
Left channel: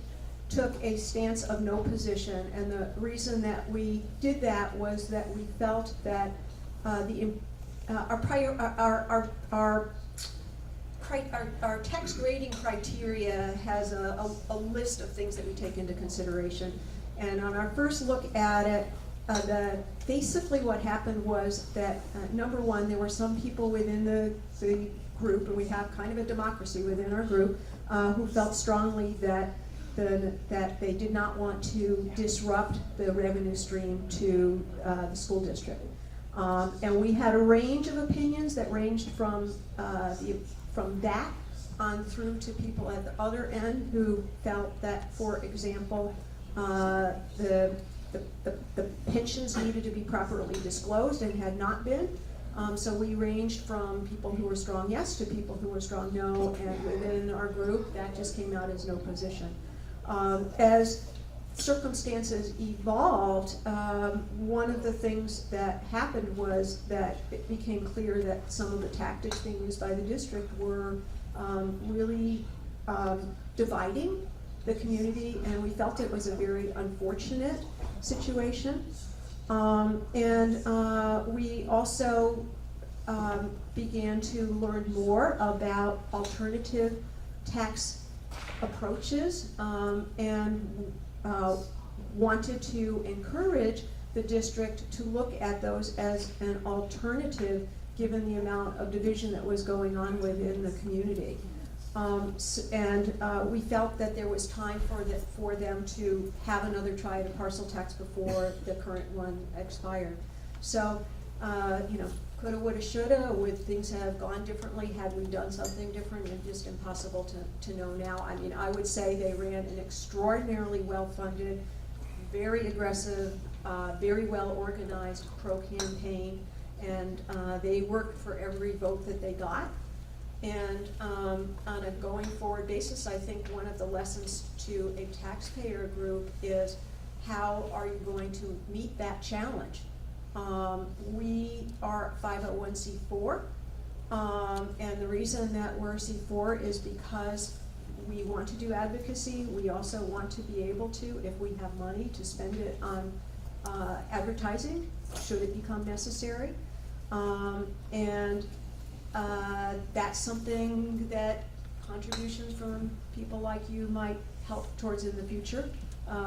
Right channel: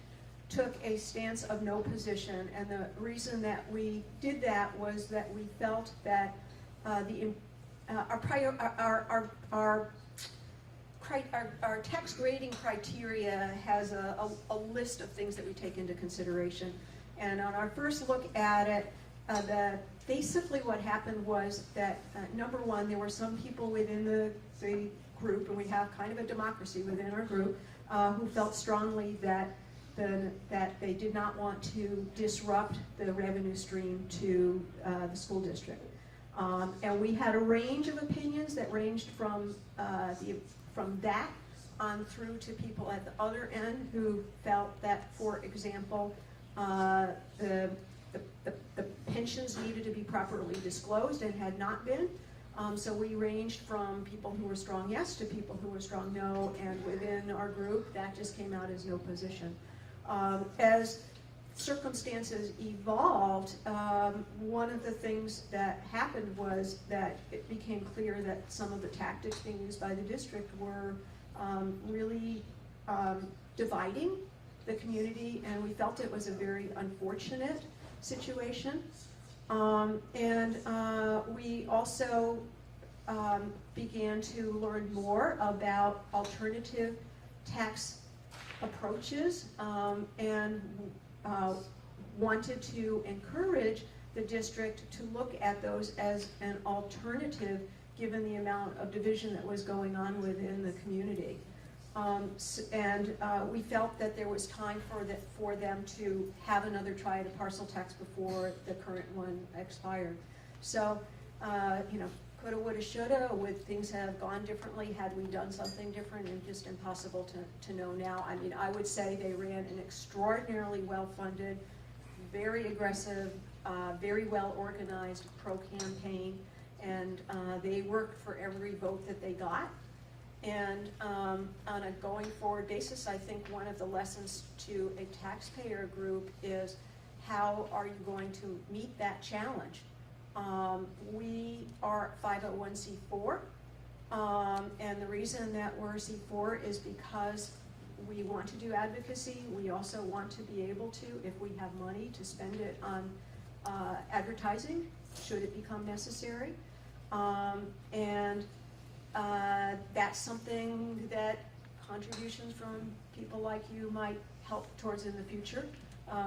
took a stance of no position, and the reason that we did that was that we felt that our tax grading criteria has a list of things that we take into consideration. And on our first look at it, basically what happened was that, number one, there were some people within the group, and we have kind of a democracy within our group, who felt strongly that they did not want to disrupt the revenue stream to the school district. And we had a range of opinions that ranged from that on through to people at the other end who felt that, for example, the pensions needed to be properly disclosed and had not been. So we ranged from people who were strong yes to people who were strong no, and within our group, that just came out as no position. As circumstances evolved, one of the things that happened was that it became clear that some of the tactics being used by the district were really dividing the community, and we felt it was a very unfortunate situation. We also began to learn more about alternative tax approaches, and wanted to encourage the district to look at those as an alternative given the amount of division that was going on within the community. We felt that there was time for them to have another try at a parcel tax before the current one expired. So, coulda, woulda, shoulda, would things have gone differently had we done something different? And just impossible to know now. I mean, I would say they ran an extraordinarily well-funded, very aggressive, very well-organized pro-campaign, and they worked for every vote that they got. And on a going forward basis, I think one of the lessons to a taxpayer group is, how are you going to meet that challenge? We are 501c4, and the reason that we're C4 is because we want to do advocacy. We also want to be able to, if we have money, to spend it on advertising, should it become necessary. That's something that contributions from people like you might help towards in the future.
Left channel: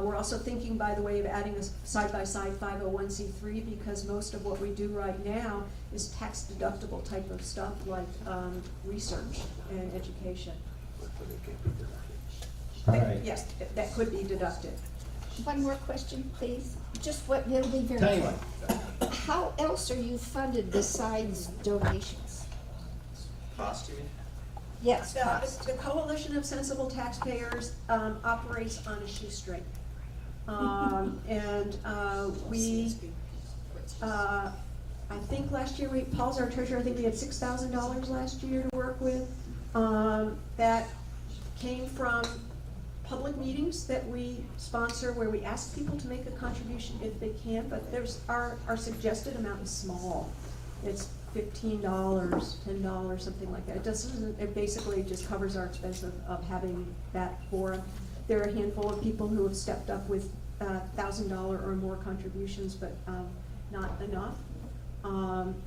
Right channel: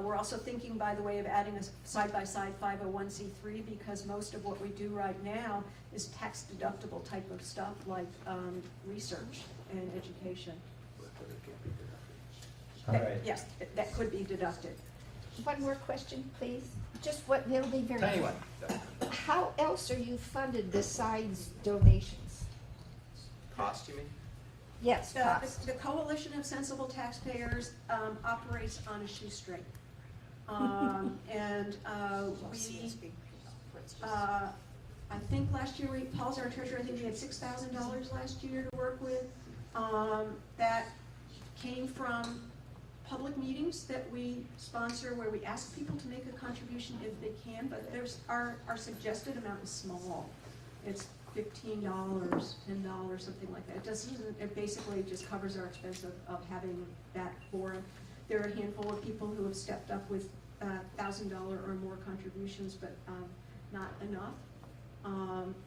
We're also thinking, by the way, of adding a side-by-side 501c3, because most of what we do right now is tax-deductible type of stuff, like research and education. All right. Yes, that could be deducted. One more question, please. Just what, it'll be very Tell you quick. what, How else are you funded besides donations? cost, you mean? Yes, cost. The Coalition of Sensible Taxpayers operates on a shoestring. I think last year, Paul's our treasurer, I think we had $6,000 last year to work with. That came from public meetings that we sponsor, where we ask people to make a contribution if they can, but our suggested amount is small. It's $15, $10, something like that. It basically just covers our expense of having that forum. There are a handful of people who have stepped up with $1,000 or more contributions, but not enough.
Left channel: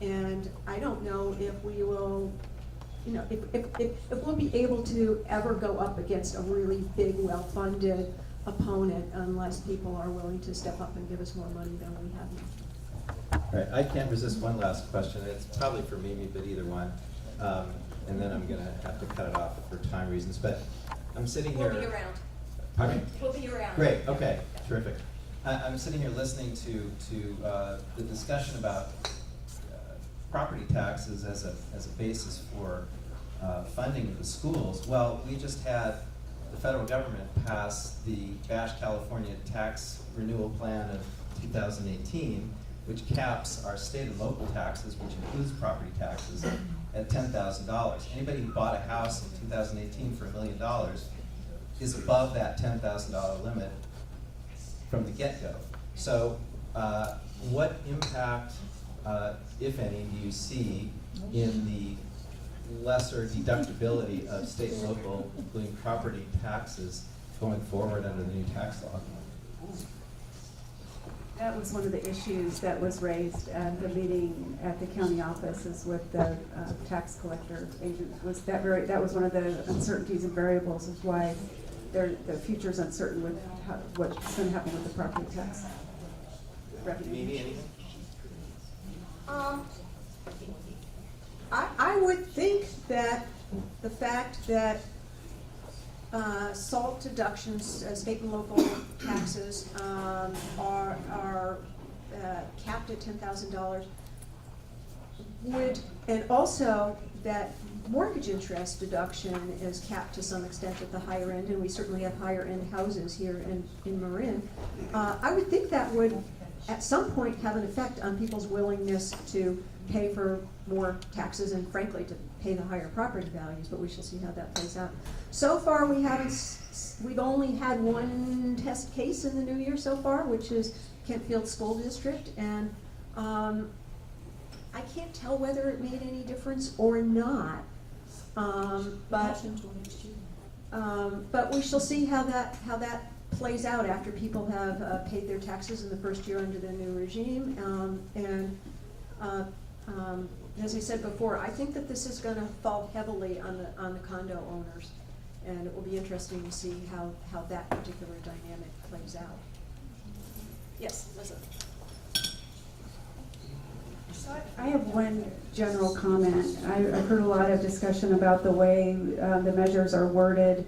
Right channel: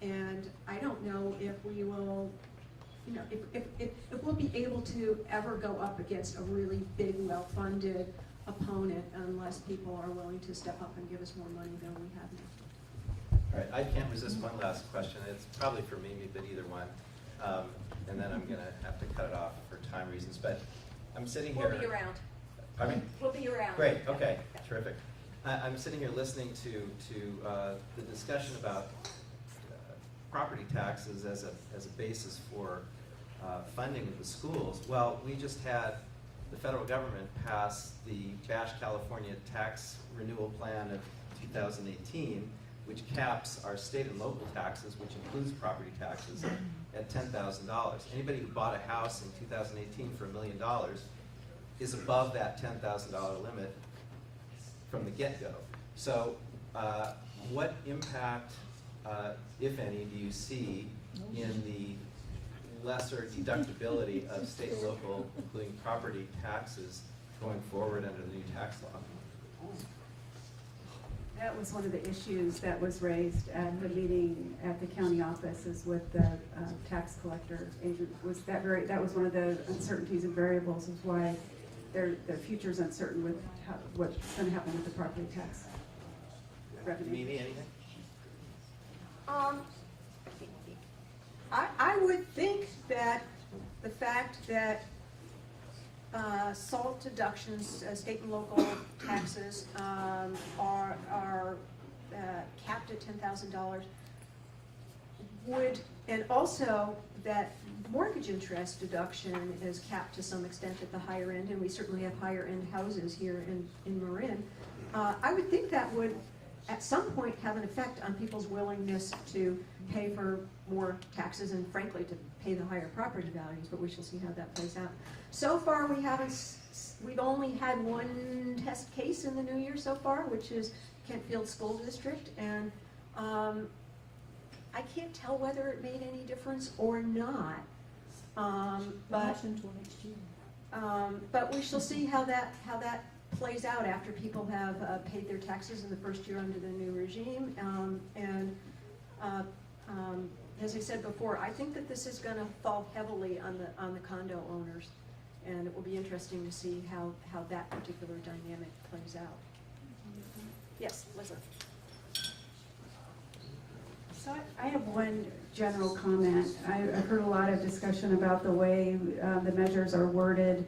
And I don't know if we will, if we'll be able to ever go up against a really big, well-funded opponent, unless people are willing to step up and give us more money than we have now. All right, I can't resist one last question. It's probably for Mimi, but either one. And then I'm gonna have to cut it off for time reasons, but I'm sitting here. We'll be around. Pardon me? We'll be around. Great, okay, terrific. I'm sitting here listening to the discussion about property taxes as a basis for funding of the schools. Well, we just had the federal government passed the Bash California Tax Renewal Plan of 2018, which caps our state and local taxes, which includes property taxes, at $10,000. Anybody who bought a house in 2018 for $1 million is above that $10,000 limit from the get-go. So what impact, if any, do you see in the lesser deductibility of state and local, including property taxes, going forward under the new tax law? That was one of the issues that was raised at the meeting at the county offices with the tax collector agent. That was one of the uncertainties and variables of why the future is uncertain with what's going to happen with the property tax revenue. Mimi, anything? I would think that the fact that SALT deductions, state and local taxes, are capped at $10,000 would, and also that mortgage interest deduction is capped to some extent at the higher end, and we certainly have higher end houses here in Marin. I would think that would at some point have an effect on people's willingness to pay for more taxes and frankly to pay the higher property values, but we shall see how that plays out. So far we've only had one test case in the new year so far, which is Kentfield School District, and I can't tell whether it made any difference or not. But we shall see how that plays out after people have paid their taxes in the first year under the new regime. As I said before, I think that this is going to fall heavily on the condo owners, and it will be interesting to see how that particular dynamic plays out. Yes, Liza. I have one general comment. I've heard a lot of discussion about the way the measures are worded,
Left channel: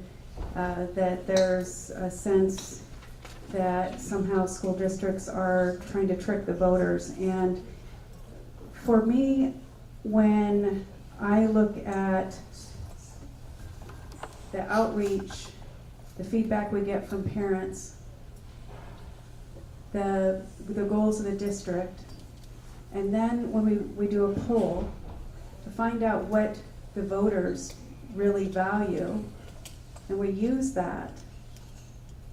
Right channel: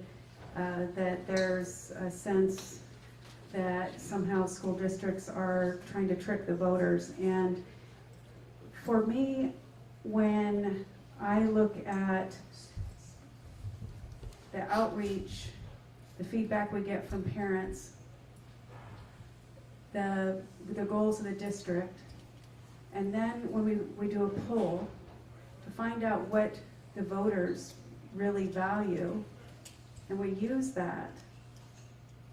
that there's a sense that somehow school districts are trying to trick the voters. And for me, when I look at the outreach, the feedback we get from parents, the goals of the district, and then when we do a poll to find out what the voters really value, and we use that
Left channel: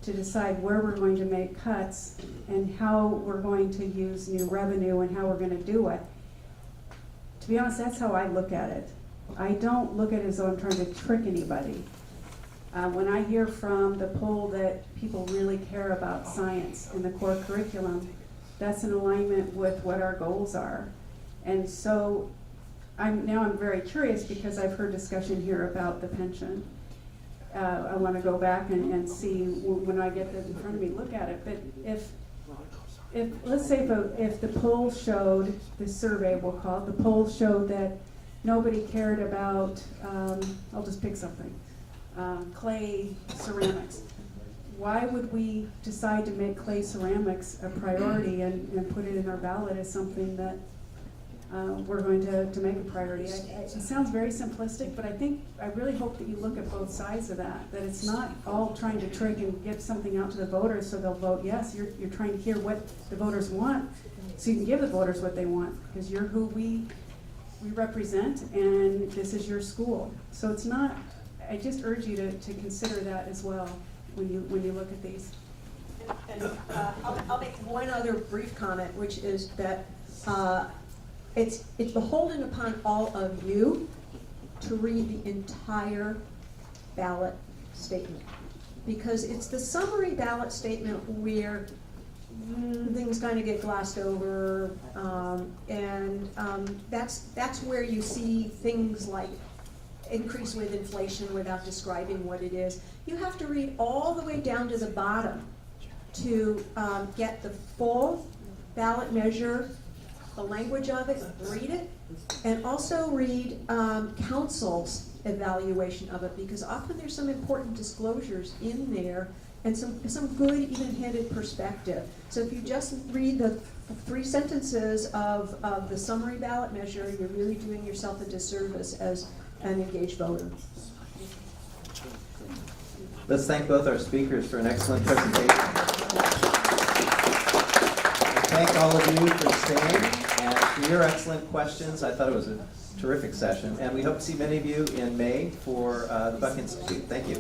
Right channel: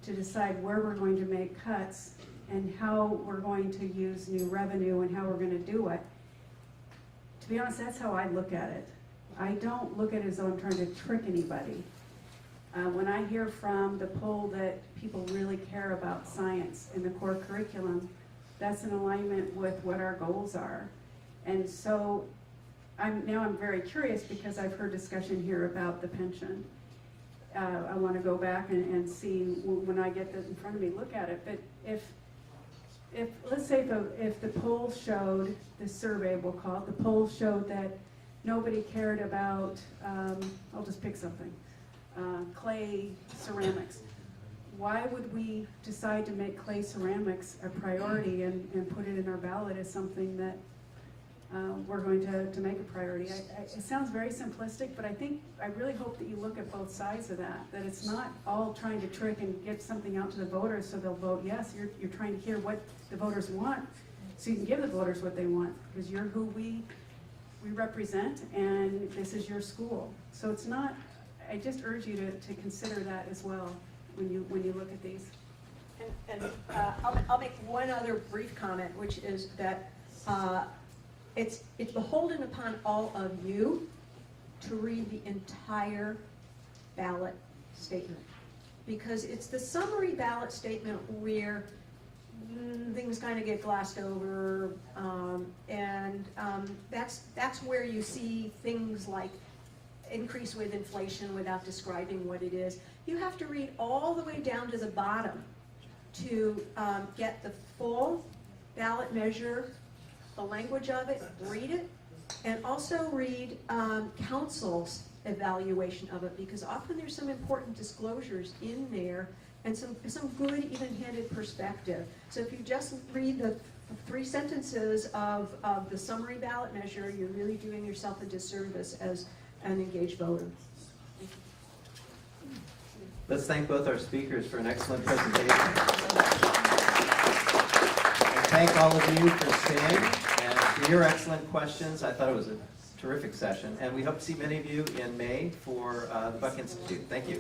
to decide where we're going to make cuts and how we're going to use new revenue and how we're going to do it. To be honest, that's how I look at it. I don't look at it as though I'm trying to trick anybody. When I hear from the poll that people really care about science in the core curriculum, that's in alignment with what our goals are. And so I'm very curious because I've heard discussion here about the pension. I want to go back and see when I get that in front of me, look at it. But if let's say if the poll showed, this survey we'll call it, the poll showed that nobody cared about, I'll just pick something, clay ceramics. Why would we decide to make clay ceramics a priority and put it in our ballot as something that we're going to make a priority? It sounds very simplistic, but I really hope that you look at both sides of that it's not all trying to trick and get something out to the voters so they'll vote yes. You're trying to hear what the voters want so you can give the voters what they want, because you're who we represent and this is your school. So it's not, I just urge you to consider that as well when you look at these. And I'll make one other brief comment, which is that it's beholden upon all of you to read the entire ballot statement, because it's the summary ballot statement where things kind of get glossed over, and that's where you see things like increase with inflation without describing what it is. You have to read all the way down to the bottom to get the full ballot measure, the language of it, read it, and also read council's evaluation of it, because often there's some important disclosures in there and some good even-handed perspective. So if you just read the 3 sentences of the summary ballot measure, you're really doing yourself a disservice as an engaged voter. Let's thank both our speakers for an excellent presentation. Thank all of you for staying and for your excellent questions. I thought it was a terrific session, and we hope to see many of you in May for the Buck Institute. Thank you.